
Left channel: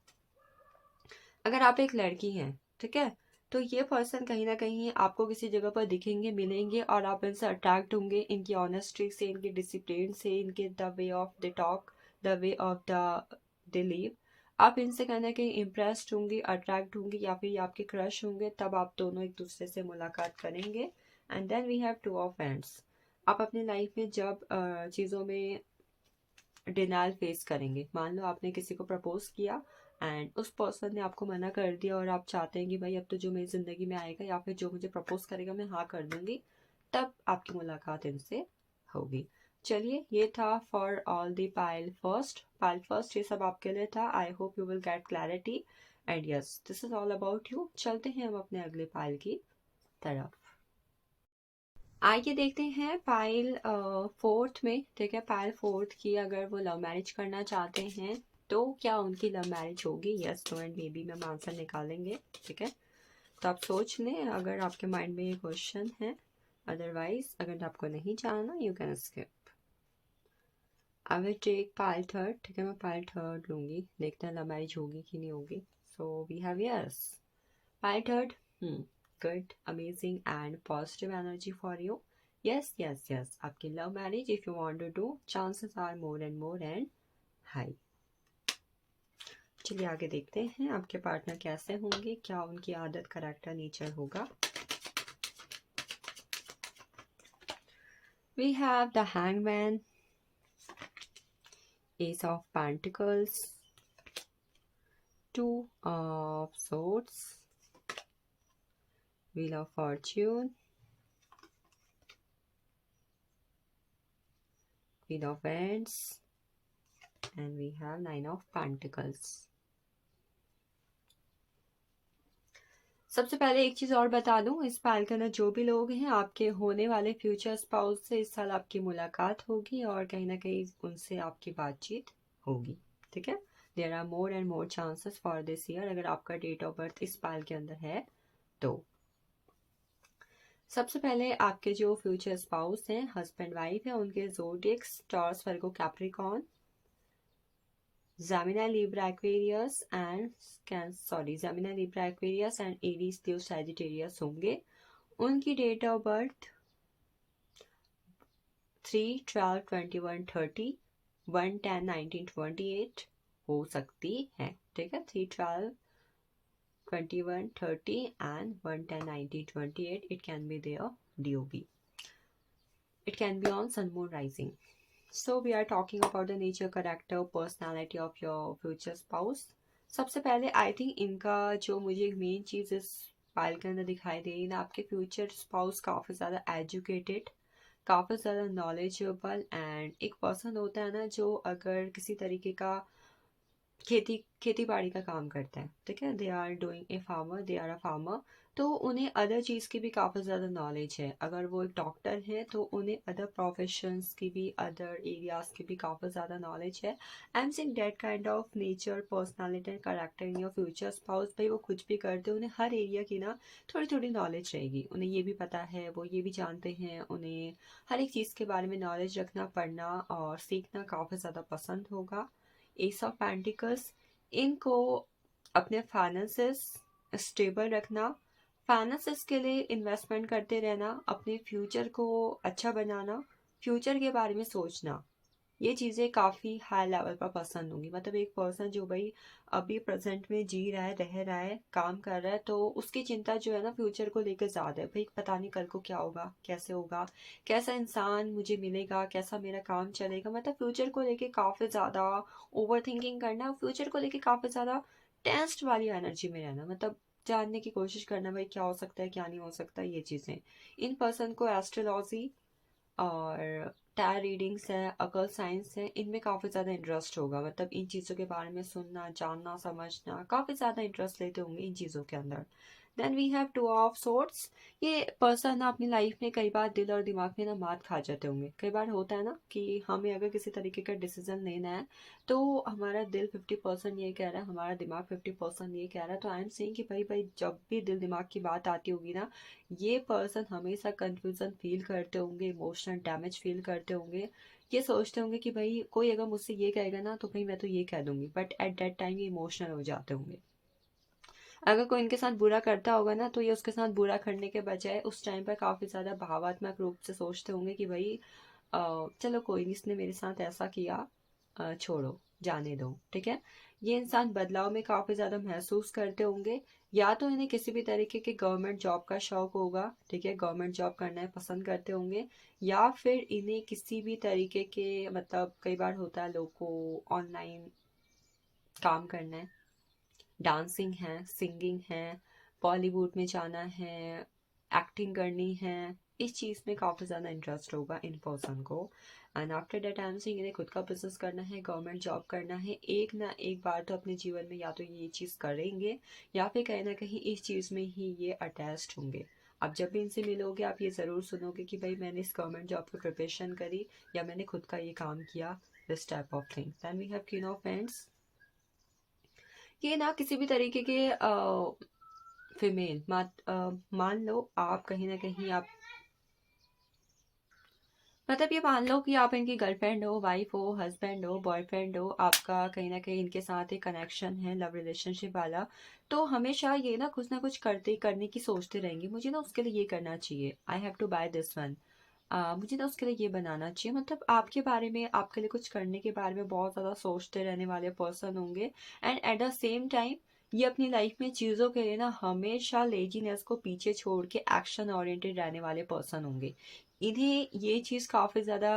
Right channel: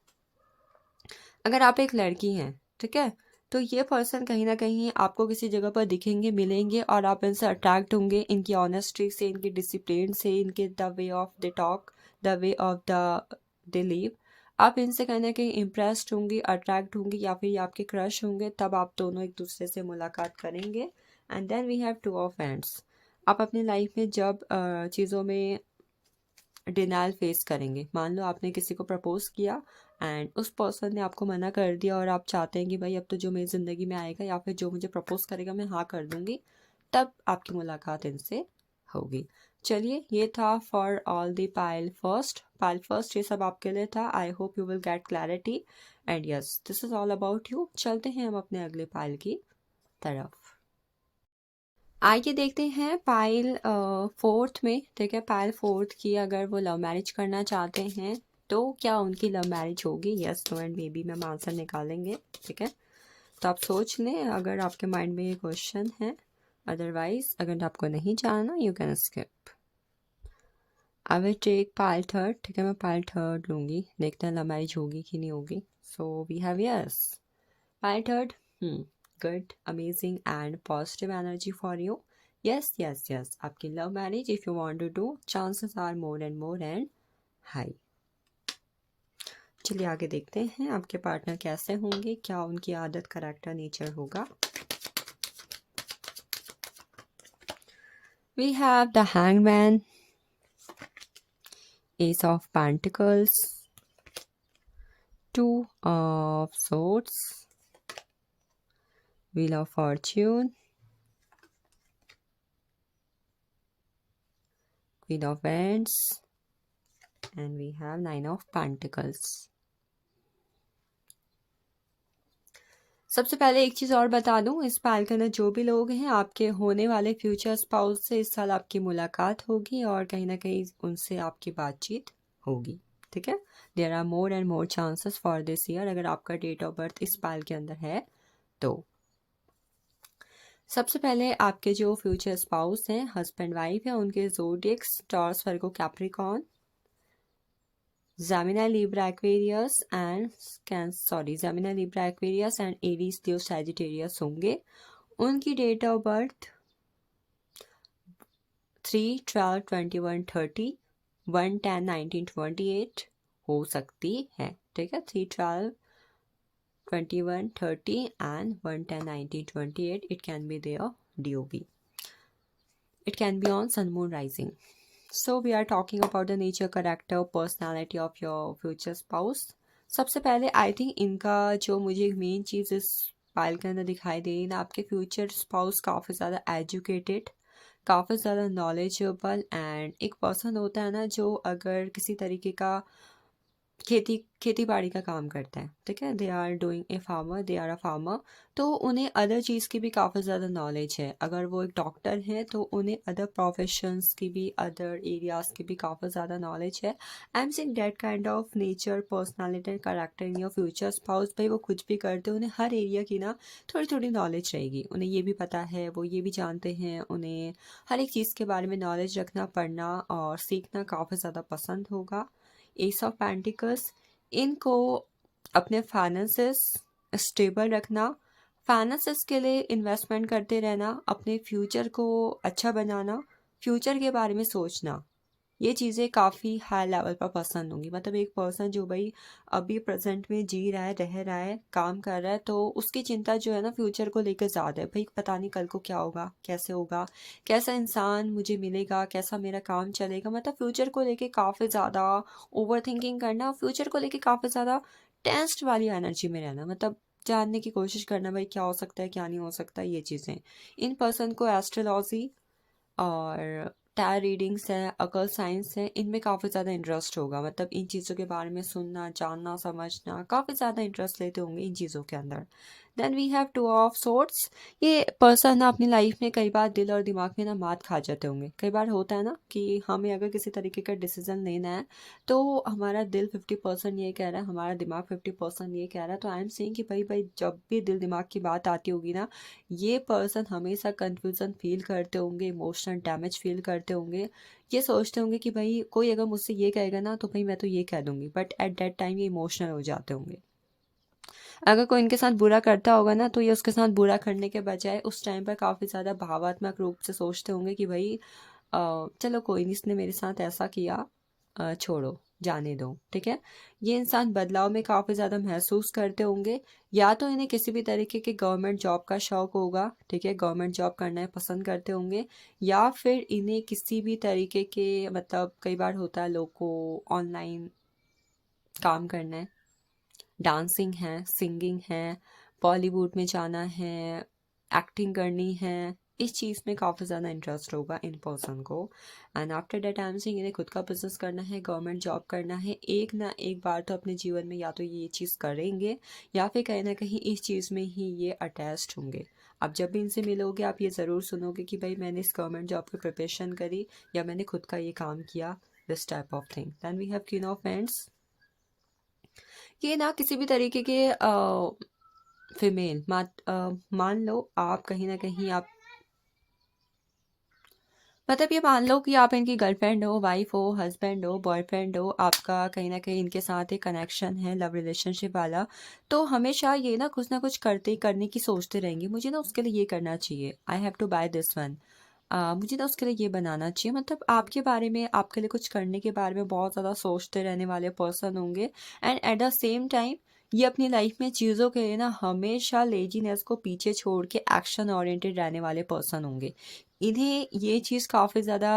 अगर आप एक लड़की हैं, ठीक है, तो ये पर्सन कहीं ना कहीं आपको किसी जगह पर दिखेंगे, मिलेंगे, और आप इनसे अट्रैक्ट होंगे, इनकी ऑनेस्टी से, इनके डिसिप्लिन से, इनके the way of the talk, the way of the live, आप इनसे कहीं ना कहीं इम्प्रेस्ड होंगी, अट्रैक्ट होंगी, या फिर ये आपके क्रश होंगे, तब आप दोनों एक दूसरे से मुलाकात करेंगे। And then we have 2 of wands, आप अपनी लाइफ में जब चीज़ों में डिनाइल फेस करेंगे। मान लो आपने किसी को प्रपोज किया एंड उस पर्सन ने आपको मना कर दिया, और आप चाहते हैं कि भाई अब तो जो मेरी ज़िंदगी में आएगा या फिर जो मुझे प्रपोज करेगा मैं हाँ कर दूंगी, तब आपकी मुलाकात इनसे होगी। चलिए, ये था for all the pile first ये सब आपके लिए था। I hope you will get clarity, and yes this is all about you. चलते हैं हम अपने अगले पाइल की तरफ। आइए देखते हैं पाइल फोर्थ में, ठीक है, पाइल फोर्थ की अगर वो लव मैरिज करना चाहते हैं तो क्या उनकी लव मैरिज होगी? Yes, no and maybe में हम आंसर निकालेंगे, ठीक है। तो आप सोच लें अगर आपके माइंड में ये क्वेश्चन है, अदरवाइज अगर आपको नहीं जानना you can skip. I will take pile third, ठीक है, मैं पाइल थर्ड लूँगी, देखते हैं लव मैरिज होगी कि नहीं होगी। So we have yes pile third, good, amazing and positive energy for you. Yes, आपकी love marriage if you want to do, chances are more and more and high. चलिए आगे देखते हैं आपके पार्टनर कैसे होंगे, क्या उनकी आदत, करैक्टर, नेचर होगा। We have the Hangman, Ace of Pentacles, Two of Swords, Wheel of Fortune, Queen of Wands, and we have Nine of Pentacles. सबसे पहले एक चीज़ और बता दूं, इस पाइल के अंदर जो भी लोग हैं आपके होने वाले फ्यूचर स्पाउस से इस साल आपकी मुलाकात होगी और कहीं ना कहीं उनसे आपकी बातचीत होगी, ठीक है। There are more and more chances for this year, अगर आपका डेट ऑफ बर्थ इस पाइल के अंदर है तो। सबसे पहले आपके जो फ्यूचर स्पाउस हैं, हस्बैंड वाइफ है, उनके zodiacs Taurus, Virgo, Capricorn, Gemini, Libra, Aquarius and Aries, Leo, Sagittarius होंगे। उनकी डेट ऑफ बर्थ 3/12/21/30, 1/10/1928 हो सकती है, ठीक है। 3/12/21/30 and 1/10/1928, it can be their DOB, it can be on sun moon rising. So we are talking about the nature, character, personality of your future spouse. सबसे पहले I think इनका जो मुझे मेन चीज़ इस पाइल के अंदर दिखाई दे रही ना, आपके फ्यूचर स्पाउस काफ़ी ज़्यादा एजुकेटेड, काफ़ी ज़्यादा नॉलेजेबल, एंड एक पर्सन होता है ना जो अगर किसी तरीके का खेती बाड़ी का काम करता है, ठीक है, they are doing a farmer, they are a farmer. तो उन्हें अदर चीज़ की भी काफ़ी ज़्यादा नॉलेज है। अगर वो एक डॉक्टर है तो उन्हें अदर प्रोफेशंस की भी, अदर एरियाज़ की भी काफ़ी ज़्यादा नॉलेज है। I am saying that kind of nature, personality and character in your future spouse. भाई वो कुछ भी करते हैं, उन्हें हर एरिया की ना थोड़ी थोड़ी नॉलेज रहेगी। उन्हें ये भी पता है, वो ये भी जानते हैं, उन्हें हर एक चीज़ के बारे में नॉलेज रखना, पढ़ना और सीखना काफ़ी ज़्यादा पसंद होगा। एस ऑफ पेंटिकल्स, इनको अपने फाइनेंसेस स्टेबल रखना, फाइनेंसेस के लिए इन्वेस्टमेंट करते रहना, अपने फ्यूचर को अच्छा बनाना, फ्यूचर के बारे में सोचना, ये चीज़ें काफ़ी हाई लेवल पर पसंद होंगी। मतलब एक पर्सन जो भाई अभी प्रेजेंट में जी रहा है, रह रहा है, काम कर रहा है, तो उसकी चिंता जो है ना फ्यूचर को लेकर ज़्यादा है। भाई पता नहीं कल को क्या होगा, कैसे होगा, कैसा इंसान मुझे मिलेगा, कैसा मेरा काम चलेगा। मतलब फ्यूचर को लेके काफ़ी ज़्यादा ओवर थिंकिंग करना, फ्यूचर को लेके काफ़ी ज़्यादा टेंस्ड वाली एनर्जी में रहना, मतलब जानने की कोशिश करना भाई क्या हो सकता है, क्या नहीं हो सकता, ये चीज़ें। इन पर्सन को एस्ट्रोलॉजी और टैरो रीडिंग्स हैं, अकल साइंस है, इनमें काफ़ी ज़्यादा इंटरेस्ट होगा। मतलब इन चीज़ों के बारे में सुनना, जानना, समझना, काफ़ी ज़्यादा इंटरेस्ट लेते होंगे इन चीज़ों के अंदर। Then we have two of swords. ये पर्सन ना अपनी लाइफ में कई बार दिल और दिमाग में ना मात खा जाते होंगे। कई बार होता है ना कि हमें अगर किसी तरीके का डिसीजन लेना है तो हमारा दिल 50% ये कह रहा है, हमारा दिमाग 50% ये कह रहा है। तो आई एम सेइंग कि भाई भाई जब भी दिल दिमाग की बात आती होगी ना, ये पर्सन हमेशा कंफ्यूजन फील करते होंगे, इमोशनल डैमेज फील करते होंगे। ये सोचते होंगे कि भाई कोई अगर मुझसे ये कहेगा ना तो भाई मैं तो ये कह दूंगी, बट एट दैट टाइम ये इमोशनल हो जाते होंगे। अगर कोई इनके साथ बुरा करता होगा ना तो ये उसके साथ बुरा करने के बजाय उस टाइम पर काफ़ी ज़्यादा भावात्मक रूप से सोचते होंगे कि भाई चलो कोई नहीं, इसने मेरे साथ ऐसा किया, छोड़ो, जाने दो, ठीक है। ये इंसान बदलाव में काफ़ी ज़्यादा महसूस करते होंगे। या तो इन्हें किसी भी तरीके के गवर्नमेंट जॉब का शौक होगा, ठीक है, गवर्नमेंट जॉब करना है पसंद करते होंगे। या फिर इन्हें किसी भी तरीके के, मतलब कई बार होता है लोग को ऑनलाइन काम करना है, डांसिंग है, सिंगिंग है, बॉलीवुड में जाना है, एक्टिंग करनी है, इस चीज़ में काफ़ी ज़्यादा इंटरेस्ट होगा इन पर्सन को। And after that I am saying इन्हें खुद का बिजनेस करना है, गवर्नमेंट जॉब करना है। एक ना एक बार तो अपने जीवन में या तो ये चीज़ करेंगे या फिर कहीं ना कहीं इस चीज़ में ही ये अटैच्ड होंगे। आप जब भी इनसे मिलोगे आप ये ज़रूर सुनोगे कि भाई मैंने इस गवर्नमेंट जॉब की प्रिपरेशन करी या मैंने खुद का ये काम किया, this type of thing. Then we have queen of pentacles. ये ना किसी भी तरीके के फीमेल मान लो आप कहीं ना कहीं आप, मतलब ये मान लो कि आप इनकी गर्लफ्रेंड हो, वाइफ हो, हस्बैंड हो, बॉयफ्रेंड हो, आपका कहीं ना कहीं इनके साथ एक कनेक्शन है, लव रिलेशनशिप वाला। तो हमेशा ये ना कुछ करते करने की सोचते रहेंगे, मुझे ना उसके लिए ये करना चाहिए, I have to buy this one, मुझे ना उसके लिए ये बनाना चाहिए। मतलब आपके बारे में, आपके लिए कुछ करने के बारे में बहुत ज़्यादा सोचते रहने वाले पर्सन होंगे। And at the same time ये अपनी लाइफ में चीज़ों के लिए ना हमेशा लेजीनेस को पीछे छोड़ के एक्शन ओरिएंटेड रहने वाले पर्सन होंगे। इन्हें ये चीज़ काफ़ी ज़्यादा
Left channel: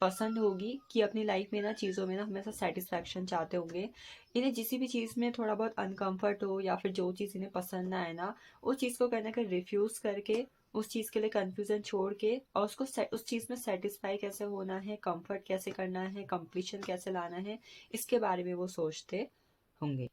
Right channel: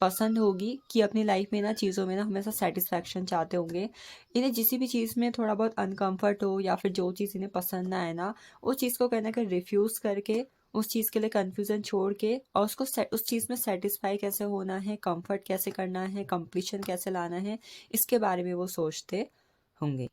पसंद होगी कि अपनी लाइफ में ना चीज़ों में ना हमेशा सेटिस्फैक्शन चाहते होंगे। इन्हें जिस भी चीज़ में थोड़ा बहुत अनकंफर्ट हो या फिर जो चीज़ इन्हें पसंद ना आए ना, उस चीज़ को कहीं ना कहीं रिफ्यूज़ करके, उस चीज़ के लिए कन्फ्यूज़न छोड़ के और उसको उस चीज़ में सेटिस्फाई कैसे होना है, कंफर्ट कैसे करना है, कंप्लीशन कैसे लाना है, इसके बारे में वो सोचते होंगे।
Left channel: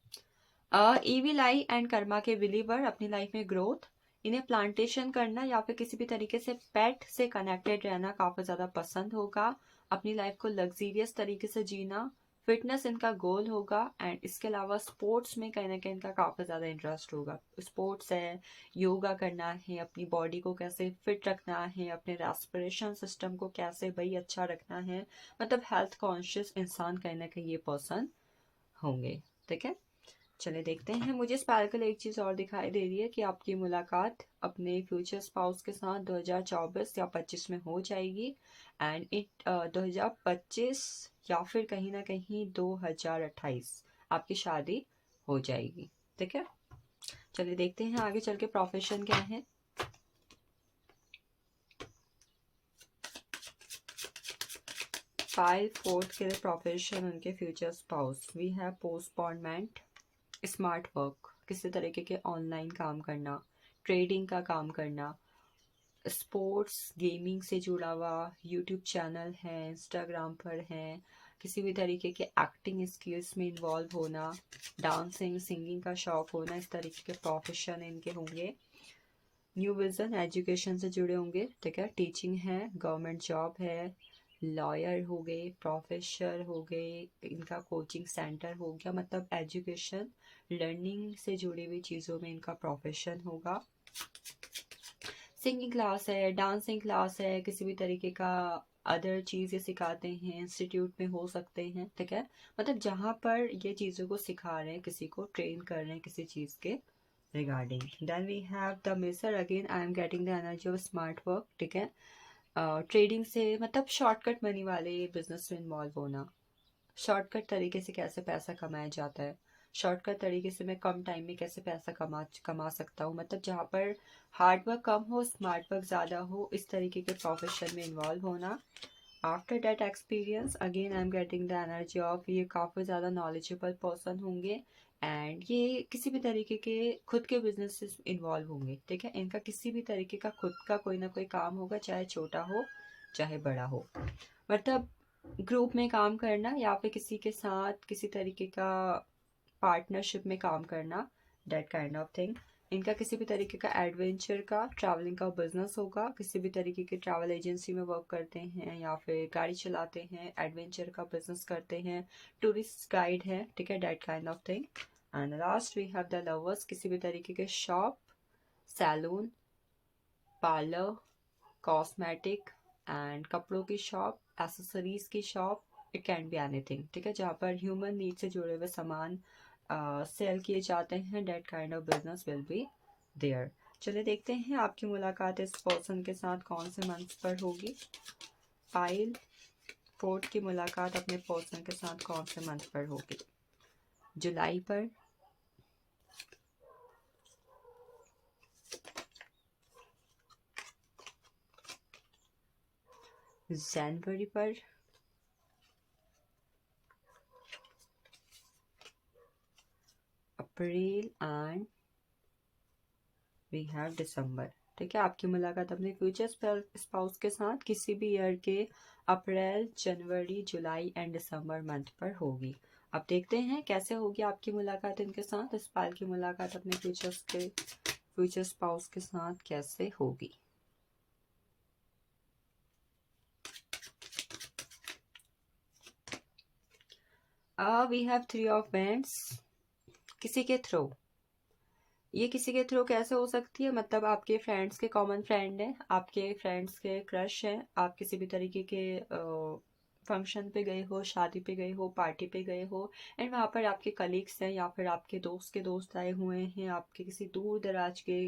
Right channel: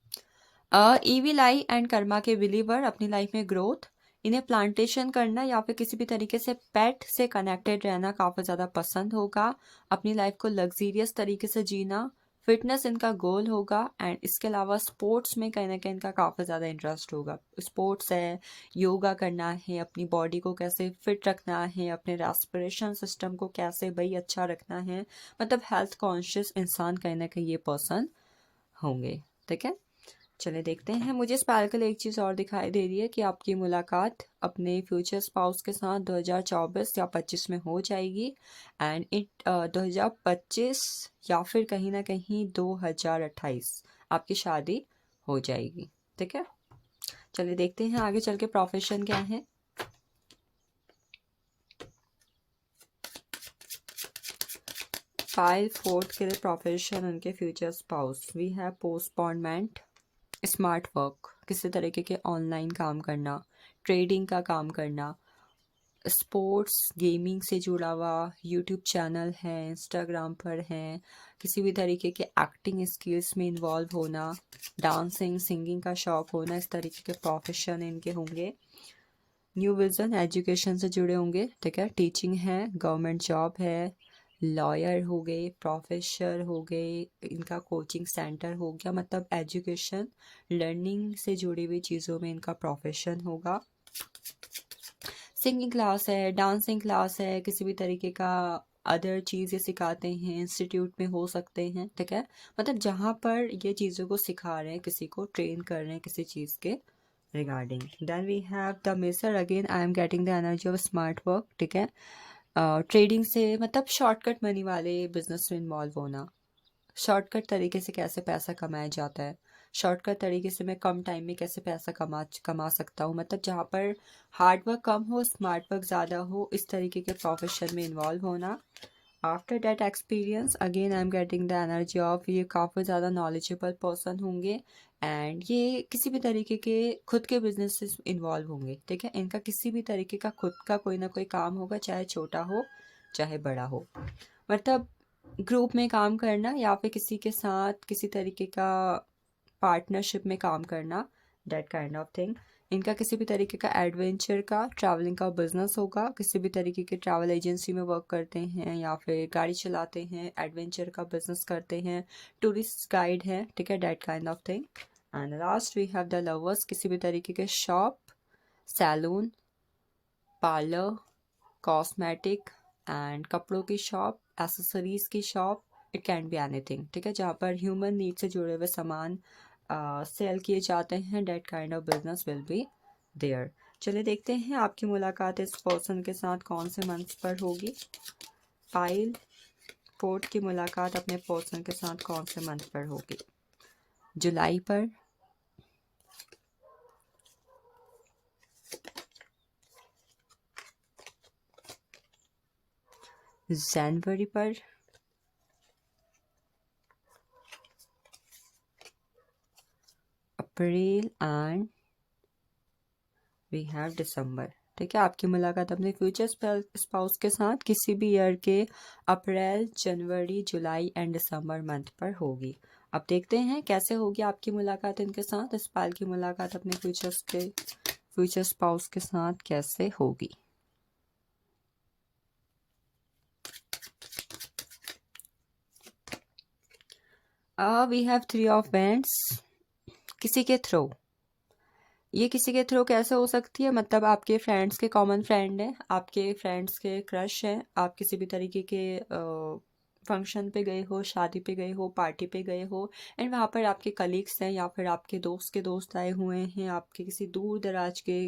ईविल आई एंड कर्मा के बिलीवर, अपनी लाइफ में ग्रोथ, इन्हें प्लांटेशन करना या फिर किसी भी तरीके से पेट से कनेक्टेड रहना काफ़ी ज़्यादा पसंद होगा। अपनी लाइफ को लग्जीरियस तरीके से जीना, फिटनेस इनका गोल होगा। एंड इसके अलावा स्पोर्ट्स में कहीं ना कहीं इनका काफ़ी ज़्यादा इंटरेस्ट होगा। स्पोर्ट्स है, योगा करना है, अपनी बॉडी को कैसे फिट रखना है, अपने रेस्पिरेशन सिस्टम को कैसे भाई अच्छा रखना है। मतलब हेल्थ कॉन्शियस इंसान कहीं ना कहीं ये पर्सन होंगे, ठीक है। चलिए देखते हैं। मुझे स्पार्कल एक चीज़ और दिखाई दे रही है कि आपकी मुलाकात अपने फ्यूचर स्पाउस के साथ 2024 या 25 में हो जाएगी। एंड 2025 या फिर कहीं ना कहीं 2028 आपकी शादी हो जाएगी, ठीक है। चलिए देखते हैं आगे चल के प्रोफेशन क्या है। फाइल फोर्थ के लिए प्रोफेशन उनके future spouse, we have postponement, smart work, किसी तरीके के ऑनलाइन काम करना, ट्रेडिंग का काम करना, स्पोर्ट्स गेमिंग से जुड़ा हुआ, यूट्यूब चैनल है, इंस्टाग्राम पर है, किसी भी तरीके के एक्टिंग स्किल्स में इन्वॉल्व होना, डांसिंग सिंगिंग का शौक होना, इस तरीके के प्रोफेशन इनके होंगे। न्यू विजन एजुकेशन से जुड़े होंगे, ठीक है, टीचिंग है, गवर्नमेंट जॉब है, लॉयर हो गए, प्रोफेसर हो गए, इनका कोचिंग सेंटर हो गया, मतलब एजुकेशन लर्निंग से जुड़ी हुई चीज़ों में इनका प्रोफेशन होगा। सिंगिंग क्लास है, डांसिंग क्लास है, किसी भी तरीके का अदर चीज़ें सिखाते हैं, इंस्टीट्यूट में हो सकते हैं, ठीक है, मतलब जहाँ पर ये चीज़ों को सिखा रहे हैं, किसी को ट्रेन कर रहे हैं किसी चीज़ के regarding. Then we have the measure, again I am getting the energy of smart work, ठीक है, ट्रेडिंग से मतलब शॉर्टकट मनी वाले बिजनेस में इन्वॉल्व होना, शॉर्टकट तरीके से कैसे पैसा कमाया जाता है, शॉर्टकट तरीके से मैं कम टाइम में कैसे पैसा कमा सकता हूँ, मतलब जहाँ पर हार्ड वर्क कम हो स्मार्ट वर्क ज़्यादा हो, इस तरीके के प्रोफेशन में इन्वॉल्व होना। After that experience again I am getting the energy of, ये काफ़ी ज़्यादा नॉलेजेबल पर्सन होंगे एंड ये किसी भी तरीके के खुद के बिजनेस से इन्वॉल्व होंगे, ठीक है, इनका किसी भी तरीके का खुद का कोई ना कोई काम होगा, चाहे छोटा हो चाहे बड़ा हो, मतलब ग्रुप में काम करना या फिर किसी के साथ किसी तरीके का पार्टनरशिप में काम करना, दैट काइंड ऑफ थिंग। इनका किसी भी तरीके का एडवेंचर का ट्रैवलिंग का बिजनेस होगा, किसी भी तरीके के ट्रैवल एजेंसी में वर्क करते हैं या फिर गाड़ी चलाते हैं, एडवेंचर का बिजनेस करते हैं, टूरिस्ट गाइड है, ठीक है, that kind of thing. And last we have the lovers, किसी भी तरीके के shop, salon, parlour, cosmetic and कपड़ों की शॉप, एसेसरीज की shop, it can be anything, ठीक है, जहाँ पर ह्यूमन नीड से जुड़े हुए सामान सेल किए जाते हैं, that kind of business will be there. चलिए देखते हैं आपकी मुलाकात इस पर्सन के साथ कौन से मंथ पर होगी। पाइल 4 की मुलाकात अपने पर्सन के साथ कौन से मंथ पर होगी? जुलाई पर, जनवरी पर, अप्रैल एंड वी हैव दिसंबर, ठीक है, आपकी मुलाकात अपने फ्यूचर स्पाउस के साथ किसी भी ईयर के अप्रैल, जनवरी, जुलाई एंड दिसंबर मंथ पर होगी। अब देखते हैं कैसे होगी आपकी मुलाकात इनके साथ, इस पाल की मुलाकात अपने फ्यूचर स्पाउस के साथ कैसे होगी। वी हैव 3 ऑफ वैंड्स, किसी के थ्रू, ये किसी के थ्रू कैसे हो सकती है, मतलब आपके फ्रेंड्स के कॉमन फ्रेंड हैं, आपके फ्रेंड्स के क्रश हैं, आप किसी भी तरीके के फंक्शन पे गए हो, शादी पे गए हो, पार्टी पे गए हो एंड वहाँ पर आपके कलीग्स हैं या फिर आपके दोस्त के दोस्त आए हुए हैं, आपके किसी दूर दराज के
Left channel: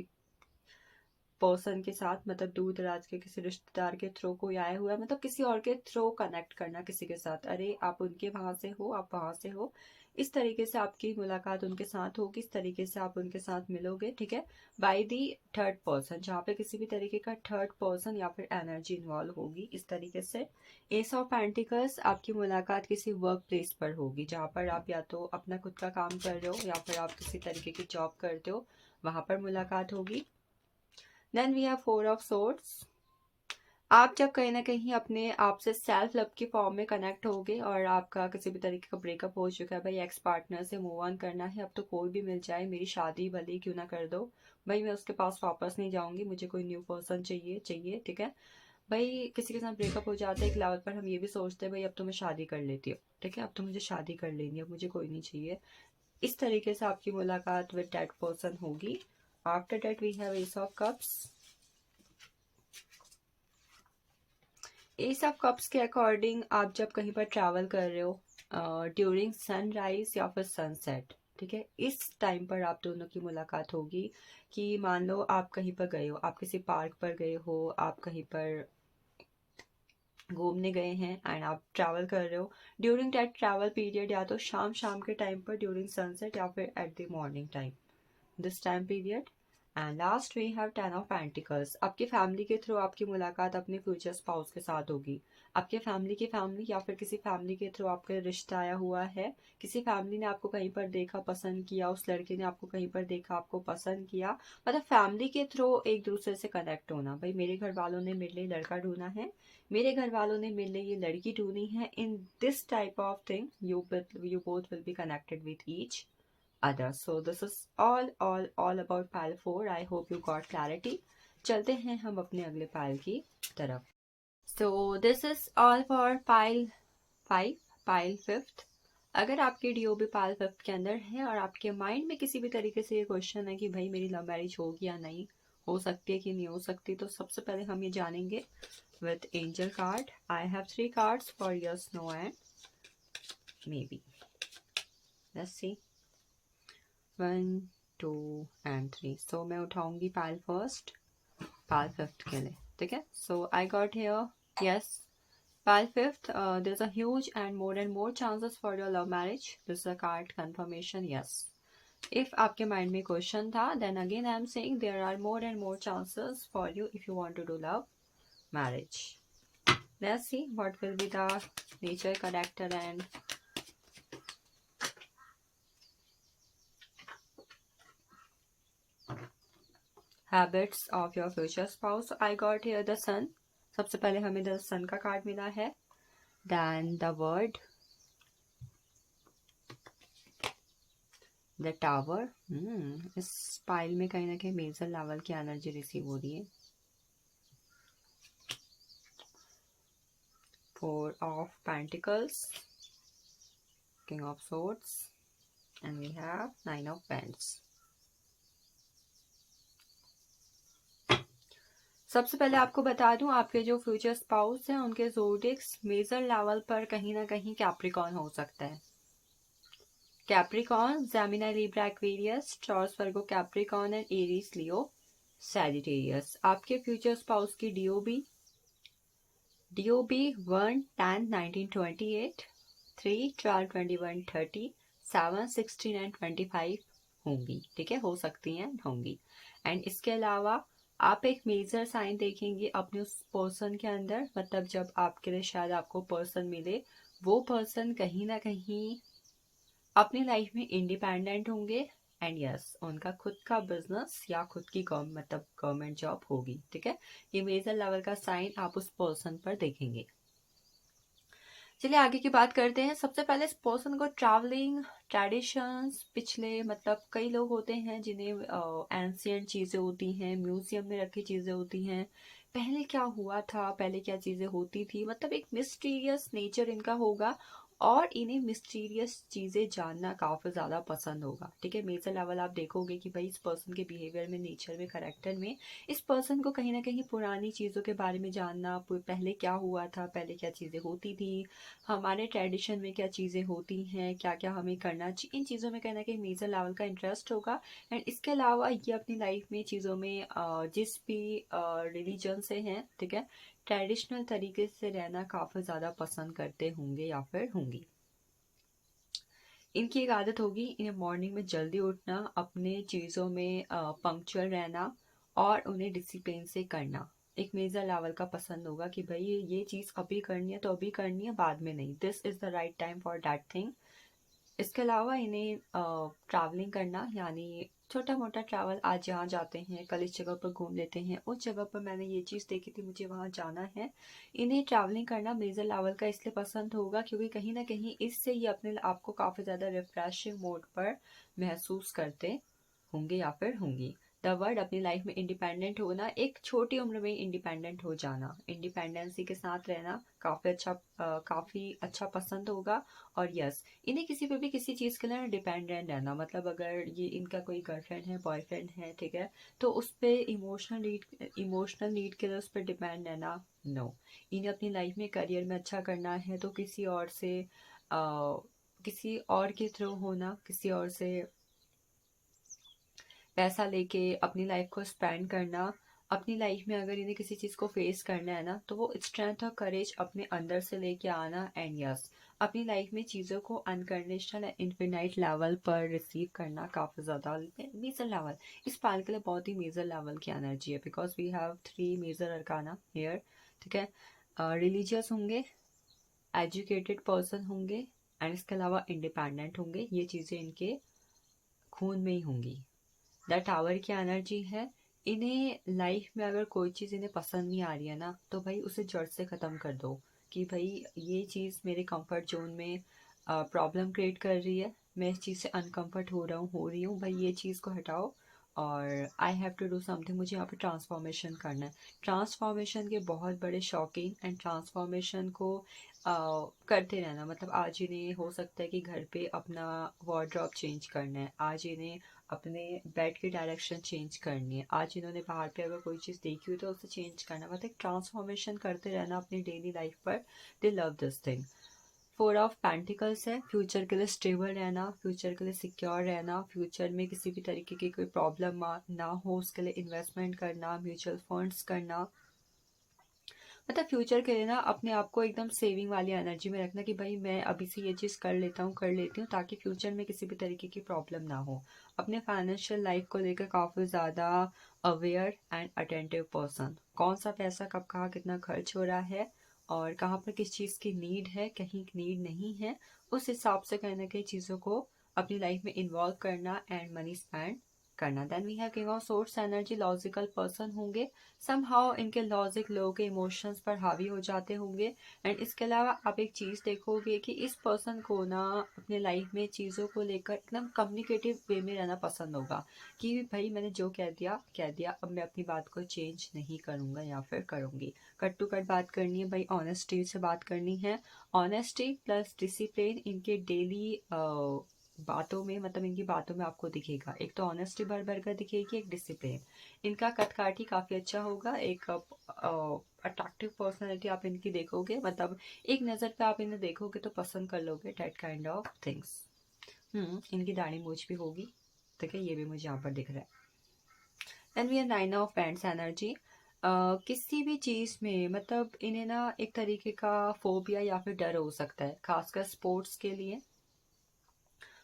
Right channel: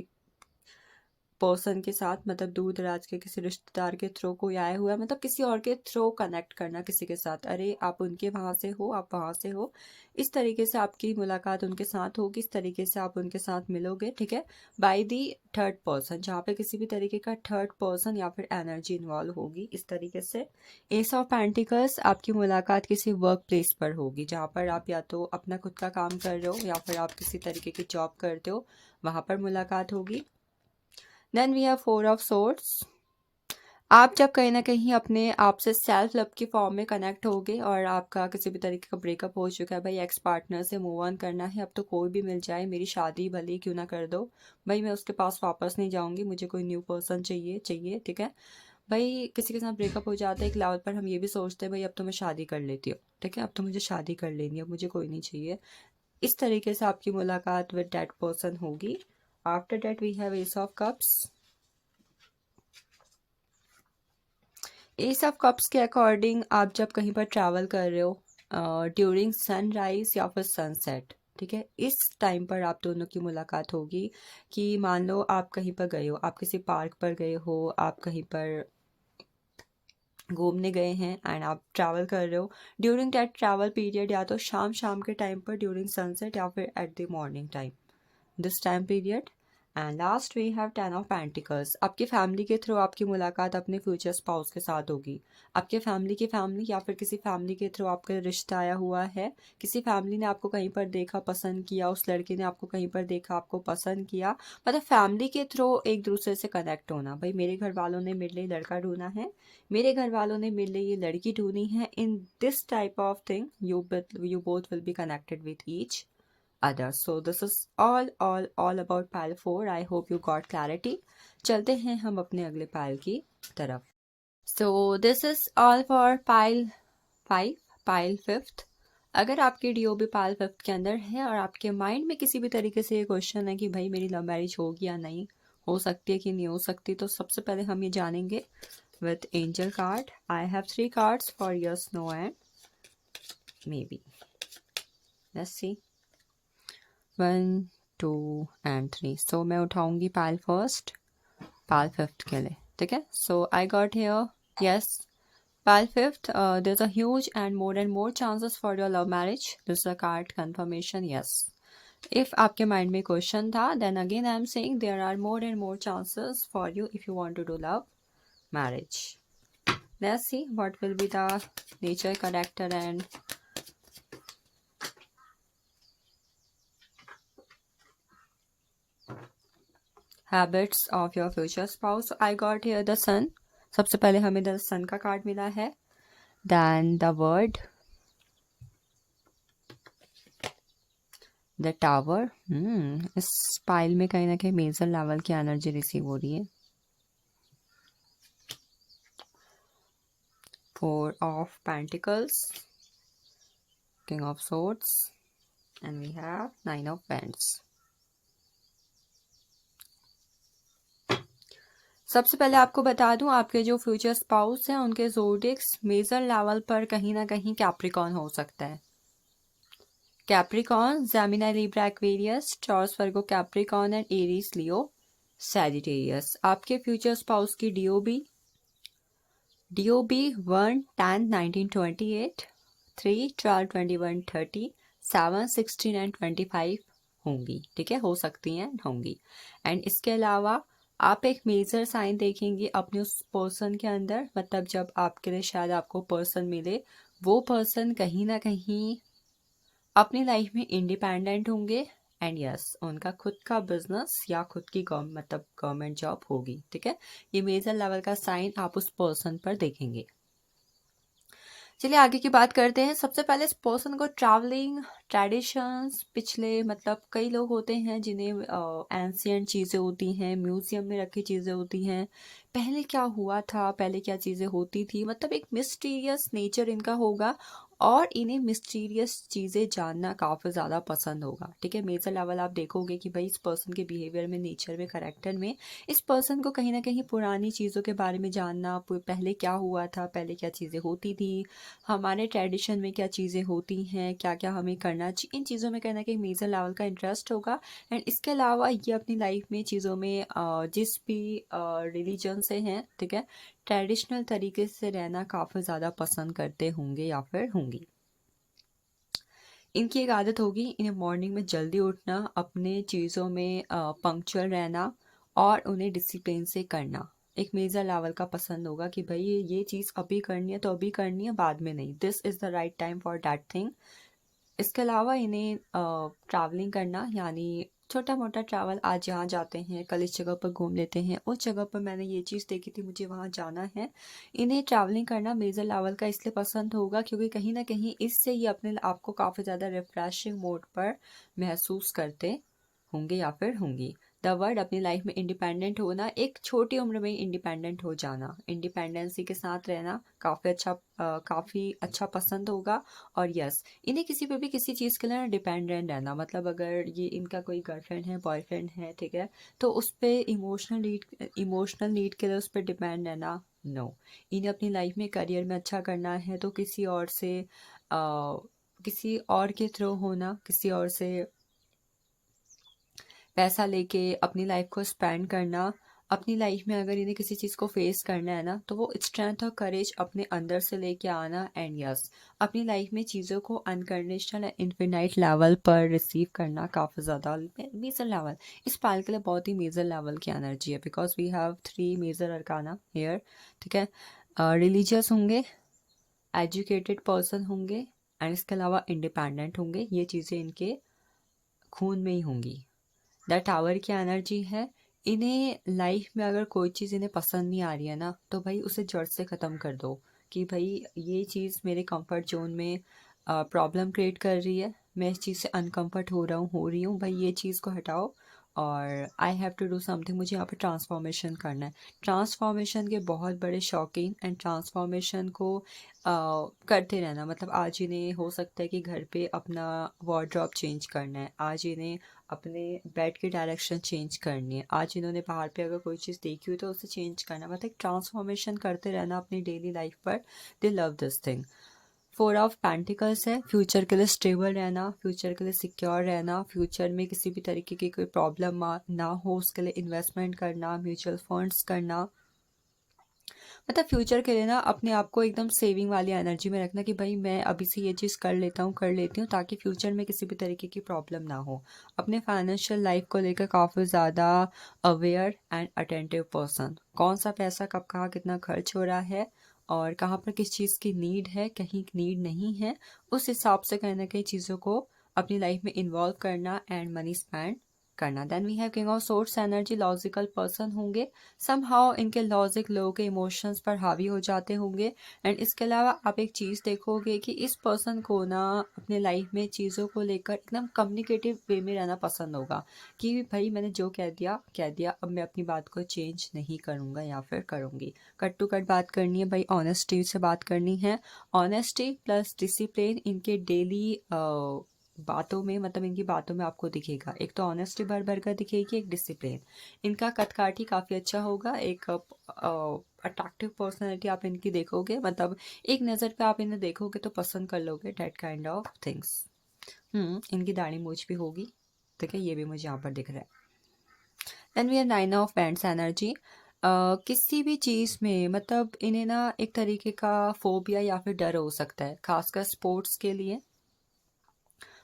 पर्सन के साथ, मतलब दूर दराज के किसी रिश्तेदार के थ्रू कोई आया हुआ है, मतलब किसी और के थ्रू कनेक्ट करना किसी के साथ, अरे आप उनके वहाँ से हो, आप वहाँ से हो, इस तरीके से आपकी मुलाकात उनके साथ होगी, इस तरीके से आप उनके साथ मिलोगे, ठीक है, बाय दी थर्ड पर्सन, जहाँ पे किसी भी तरीके का थर्ड पर्सन या फिर एनर्जी इन्वॉल्व होगी, इस तरीके से। एस ऑफ पेंटिकल्स, आपकी मुलाकात किसी वर्क प्लेस पर होगी, जहाँ पर आप या तो अपना खुद का काम कर रहे हो या फिर आप किसी तरीके की जॉब करते हो, वहाँ पर मुलाकात होगी। Then we have 4 of swords, आप जब कहीं ना कहीं अपने आप से सेल्फ लव की फॉर्म में कनेक्ट होगे और आपका किसी भी तरीके का ब्रेकअप हो चुका है, भाई एक्स पार्टनर से मूव ऑन करना है, अब तो कोई भी मिल जाए, मेरी शादी भले ही क्यों ना कर दो, भाई मैं उसके पास वापस नहीं जाऊंगी, मुझे कोई न्यू पर्सन चाहिए चाहिए, ठीक है, भाई किसी के साथ ब्रेकअप हो जाता है एक लेवल पर, हम ये भी सोचते हैं भाई अब तो मैं शादी कर लेती हूँ, ठीक है, अब तो मुझे शादी कर लेनी है, अब मुझे कोई नहीं चाहिए, इस तरीके से आपकी मुलाकात विद दैट पर्सन होगी। After that we have ace of cups, ace of cups के अकॉर्डिंग आप जब कहीं पर ट्रैवल कर रहे हो ड्यूरिंग सनराइज या फिर सनसेट, ठीक है, इस टाइम पर आप दोनों की मुलाकात होगी, कि मान लो आप कहीं पर गए हो, आप किसी पार्क पर गए हो, आप कहीं पर घूमने गए हैं एंड आप ट्रैवल कर रहे हो, ड्यूरिंग दैट ट्रैवल पीरियड या तो शाम शाम के टाइम पर ड्यूरिंग सनसेट या फिर at the morning time, this time period. And last we have 10 of pentacles, आपकी फैमिली के थ्रू आपकी मुलाकात अपने फ्यूचर स्पाउस के साथ होगी, आपके फैमिली की फैमिली या फिर किसी फैमिली के थ्रू आपका रिश्ता आया हुआ है, किसी फैमिली ने आपको कहीं पर देखा पसंद किया, उस लड़के ने आपको कहीं पर देखा आपको पसंद किया, मतलब फैमिली के थ्रू एक दूसरे से कनेक्ट होना, भाई मेरे घर वालों ने मेरे लिए लड़का ढूंढा है, मेरे घर वालों ने मेरे लिए ये लड़की ढूंढी है. In this type of thing you both will be connected with each other. So this is all about pile 4. I hope you got clarity. चलते हैं हम अपने अगले पाइल की तरफ. So this is all for pile 5, pile 5th. अगर आपकी DOB pile 5th के अंदर है और आपके माइंड में किसी भी तरीके से ये क्वेश्चन है कि भाई मेरी लव मैरिज होगी या नहीं, हो सकती है कि नहीं हो सकती, तो सबसे पहले हम ये जानेंगे with angel card. I have 3 cards for yes, no and maybe. Let's see. 1, 2 and 3. So मैं उठाऊंगी पाइल फर्स्ट, पाइल 5th के लिए. ठीक है. So I got here yes. Pile 5th, there's a huge and more chances for your love marriage. This is a card confirmation, yes. If आपके mind में question था, then again I am saying there are more and more chances for you if you want to do love marriage. Let's see what will be the nature, character and habits of your future spouse. So I got here the sun. सबसे पहले हमें the sun का card मिला है. Then the word, the tower. इस pile में कहीं ना कहीं मेजर लेवल की एनर्जी रिसीव हो रही है. 4 of pentacles, king of swords and we have 9 of pentacles. सबसे पहले आपको बता दूं, आपके जो फ्यूचर स्पाउस हैं उनके ज़ोडिएक्स मेजर लेवल पर कहीं ना कहीं कैप्रिकॉर्न हो सकता है. Capricorn, Gemini, Libra, Aquarius, Taurus, Virgo, Capricorn and Aries, Leo, Sagittarius. आपके फ्यूचर स्पाउस की डीओबी 1 10 1928, 3 12 21 30, 7 16 एंड 25 होंगी. ठीक है, हो सकती हैं, होंगी. एंड इसके अलावा आप एक मेजर साइन देखेंगे अपने उस पर्सन के अंदर. मतलब जब आपके लिए शायद आपको पर्सन मिले, वो पर्सन कहीं ना कहीं अपनी लाइफ में इंडिपेंडेंट होंगे. एंड यस, उनका खुद का बिजनेस या खुद की मतलब गवर्नमेंट जॉब होगी. ठीक है, ये मेजर लेवल का साइन आप उस पर्सन पर देखेंगे. चलिए आगे की बात करते हैं. सबसे पहले इस पर्सन को ट्रैवलिंग, ट्रेडिशंस, पिछले मतलब कई लोग होते हैं जिन्हें एंशियंट चीज़ें होती हैं, म्यूजियम में रखी चीज़ें होती हैं, पहले क्या हुआ था, पहले क्या चीज़ें होती थी, मतलब एक मिस्टीरियस नेचर इनका होगा और इन्हें मिस्टीरियस चीज़ें जानना काफ़ी ज़्यादा पसंद होगा. ठीक है, मेजर लेवल आप देखोगे कि भाई इस पर्सन के बिहेवियर में, नेचर में, करैक्टर में इस पर्सन को कहीं ना कहीं पुरानी चीज़ों के बारे में जानना, पहले क्या हुआ था, पहले क्या चीज़ें होती थी, हमारे ट्रेडिशन में क्या चीज़ें होती हैं, क्या क्या हमें करना चाहिए, इन चीज़ों में कहीं ना कहीं मेजर लेवल का इंटरेस्ट होगा. एंड इसके अलावा ये अपनी लाइफ में चीज़ों में जिस भी रिलीजन से हैं, ठीक है, ट्रेडिशनल तरीके से रहना काफ़ी ज़्यादा पसंद करते होंगे या फिर होंगी. इनकी एक आदत होगी इन्हें मॉर्निंग में जल्दी उठना, अपने चीज़ों में पंक्चुअल रहना और उन्हें डिसिप्लिन से करना. एक मेजर लेवल का पसंद होगा कि भाई ये चीज़ अभी करनी है तो अभी करनी है, बाद में नहीं. This is the right time for that thing. इसके अलावा इन्हें ट्रैवलिंग करना, यानी छोटा मोटा ट्रैवल, आज यहाँ जाते हैं, कल इस जगह पर घूम लेते हैं, उस जगह पर मैंने ये चीज़ देखी थी, मुझे वहाँ जाना है. इन्हें ट्रैवलिंग करना मेजर लेवल का इसलिए पसंद होगा क्योंकि कहीं ना कहीं इससे ये अपने आप को काफ़ी ज़्यादा रिफ्रेशिंग मोड पर महसूस करते होंगे या फिर होंगी. द वर्ड, अपनी लाइफ में इंडिपेंडेंट होना, एक छोटी उम्र में इंडिपेंडेंट हो जाना, इंडिपेंडेंसी के साथ रहना काफ़ी अच्छा पसंद होगा. और यस, इन्हें किसी पे भी किसी चीज़ के लिए डिपेंडेंट रहना, मतलब अगर ये इनका कोई गर्लफ्रेंड है, बॉयफ्रेंड है, ठीक है, तो उस पर इमोशनल नीड के लिए उस पर डिपेंड रहना, नो. इन्हें अपनी लाइफ में करियर में अच्छा करना है तो किसी और से किसी और के थ्रू होना, किसी और से पैसा लेके अपनी लाइफ को स्पेंड करना. अपनी लाइफ में अगर इन्हें किसी चीज़ को फेस करना है ना, तो वो स्ट्रेंथ और करेज अपने अंदर से लेके आना. एंड यस, अपनी लाइफ में चीज़ों को अनकंडीशनल एंड इन्फिनाइट लेवल पर रिसीव करना, काफ़ी ज़्यादा मेजर लेवल. इस पाल के लिए बहुत ही मेजर लेवल की एनर्जी है, because we have 3 major arcana here. ठीक है, रिलीजियस होंगे, एजुकेटेड पर्सन होंगे एंड इसके अलावा इंडिपेंडेंट होंगे. ये चीज़ें इनके खून में ही होंगी. द टावर की एनर्जी है, इन्हें लाइफ में अगर कोई चीज़ इन्हें पसंद नहीं आ रही है ना, तो भाई उसे जड़ से ख़त्म कर दो कि भाई ये चीज़ मेरे कंफर्ट जोन में प्रॉब्लम क्रिएट कर रही है, मैं इस चीज़ से अनकंफर्ट हो रही हूँ भाई, ये चीज़ को हटाओ और I have to do something, मुझे यहाँ पे ट्रांसफॉर्मेशन करना है। ट्रांसफॉर्मेशन के बहुत बड़े शौकीन एंड ट्रांसफॉर्मेशन को करते रहना, मतलब आज इन्हें हो सकता है कि घर पे अपना वार्डरोब चेंज करना है, आज इन्हें अपने बेड की डायरेक्शन चेंज करनी है, आज इन्होंने बाहर पे अगर कोई चीज़ देखी हुई तो उसे चेंज करना, मतलब ट्रांसफॉर्मेशन करते रहना अपनी डेली लाइफ पर। दे love this thing. Four of pentacles है, फ्यूचर के लिए स्टेबल रहना, फ्यूचर के लिए सिक्योर रहना, फ्यूचर में किसी भी तरीके की कोई प्रॉब्लम ना हो उसके लिए इन्वेस्टमेंट करना, म्यूचुअल फंड्स करना, मतलब फ्यूचर के लिए ना अपने आप को एकदम सेविंग वाली एनर्जी में रखना कि भाई मैं अभी से ये चीज़ कर लेती हूँ ताकि फ्यूचर में किसी भी तरीके की प्रॉब्लम ना हो। अपने फाइनेंशियल लाइफ को लेकर काफ़ी ज़्यादा अवेयर एंड अटेंटिव पर्सन, कौन सा पैसा कब कहाँ कितना खर्च हो रहा है और कहाँ पर किस चीज़ की नीड है, कहीं नीड नहीं है, उस हिसाब से कहीं ना कहीं चीज़ों को अपनी लाइफ में इन्वॉल्व करना एंड मनी स्पेंड करना। Then we have king of swords energy, logical person होंगे, समहाउ इनके लॉजिक लोगों के इमोशंस पर हावी हो जाते होंगे। एंड इसके अलावा आप एक चीज़ देखोगे कि इस पर्सन को ना अपने लाइफ में चीज़ों को लेकर एकदम कम्युनिकेटिव वे में रहना पसंद होगा कि भाई मैंने जो कह दिया, अब मैं अपनी बात को चेंज नहीं करूँगा या फिर करूँगी। कट टू कट बात करनी है भाई, ऑनेस्टी से बात करनी है। ऑनेस्टी प्लस डिसिप्लिन इनके डेली बातों में, मतलब इनकी बातों में आपको दिखेगा, एक तो ऑनेस्टी भर भर कर दिखेगी, एक डिसिप्लिन। इनका कद-काठी काफ़ी अच्छा होगा, एक अट्रैक्टिव पर्सनैलिटी आप इनकी देखोगे, मतलब एक नज़र पे आप इन्हें देखोगे तो पसंद कर लोगे, डैट काइंड ऑफ थिंग्स। इनकी दाढ़ी मूछ भी होगी, ठीक है, ये भी मुझे यहाँ पर दिख रहा है। Then we are nine of pentacles energy. किसी भी चीज़ में मतलब इन्हें ना एक तरीके का फोबिया या फिर डर हो सकता है, खासकर स्पोर्ट्स के लिए।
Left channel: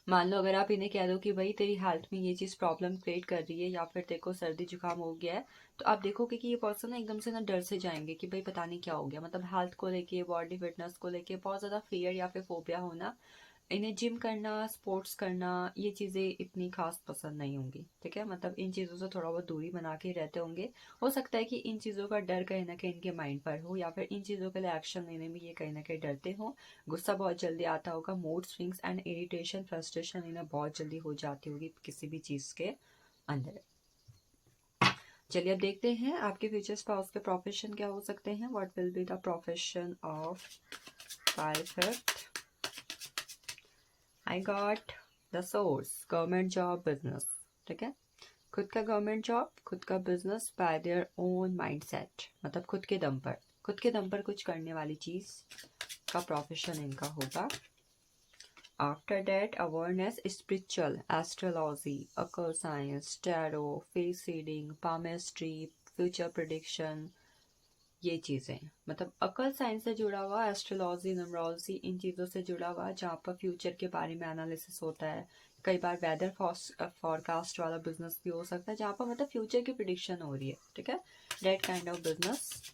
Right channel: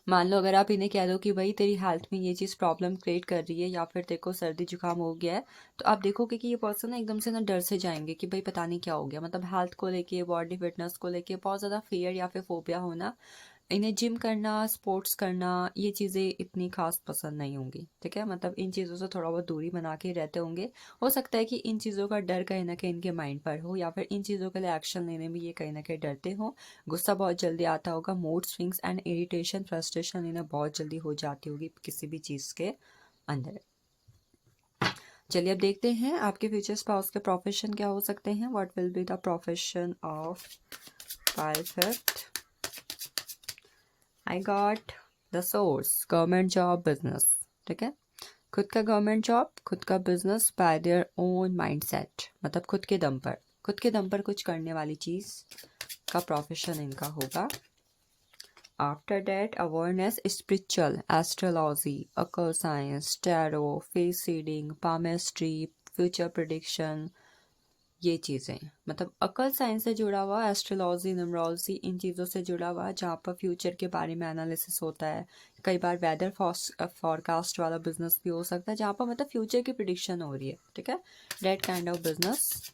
मान लो अगर आप इन्हें कह दो कि भाई तेरी हेल्थ में ये चीज़ प्रॉब्लम क्रिएट कर रही है या फिर तेरे को सर्दी जुकाम हो गया है, तो आप देखोगे कि ये पर्सन ना एकदम से ना डर से जाएंगे कि भाई पता नहीं क्या हो गया, मतलब हेल्थ को लेके, बॉडी फिटनेस को लेके बहुत ज़्यादा फियर या फिर फोबिया होना। इन्हें जिम करना, स्पोर्ट्स करना, ये चीज़ें इतनी खास पसंद नहीं होंगी, ठीक है, मतलब इन चीज़ों से थोड़ा बहुत दूरी बना के रहते होंगे। हो सकता है कि इन चीज़ों का डर कहीं ना कहीं इनके माइंड पर हो या फिर इन चीज़ों के लिए एक्शन लेने में ये कहीं ना कहीं डरते हो। गुस्सा बहुत जल्दी आता होगा, mood swings and irritation, frustration इन्हें बहुत जल्दी हो जाती होगी किसी भी चीज़ के अंदर। चलिए अब देखते हैं आपके फ्यूचर स्पाउस के प्रोफेशन क्या हो सकते हैं। What will be the profession of pilot. I got the source, government job, business, ठीक है, खुद का गवर्नमेंट जॉब, खुद का business by their own mindset, मतलब खुद के दम पर कुछ करने वाली चीज़ का प्रोफेशन इनका होगा। After that awareness, spiritual, astrology, occult science, tarot, face reading, palmistry, future prediction, ये चीज़ें, मतलब अकल साइंस से जुड़ा हुआ, एस्ट्रोलॉजी, न्यूमरोलॉजी, इन चीज़ों से जुड़ा हुआ जहाँ पर फ्यूचर के बारे में एनालिसिस होता है। कई बार वेदर फॉरकास्ट वाला बिजनेस भी हो सकता है जहाँ पर मतलब फ्यूचर की प्रिडिक्शन हो रही है, ठीक है, that kind of business.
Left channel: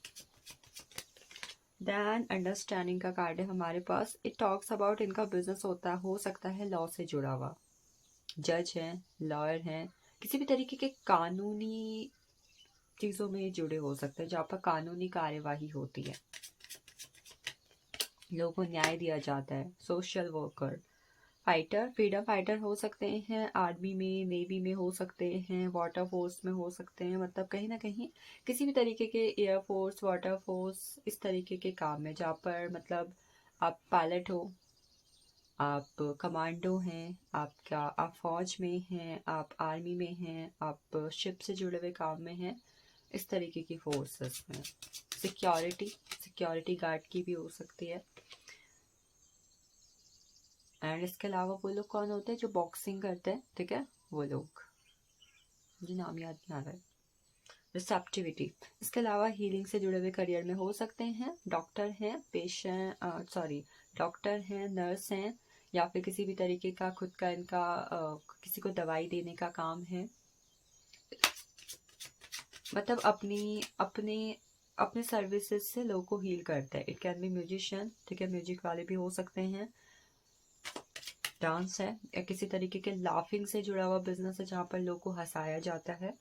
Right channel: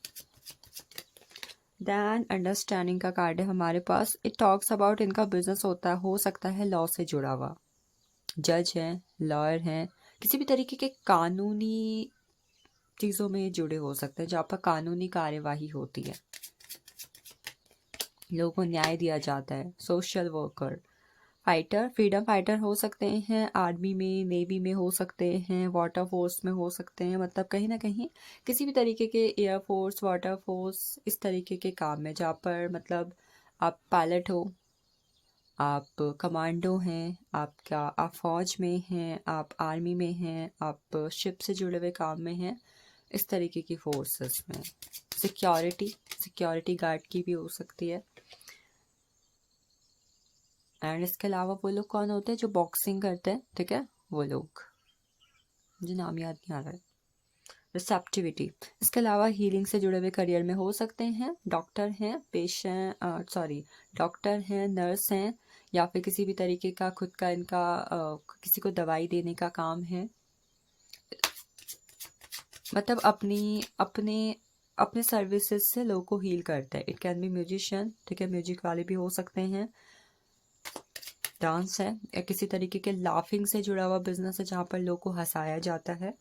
Then understanding का कार्ड है हमारे पास, इट टॉक्स अबाउट इनका बिजनेस हो सकता है लॉ से जुड़ा हुआ, जज हैं, लॉयर हैं, किसी भी तरीके के कानूनी चीज़ों में जुड़े हो सकते हैं जहाँ पर कानूनी कार्यवाही होती है, लोगों को न्याय दिया जाता है। Social worker, fighter, freedom fighter हो सकते हैं, आर्मी में, नेवी में हो सकते हैं, वाटर फोर्स में हो सकते हैं, मतलब कहीं ना कहीं किसी भी तरीके के एयरफोर्स, वाटर फोर्स, इस तरीके के काम में जहाँ पर मतलब आप पायलट हो, आप कमांडो हैं, आप फौज में हैं, आप आर्मी में हैं, आप शिप से जुड़े हुए काम में हैं, इस तरीके की फोर्सेस में। सिक्योरिटी गार्ड की भी हो सकती है। एंड इसके अलावा वो लोग कौन होते हैं जो बॉक्सिंग करते हैं, ठीक है, वो लोग, मुझे नाम याद नहीं आ रहा है। रिसेप्टिविटी, इसके अलावा हीलिंग से जुड़े हुए करियर में हो सकते हैं, डॉक्टर हैं, डॉक्टर हैं, नर्स हैं, या फिर किसी भी तरीके का खुद का इनका किसी को दवाई देने का काम है, मतलब अपने सर्विसेज से लोगों को हील करते हैं। इट कैन बी म्यूजिशियन, ठीक है, म्यूजिक वाले भी हो सकते हैं। डांस है, या किसी तरीके के लाफिंग से जुड़ा हुआ बिजनेस है जहाँ पर लोगों को हंसाया जाता है।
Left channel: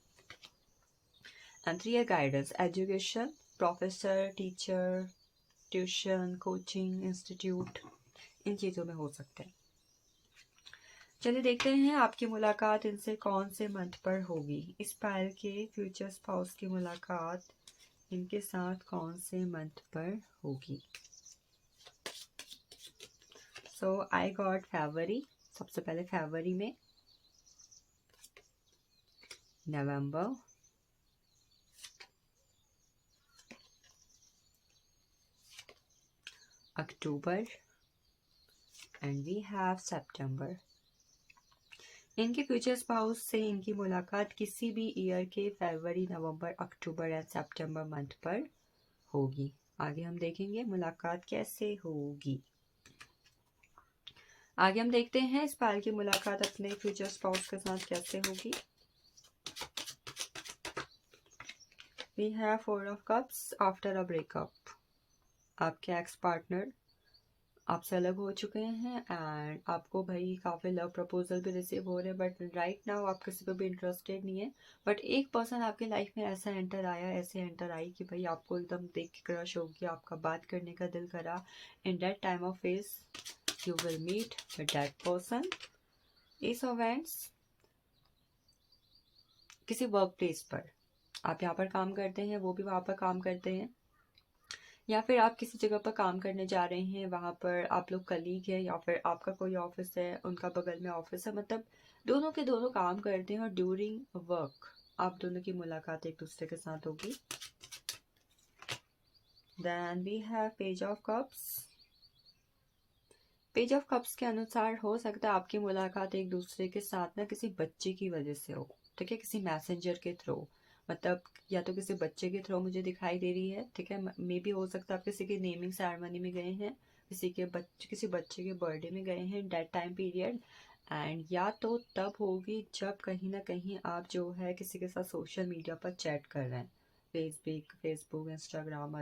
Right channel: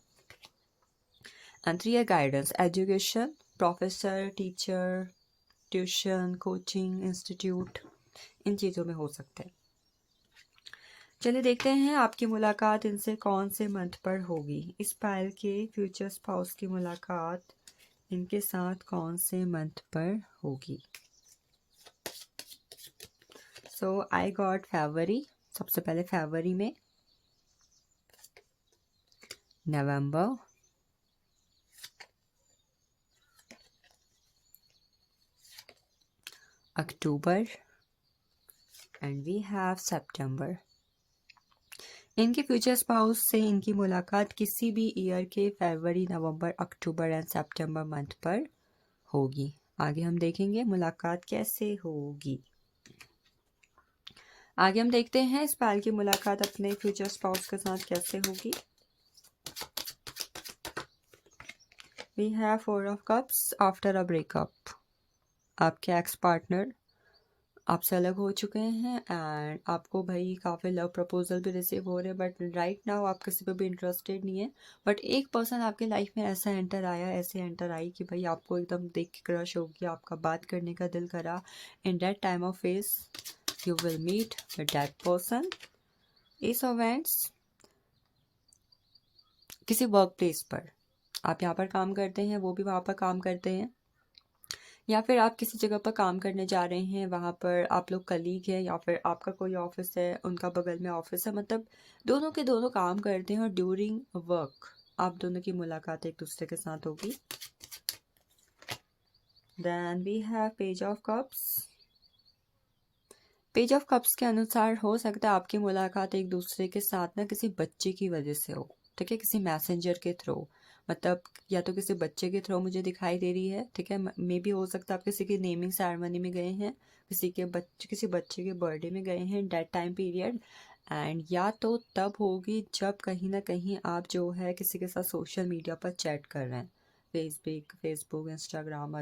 एंड 3 है guidance, education, professor, teacher, tuition, coaching, institute, इन चीज़ों में हो सकते हैं। चलिए देखते हैं आपकी मुलाकात इनसे कौन से मंथ पर होगी। इस पायल के फ्यूचर स्पाउस की मुलाकात इनके साथ कौन से मंथ पर होगी। सो आई गॉट फरवरी, सबसे पहले फरवरी में, नवंबर, अक्टूबर एंड वी हैव सितंबर। इनके फ्यूचर स्पाउस से इनकी मुलाकात किसी भी ईयर के फरवरी, नवंबर, अक्टूबर एंड सितंबर मंथ पर होगी। आगे हम देखेंगे मुलाकात कैसे होगी। आगे हम देखते हैं इस पायल की मुलाकात अपने फ्यूचर स्पाउस के साथ कैसे होगी। We have 4 of cups, after a breakup. आपके एक्स पार्टनर आपसे अलग हो चुके हैं एंड आपको भाई काफ़ी लव प्रपोजल भी रिसीव हो रहे हैं, बट राइट नाउ आप किसी पे भी इंटरेस्टेड नहीं है। बट एक पर्सन आपके लाइफ में ऐसा एंटर आया, ऐसे एंटर आई कि भाई आपको एकदम देख के क्रश हो गया, आपका बात करने का दिल करा। In that time of phase you will meet with that person. Ace of wands, किसी वर्क प्लेस पर आप यहाँ पर काम करते हैं, वो भी वहाँ पर काम करते हैं, या फिर आप किसी जगह पर काम करने जा रहे हैं, वहाँ पर आप लोग कलीग हैं, या फिर आपका कोई ऑफिस है, उनका बगल में ऑफिस है, मतलब दोनों के दोनों काम करते हैं और ड्यूरिंग वर्क आप दोनों की मुलाकात एक दूसरे के साथ होगी। Then we have page of cups. Page of cups के अनुसार हो सकता है आपकी मुलाकात एक दूसरे के साथ ना किसी बच्चे की वजह से हो, ठीक है, किसी मैसेंजर के थ्रू, मतलब या तो किसी बच्चे के थ्रू मुझे दिखाई दे रही है, ठीक है। मे भी हो सकता है आप किसी की नेमिंग सेरेमनी में गए हैं, किसी बच्चे के बर्थडे में गए हैं डेट टाइम पीरियड, एंड या तो तब होगी जब कहीं ना कहीं आप जो है किसी के साथ सोशल मीडिया पर चैट कर रहे हैं, फेसबुक, इंस्टाग्राम,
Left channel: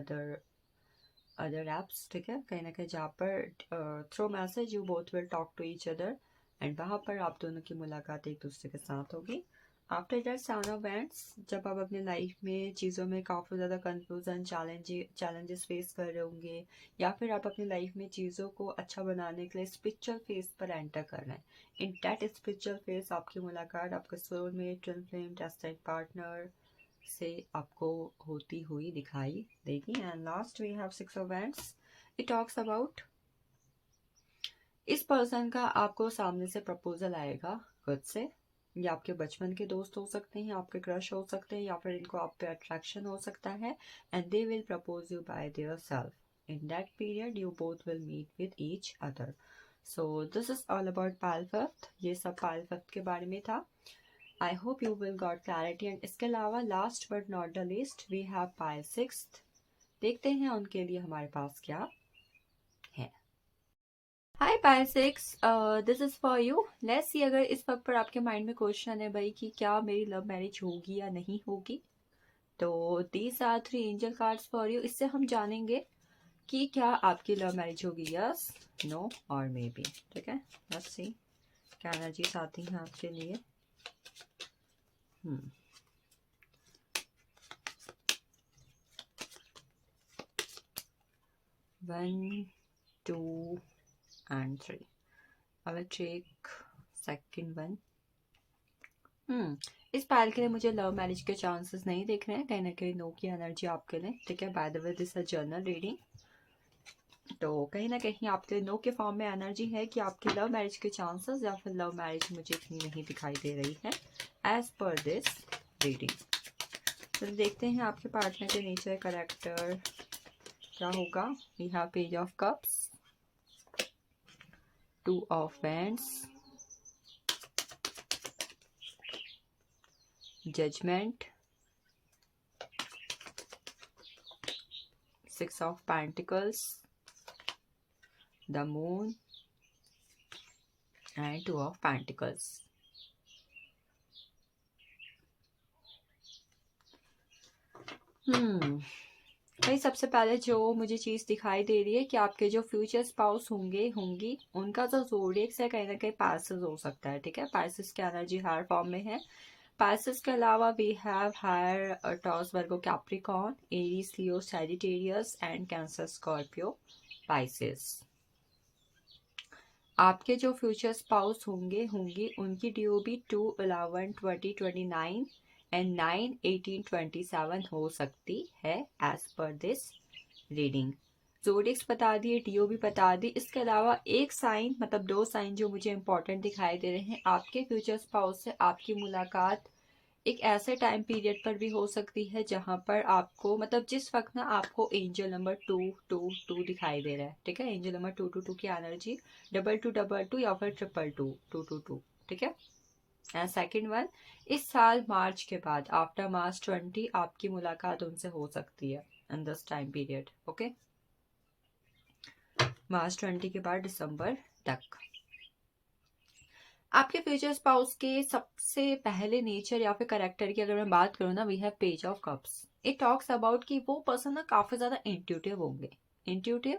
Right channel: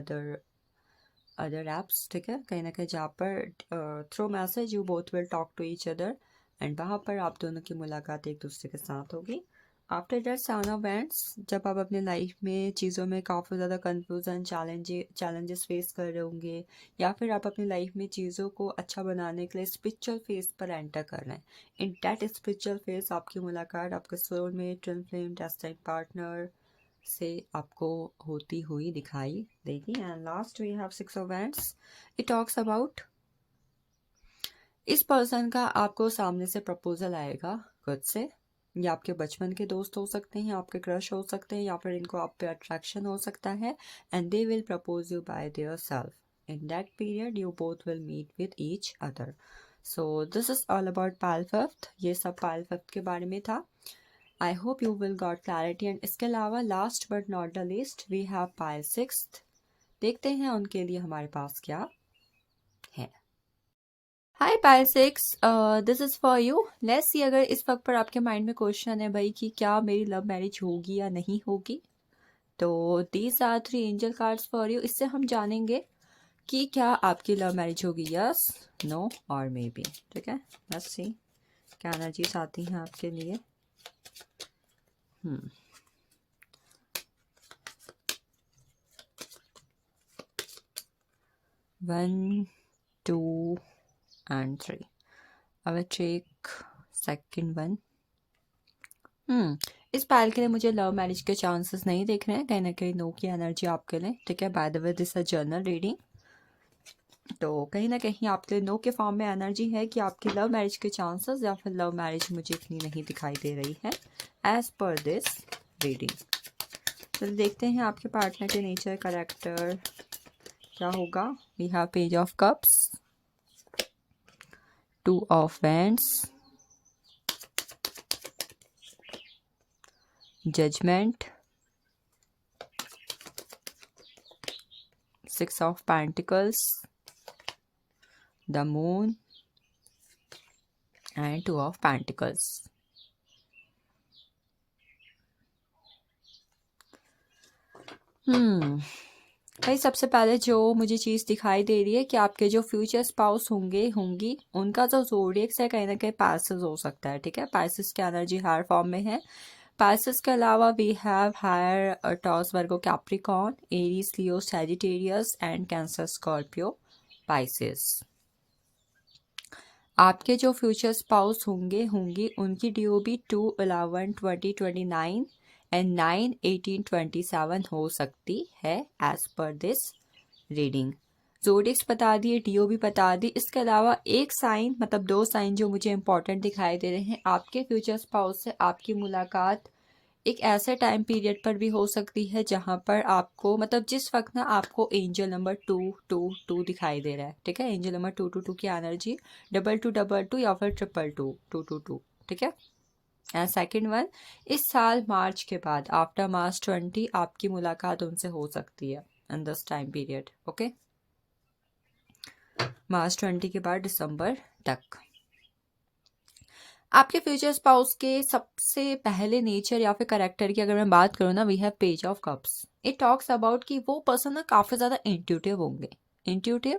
अदर ऐप्स, ठीक है, कहीं ना कहीं जहाँ पर through message you both will talk to each other एंड वहाँ पर आप दोनों की मुलाकात एक दूसरे के साथ होगी। आफ्टर दैट साउन ऑफ बैंड्स, जब आप अपने लाइफ में चीज़ों में काफ़ी ज़्यादा कंफ्यूजन, चैलेंजेस फेस कर रहे होंगे, या फिर आप अपनी लाइफ में चीज़ों को अच्छा बनाने के लिए स्पिरिचुअल फेज पर एंटर कर रहे हैं। इन दैट स्पिरिचुअल फेज आपकी मुलाकात आपके soulmate, twin flame, destiny partner से आपको होती हुई दिखाई देगी। And last we have 6 of wands. It talks about इस पर्सन का आपको सामने से प्रपोजल आएगा खुद से, या आपके बचपन के दोस्त हो सकते हैं, आपके क्रश हो सकते हैं, या फिर इनको आप पे अट्रैक्शन हो सकता है, and they will propose you by their self. In that period you both will meet with each other. So this is all about pile fifth. ये सब पायल फिफ्थ के बारे में था। I hope you will got clarity. And इसके अलावा last but not the least we have pile sixth. देखते हैं उनके लिए हमारे पास क्या है। Hi pile six, this is for you. Let's see अगर इस वक्त पर आपके माइंड में क्वेश्चन है भाई कि क्या मेरी लव मैरिज होगी या नहीं होगी, तो these are 3 angel cards for you. इससे हम जानेंगे कि क्या आपकी लव मैरिज होगी, यस, नो और मे बी, ठीक है। लेट्स सी क्या एनर्जीज आती हैं आपके लिए। 1, 2 and 3. I will take second one. इस पायल के लिए मुझे लव मैरिज के चांसेस नहीं दिख रहे हैं, कहीं ना कहीं नो की एनर्जी आपके लिए, ठीक है। By the way this a journal reading, तो कहीं ना कहीं आपके लिए नो के फॉर्म में एनर्जी है कि आपकी लव मैरिज के चांसेस या फिर लव मैरिज मुझे इतनी नहीं दिखाई दे रही है एज पर दिस रीडिंग। तो देखते हैं आपके पार्टनर के नेचर, करेक्टर क्या होगा। We have page of cups, 2 of wands, judgement, 6 of Pentacles, the Moon and 2 of Pentacles. भाई सबसे पहले जो मुझे चीज़ दिखाई दे रही है कि आपके जो फ्यूचर स्पाउस होंगी उनका जो ज़ोडिएक्स है कहीं ना कहीं पाइसेस हो सकता है, ठीक है। पाइसेस की एनर्जी हर फॉर्म में है, पाइसेस के अलावा we have higher Taurus Virgo Capricorn Aries Leo Sagittarius and Cancer Scorpio Pisces. आपके जो फ्यूचर स्पाउस होंगे उनकी DOB 2/11/2029 एंड 9/18/27 हो सकती है एज पर दिस रीडिंग। जोडिक्स बता दिए, DOB बता दी। इसके अलावा एक साइन मतलब दो साइन जो मुझे इंपॉर्टेंट दिखाई दे रहे हैं, आपके फ्यूचर स्पाउस से आपकी मुलाकात एक ऐसे टाइम पीरियड पर भी हो सकती है जहां पर आपको मतलब जिस वक्त ना आपको एंजल नंबर 222 दिखाई दे रहा है, ठीक है। एंजल नंबर 222 की एनर्जी 2222 या फिर 222 ठीक है। एंड सेकेंड वन, इस साल मार्च के बाद आफ्टर मार्च 20 आपकी मुलाकात उनसे हो सकती है in this time period, okay. मार्च 20 के बाद दिसंबर तक। आपके फ्यूचर स्पाउस के सबसे पहले नेचर या फिर करेक्टर की अगर मैं बात करूँ ना, we have page of cups. It talks about कि वो पर्सन ना काफ़ी ज़्यादा इंट्यूटिव होंगे, intuitive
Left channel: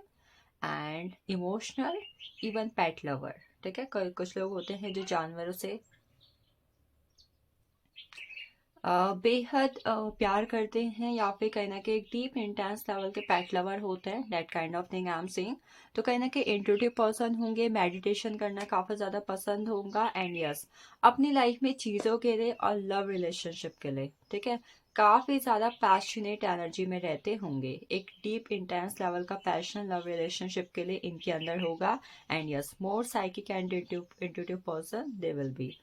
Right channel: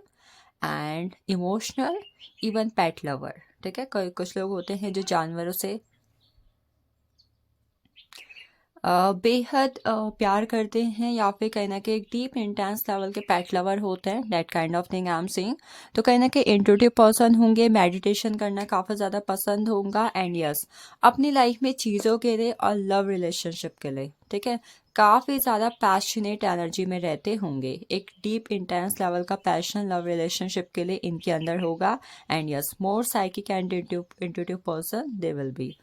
and emotional, even pet lover, ठीक है। कुछ लोग होते हैं जो जानवरों से बेहद प्यार करते हैं या फिर कहीं ना कहीं डीप इंटेंस लेवल के पेट लवर होते हैं, that kind of thing I am saying. तो कहीं ना कहीं इंट्यूटिव पर्सन होंगे, मेडिटेशन करना काफ़ी ज़्यादा पसंद होगा एंड यस अपनी लाइफ में चीज़ों के लिए और लव रिलेशनशिप के लिए, ठीक है, काफ़ी ज़्यादा पैशनेट एनर्जी में रहते होंगे। एक डीप इंटेंस लेवल का पैशन लव रिलेशनशिप के लिए इनके अंदर होगा and yes more psychic and intuitive person they will be.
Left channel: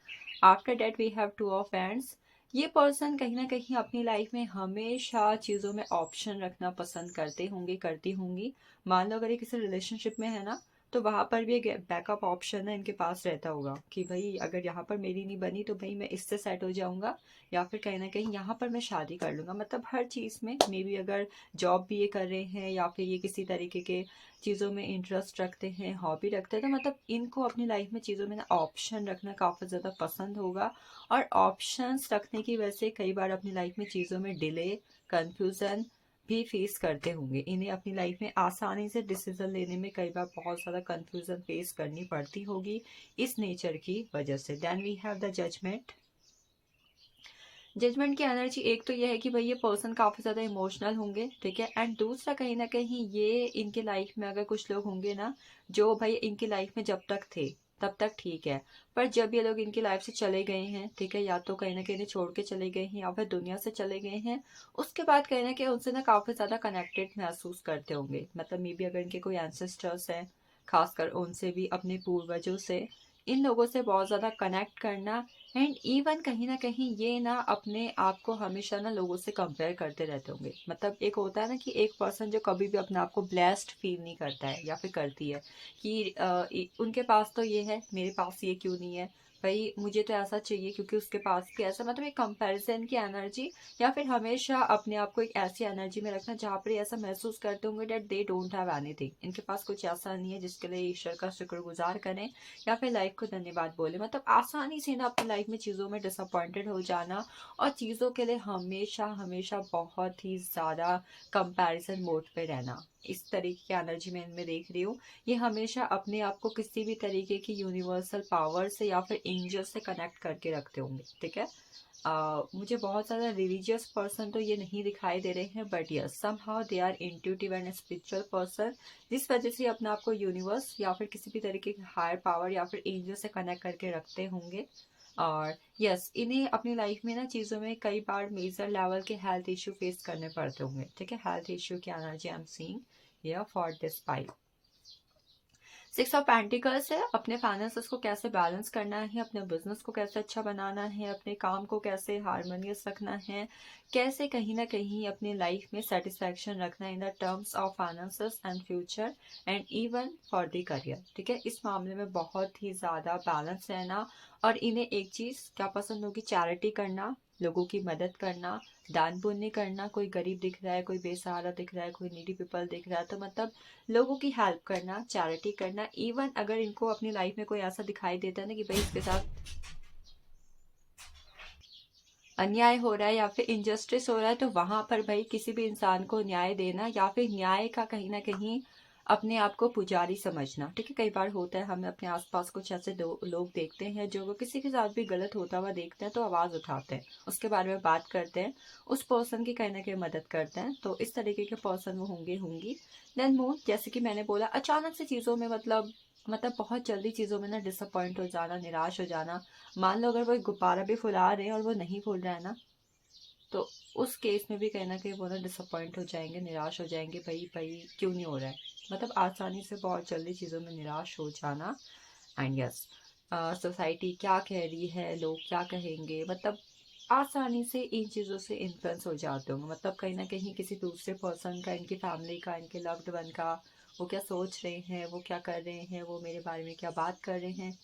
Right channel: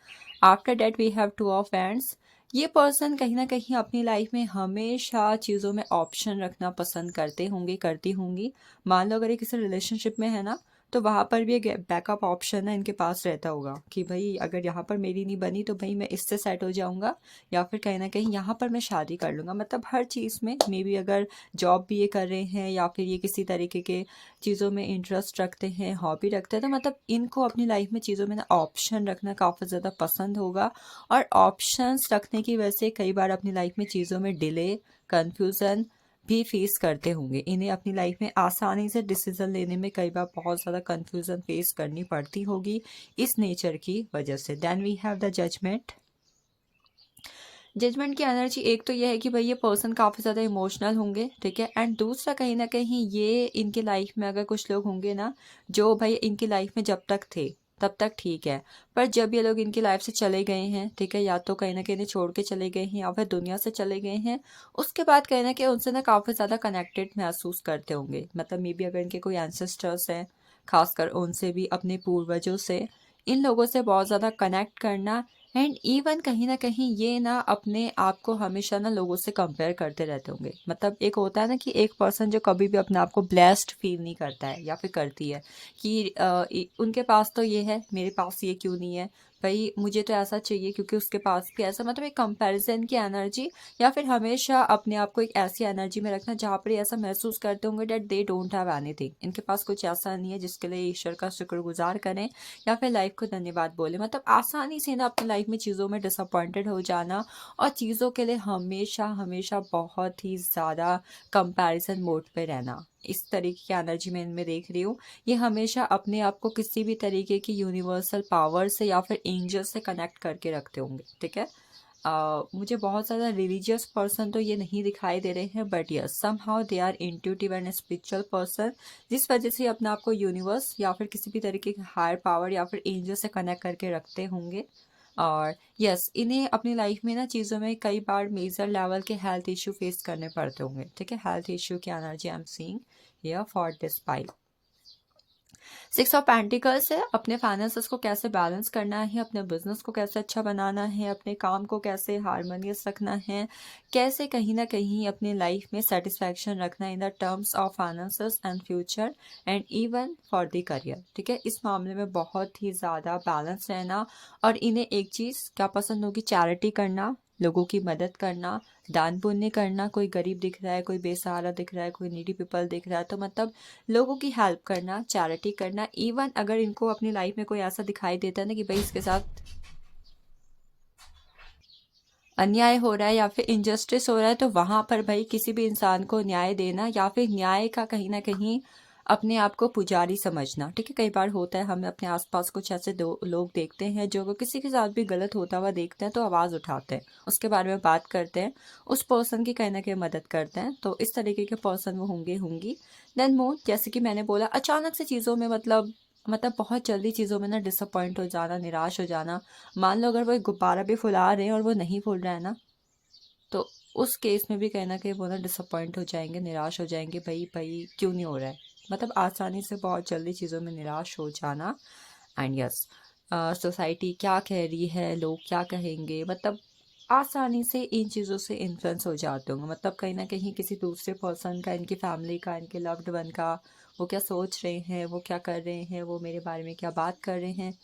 After that we have two of wands. ये पर्सन कहीं ना कहीं अपनी लाइफ में हमेशा चीज़ों में ऑप्शन रखना पसंद करते होंगे, करती होंगी। मान लो अगर ये किसी रिलेशनशिप में है ना, तो वहाँ पर भी एक बैकअप ऑप्शन है इनके पास रहता होगा कि भाई अगर यहाँ पर मेरी नहीं बनी तो भाई मैं इससे सेट हो जाऊँगा या फिर कहीं ना कहीं यहाँ पर मैं शादी कर लूँगा। मतलब हर चीज़ में मे बी अगर जॉब भी ये कर रहे हैं या फिर ये किसी तरीके के चीज़ों में इंटरेस्ट रखते हैं, हॉबी रखते हैं, तो मतलब इनको अपनी लाइफ में चीज़ों में ना ऑप्शन रखना काफ़ी ज़्यादा पसंद होगा। और ऑप्शंस रखने की वजह से कई बार अपनी लाइफ में चीज़ों में डिले, कंफ्यूजन भी फेस करते होंगे। इन्हें अपनी लाइफ में आसानी से डिसीजन लेने में कई बार बहुत ज़्यादा कंफ्यूजन फेस करनी पड़ती होगी इस नेचर की वजह से। Then we have the judgement. Judgement की एनर्जी एक तो ये है कि भाई ये पर्सन काफ़ी ज़्यादा इमोशनल होंगे, ठीक है। एंड दूसरा कहीं ना कहीं ये इनके लाइफ में अगर कुछ लोग होंगे ना जो भाई इनकी लाइफ में जब तक थे तब तक ठीक है, पर जब ये लोग इनकी लाइफ से चले गए हैं, ठीक है, या तो कहीं ना कहीं छोड़ के चले गए हैं या फिर दुनिया से चले गए हैं, उसके बाद कहीं ना कहीं उनसे ना काफ़ी ज़्यादा कनेक्टेड महसूस करते होंगे। मतलब मे बी अगर इनके कोई एंसेस्टर्स हैं, खासकर उनसे भी, अपने पूर्वजों से, इन लोगों से बहुत ज़्यादा कनेक्ट करना। एंड इवन कहीं ना कहीं ये ना अपने आप को हमेशा ना लोगों से कंपेयर करते रहते होंगे। मतलब एक होता है ना कि एक पर्सन जो कभी भी अपने आप को ब्लेस्ड फील नहीं करता है या फिर करती है कि उनके पास तो ये है, मेरे पास ये क्यों नहीं है, भाई मुझे तो ऐसा चाहिए क्योंकि उसके पास भी ऐसा। मतलब एक कंपैरिजन की एनर्जी या फिर हमेशा अपने आप को एक ऐसी एनर्जी में रखना जहाँ पर ये ऐसा महसूस करते होंगे that they don't have anything, इनके पास कुछ ऐसा नहीं है जिसके लिए ईश्वर का शुक्रगुजार करें या फिर लाइफ को धन्यवाद बोले। मतलब आसानी से ना अपनी लाइफ में चीज़ों में डिसअपॉइंटेड हो जाना और चीज़ों के लिए हमेशा हमेशा बहुत ही ज़्यादा कंपैरिजन मोड पे रहना, इस तरीके की एनर्जी में इनमें देख रही हूँ। ये हमेशा अपने आप को किसी भी तरीके की यूनिवर्सल पावर से या फिर एंजल से कनेक्ट करके रखते होंगे, ठीक है। मुझे बहुत ज़्यादा रिलीजियस पर्सन तो ये नहीं दिखाई दे रहे हैं, but yes somehow they are intuitive and spiritual person, जिस वजह से अपने आप को यूनिवर्स या फिर किसी भी तरीके की हायर पावर या फिर एंजल से कनेक्ट करके रखते होंगे। और यस इन्हें अपनी लाइफ में ना चीज़ों में कई बार मेजर लेवल के हेल्थ इशू फेस करने पड़ते होंगे, ठीक है। हेल्थ इशू की energy I am seeing here for this pile. 6 of pentacles है, अपने फाइनेंसेस को कैसे बैलेंस करना है, अपने बिजनेस को कैसे अच्छा बनाना है, अपने काम को कैसे हारमोनियस रखना है, कैसे कहीं ना कहीं अपनी लाइफ में सेटिस्फैक्शन रखना in the terms of finances and future and even for the career, ठीक है। इस मामले में बहुत ही ज़्यादा बैलेंस रहना। और इन्हें एक चीज़ क्या पसंद होगी, चैरिटी करना, लोगों की मदद करना, दान पुण्य करना। कोई गरीब दिख रहा है, कोई बेसहारा दिख रहा है, कोई नीडी पीपल दिख रहा है, तो मतलब लोगों की हेल्प करना, चैरिटी करना। इवन अगर इनको अपनी लाइफ में कोई ऐसा दिखाई देता है ना कि भाई इसके साथ अन्याय हो रहा है या फिर इनजस्टिस हो रहा है, तो वहां पर भाई किसी भी इंसान को न्याय देना या फिर न्याय का कहीं ना कहीं अपने आप को पुजारी समझना, ठीक है। कई बार होता है हमें अपने आसपास कुछ ऐसे दो लोग देखते हैं जो अगर किसी के साथ भी गलत होता हुआ देखते हैं तो आवाज़ उठाते हैं, उसके बारे में बात करते हैं, उस पर्सन की कहीं ना कहीं मदद करते हैं। तो इस तरीके के पर्सन वो होंगे होंगी। देन मोर, जैसे कि मैंने बोला, अचानक से चीज़ों में मतलब बहुत जल्दी चीज़ों में ना डिसअपॉइंट हो जाना, निराश हो जाना। मान लो अगर वो एक गुब्बारा भी फुला रहे हैं और वो नहीं फूल रहा है ना, तो उस केस में भी कहीं न कहीं वो ना डिसअपॉइंट हो जाएँगे, निराश हो जाएँगे, भई भई क्यों नहीं हो रहा है? मतलब आसानी से बहुत जल्दी चीज़ों में निराश हो जाना। एंड यस, सोसाइटी क्या कह रही है, लोग क्या कहेंगे, मतलब आसानी से इन चीज़ों से इन्फ्लुएंस हो जाते होंगे। मतलब कहीं न कहीं किसी दूसरे पर्सन का, इनकी फैमिली का, इनके लव्ड वन का, वो क्या सोच रहे हैं, वो क्या कर रहे हैं, वो मेरे बारे में क्या बात कर रहे हैं,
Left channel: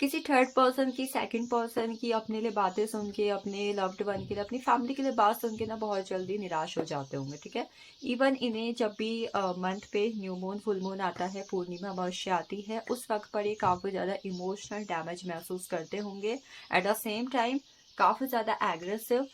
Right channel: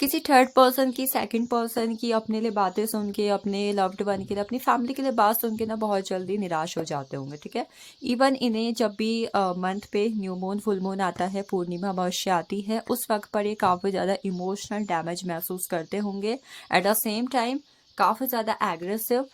किसी थर्ड पर्सन की, सेकंड पर्सन की अपने लिए बातें सुन के, अपने लव्ड वन के लिए, अपनी फैमिली के लिए बात सुन के ना बहुत जल्दी निराश हो जाते होंगे, ठीक है। इवन इन्हें जब भी मंथ पे न्यू मून, फुल मून आता है, पूर्णिमा अमावस्या आती है, उस वक्त पर ये काफ़ी ज़्यादा इमोशनल डैमेज महसूस करते होंगे। एट द सेम टाइम काफ़ी ज़्यादा एग्रेसिव,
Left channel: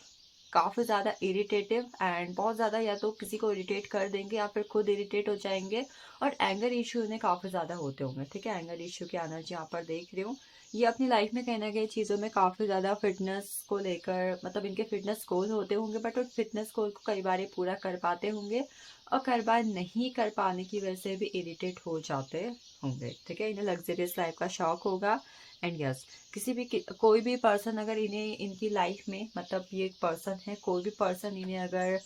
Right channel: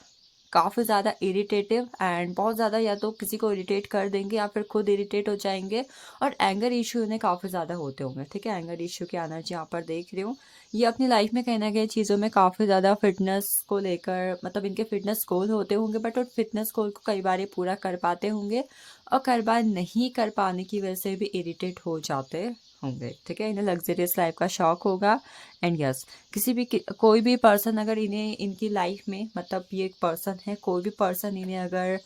काफ़ी ज़्यादा इरिटेटिव, एंड बहुत ज़्यादा या तो किसी को इरिटेट कर देंगे या फिर खुद इरिटेट हो जाएंगे। और एंगर इशू इन्हें काफ़ी ज़्यादा होते होंगे, ठीक है। एंगर इशू की एनर्जी यहाँ पर देख रही हूँ। ये अपनी लाइफ में कहीं न कहीं चीज़ों में काफ़ी ज़्यादा फ़िटनेस को लेकर, मतलब इनके फ़िटनेस गोल होते होंगे, बट उन फ़िटनेस गोल को कई बार ये पूरा कर पाते होंगे और कई बार नहीं कर पाने की वजह से भी इरिटेट हो जाते होंगे, ठीक है। इन्हें लग्ज़रियस लाइफ़ का शौक होगा। एंड यस, कोई भी पर्सन अगर इन्हें इनकी लाइफ में, मतलब ये एक पर्सन है, कोई भी पर्सन इन्हें अगर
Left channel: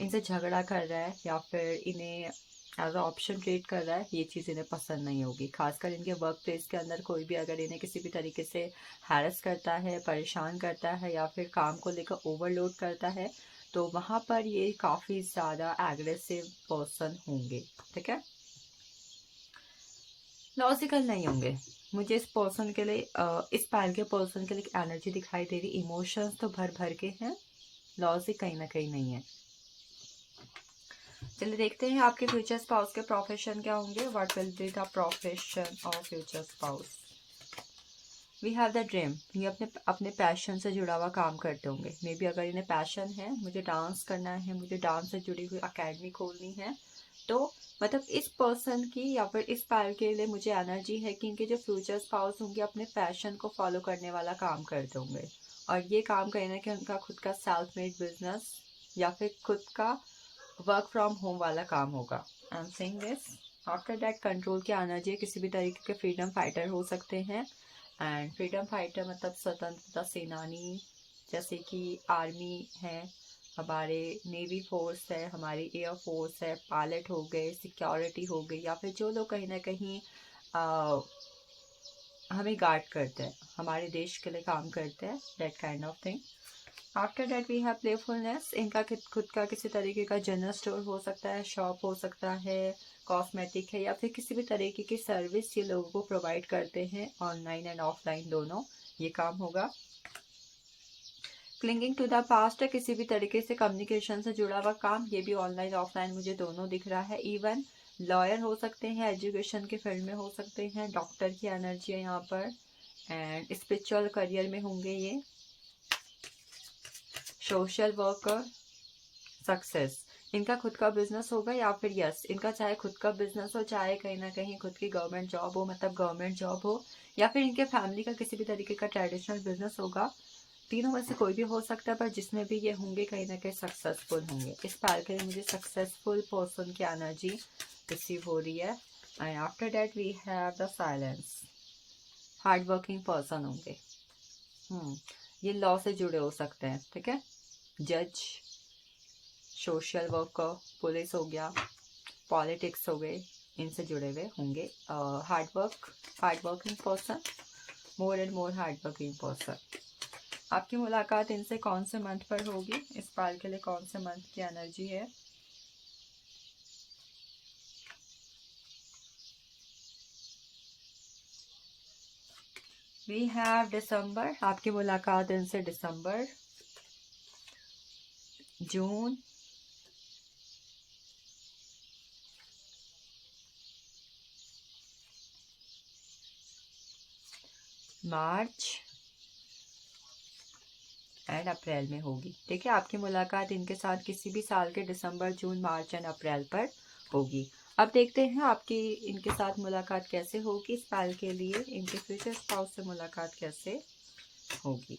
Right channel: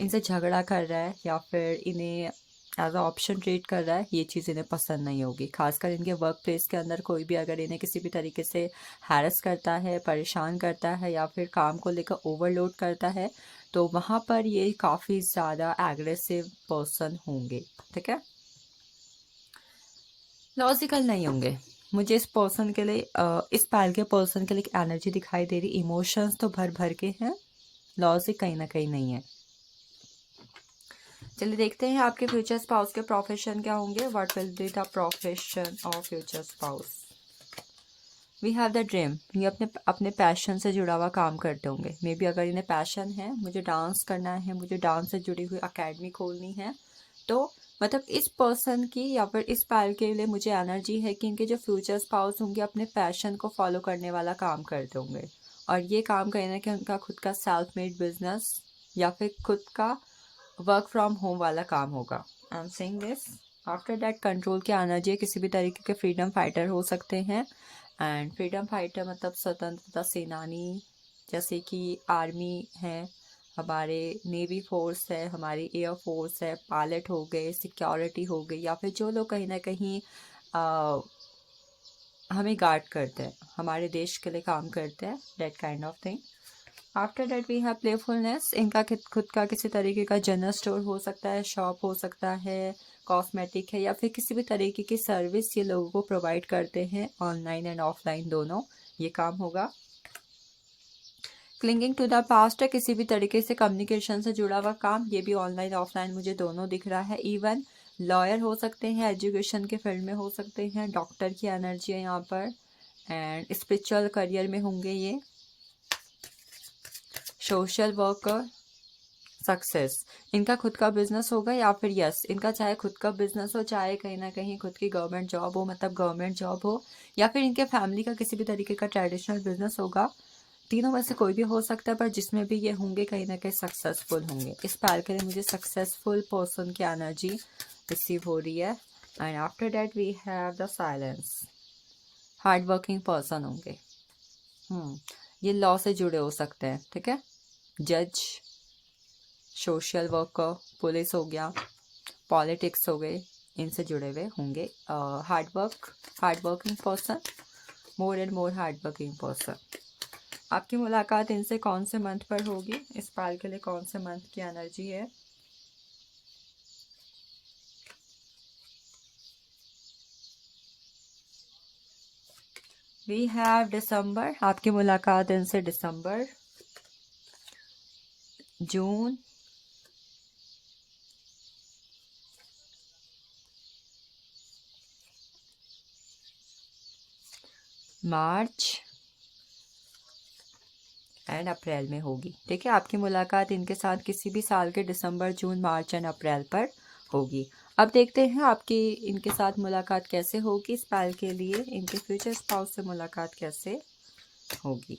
इनसे झगड़ा कर रहा है या फिर इन्हें एज अ ऑप्शन ट्रीट कर रहा है, ये चीज़ इन्हें पसंद नहीं होगी। खासकर इनके वर्क प्लेस के अंदर कोई भी अगर इन्हें किसी भी तरीके से हैरेस करता है, परेशान करता है या फिर काम को लेकर ओवरलोड करता है, तो वहाँ पर ये काफ़ी ज़्यादा एग्रेसिव पर्सन होंगे, ठीक है। लॉजिकल नहीं होंगे। मुझे इस पर्सन के लिए इस पैर के पर्सन के लिए एक एनर्जी दिखाई दे रही, इमोशंस तो भर भर के हैं, लॉजिक कहीं ना कहीं नहीं है। चलिए देखते हैं आपके फ्यूचर स्पाउस के प्रोफेशन क्या होंगे। What will be the profession of future spouse. We have the dream, ये अपने अपने पैशन से जुड़ा हुआ काम करते होंगे। मे बी अगर इन्हें पैशन है, मुझे डांस करना है, मुझे डांस से जुड़ी हुई अकेडमी खोलनी है, तो मतलब इस पर्सन की या फिर इस पैर के लिए मुझे एनर्जी है कि इनके जो फ्यूचर स्पाउस होंगे अपने पैशन को फॉलो करने वाला काम करते होंगे। और ये काम कहीं ना कहीं उनका खुद का सेल्फ मेड बिजनेस या फिर खुद का वर्क फ्रॉम होम वाला काम होगा। I am saying this. After that control की एनर्जी, किसी भी तरीके के फ्रीडम फाइटर हो सकते हैं। एंड फ्रीडम फाइटर मतलब स्वतंत्रता सेनानी, जैसे कि आर्मी है हमारे, नेवी फोर्स है हमारी, एयर फोर्स है, पायलट हो गए, सिक्योरिटी हो गई, या फिर जो लोग कहीं ना कहीं हमें गार्ड करते हैं, हमारे देश के लिए काम करते हैं, that kind of thing. After that we have playfulness, इनका खुद का किसी तरीके का जनरल स्टोर हो सकता है, शॉप हो सकता है, कॉस्मेटिक है, या फिर किसी भी तरीके की सर्विस ये लोगों को प्रोवाइड करते हैं, ऑनलाइन एंड ऑफलाइन दोनों ये काम होगा। क्लिंगिंग टू द पास्ट है, किसी भी तरीके से कम्युनिकेशन से जुड़ा हुआ काम, ये भी ऑनलाइन ऑफलाइन मुझे दोनों दिख रहा है। इवन लॉयर हो सकते हैं, एजुकेशन के फील्ड में हो सकते हैं, डॉक्टर की एनर्जी है यहाँ पर, एंड स्पिरिचुअल करियर में होंगे ये, सोशल वर्कर, सक्सेस, इनका खुद का बिजनेस होगा, या फिर यस इनका चाहे खुद का बिजनेस हो, चाहे कहीं ना कहीं खुद की गवर्नमेंट जॉब हो, मतलब गवर्नमेंट जॉब हो, या फिर इनके फैमिली का किसी भी तरीके का ट्रेडिशनल बिजनेस होगा। तीनों में से कोई भी हो सकता है, पर जिसमें भी ये होंगे कहीं ना कहीं सक्सेसफुल होंगे। इस पैर के लिए मुझे सक्सेसफुल पर्सन की एनर्जी रिसीव हो रही है। And after that we have the silence, hard working person होंगे। ये लॉ से जुड़े हो सकते हैं, ठीक है। जज, सोशल वर्कर, पुलिस हो गया, पॉलिटिक्स हो गए, इनसे जुड़े हुए होंगे। Hard working person, more and more hard working person. आपकी मुलाकात इनसे कौन से मंथ पर होगी, इस पाल के लिए कौन से मंथ की एनर्जी है। वी हैव दिसंबर, आपकी मुलाकात इनसे दिसंबर, जून, मार्च एंड अप्रैल में होगी। ठीक है, आपकी मुलाकात इनके साथ किसी भी साल के दिसंबर, जून, मार्च एंड अप्रैल पर होगी। अब देखते हैं आपकी इनके साथ मुलाकात कैसे होगी। इस पल के लिए इनके फ्यूचर स्पाउस से मुलाकात कैसे होगी।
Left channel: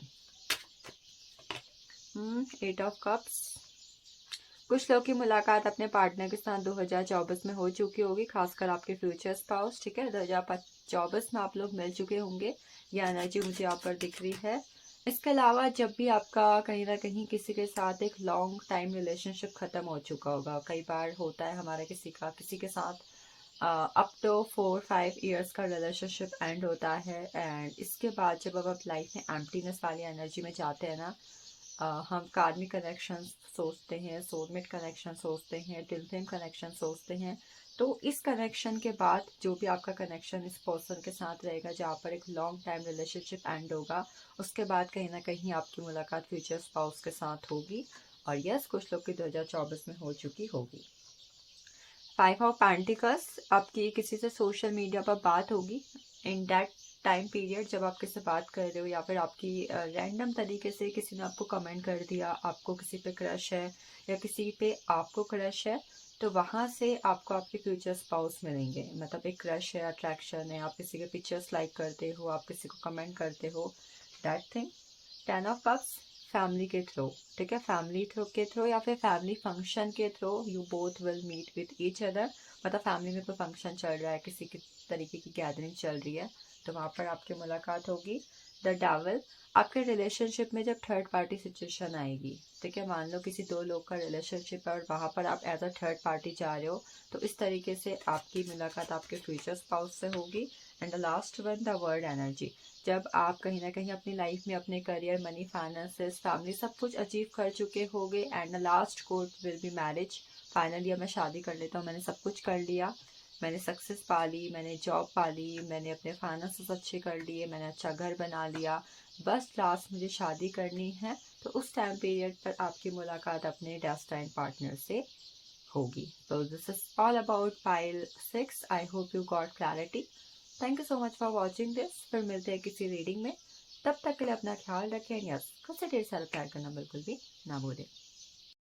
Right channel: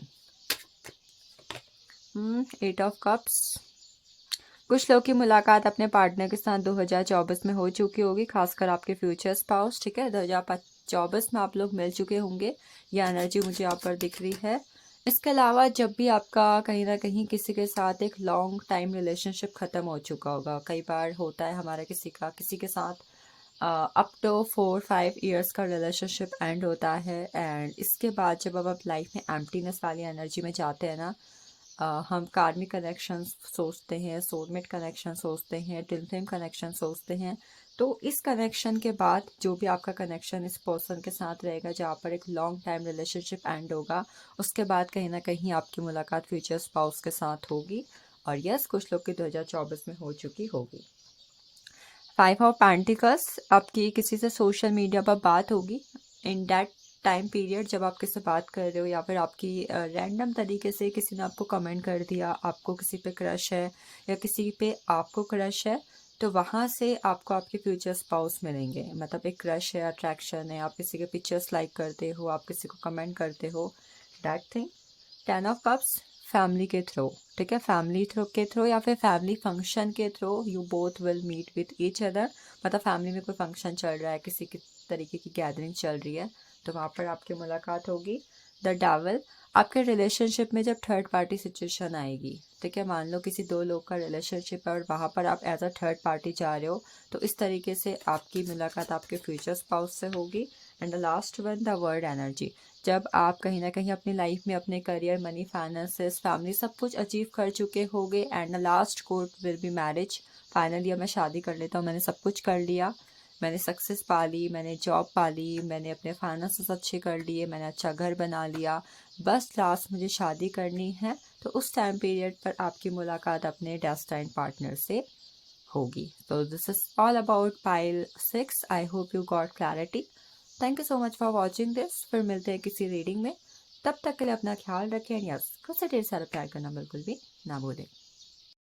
8 ऑफ कप्स। कुछ लोग की मुलाकात अपने पार्टनर के साथ 2024 में हो चुकी होगी, खासकर आपके फ्यूचर स्पाउस। ठीक है, 2024 में आप लोग मिल चुके होंगे, यह एनर्जी मुझे यहाँ पर दिख रही है। इसके अलावा जब भी आपका कहीं ना कहीं किसी के साथ एक लॉन्ग टाइम रिलेशनशिप ख़त्म हो चुका होगा, कई बार होता है हमारा किसी के साथ अप टू 4-5 ईयर्स का रिलेशनशिप एंड होता है, एंड इसके बाद जब अब आप लाइफ में एम्प्टीनेस वाली एनर्जी में जाते हैं ना, हम कार्मिक कनेक्शन सोचते हैं, सोलमेट कनेक्शन सोचते हैं, ट्विन फ्लेम कनेक्शन सोचते हैं। तो इस कनेक्शन के बाद जो भी आपका कनेक्शन इस पर्सन के साथ रहेगा, जहाँ पर एक लॉन्ग टाइम रिलेशनशिप एंड होगा, उसके बाद कहीं ना कहीं आपकी मुलाकात फ्यूचर स्पाउस के साथ होगी। और यस, कुछ लोग की 2024 में हो चुकी होगी। 5 ऑफ पेंटिकल्स। आपकी किसी से सोशल मीडिया पर बात होगी इन दैट टाइम पीरियड, जब आप किसी से बात कर रहे हो, या फिर आपकी रैंडम तरीके से किसी ने आपको कमेंट कर दिया, आपको किसी पे क्रश है या किसी पे आपको क्रश है, तो वहाँ से आपको आपके फ्यूचर स्पाउस मिलेंगे। मतलब एक क्रश है, अट्रैक्शन है, आप किसी के पिक्चर्स लाइक करते हो, आप किसी को कमेंट करते हो, that thing. 10 of cups. Family के थ्रू। ठीक है, फैमिली थ्रू के थ्रू या फिर फैमिली फंक्शन के through you both will meet with each other. मतलब फैमिली में कोई फंक्शन चल रहा है, किसी की तरीके की गैदरिंग चल रही है, तो वहाँ पर आपकी मुलाकात होगी। The devil. आपके रिलेशनशिप में जब थर्ड पार्टी सिचुएशन आएगी, ठीक है, मान लो किसी दो लोग का रिलेशनशिप है और वहाँ पर आप एज अ थर्ड पार्टी जा रहे हो, तो इस तरीके से आपकी मुलाकात आपके फ्यूचर स्पाउस से होगी। And the last one, the word energy. जब आप कहीं ना कहीं अपनी लाइफ में अपने करियर, मनी, फाइनेंसेस, फैमिली सब कुछ अचीव कर चुके होंगे, and the last court will be marriage. Finally अब मैं शादी कर लेता हूँ, मैंने सब कुछ कर लिया, मैंने सक्सेस पा ली, मैंने जॉब पा ली, मैंने अपने फाइनेंसेस अच्छे कर लिए, मैंने अच्छा घर बना लिया, बस लास्ट मुझे शादी करनी है। तो उस टाइम पीरियड पर आपकी मुलाकात अपने डेस्टाइन पार्टनर से होगी। तो this is all about pile 6। I hope you got clarity. Thank you so much for watching this. फिर मिलते हैं किसी रीडिंग में, तब तक के लिए अपना ख्याल रखें। यस, खुद से ढेर सारा प्यार करना बिल्कुल भी ना भूलें।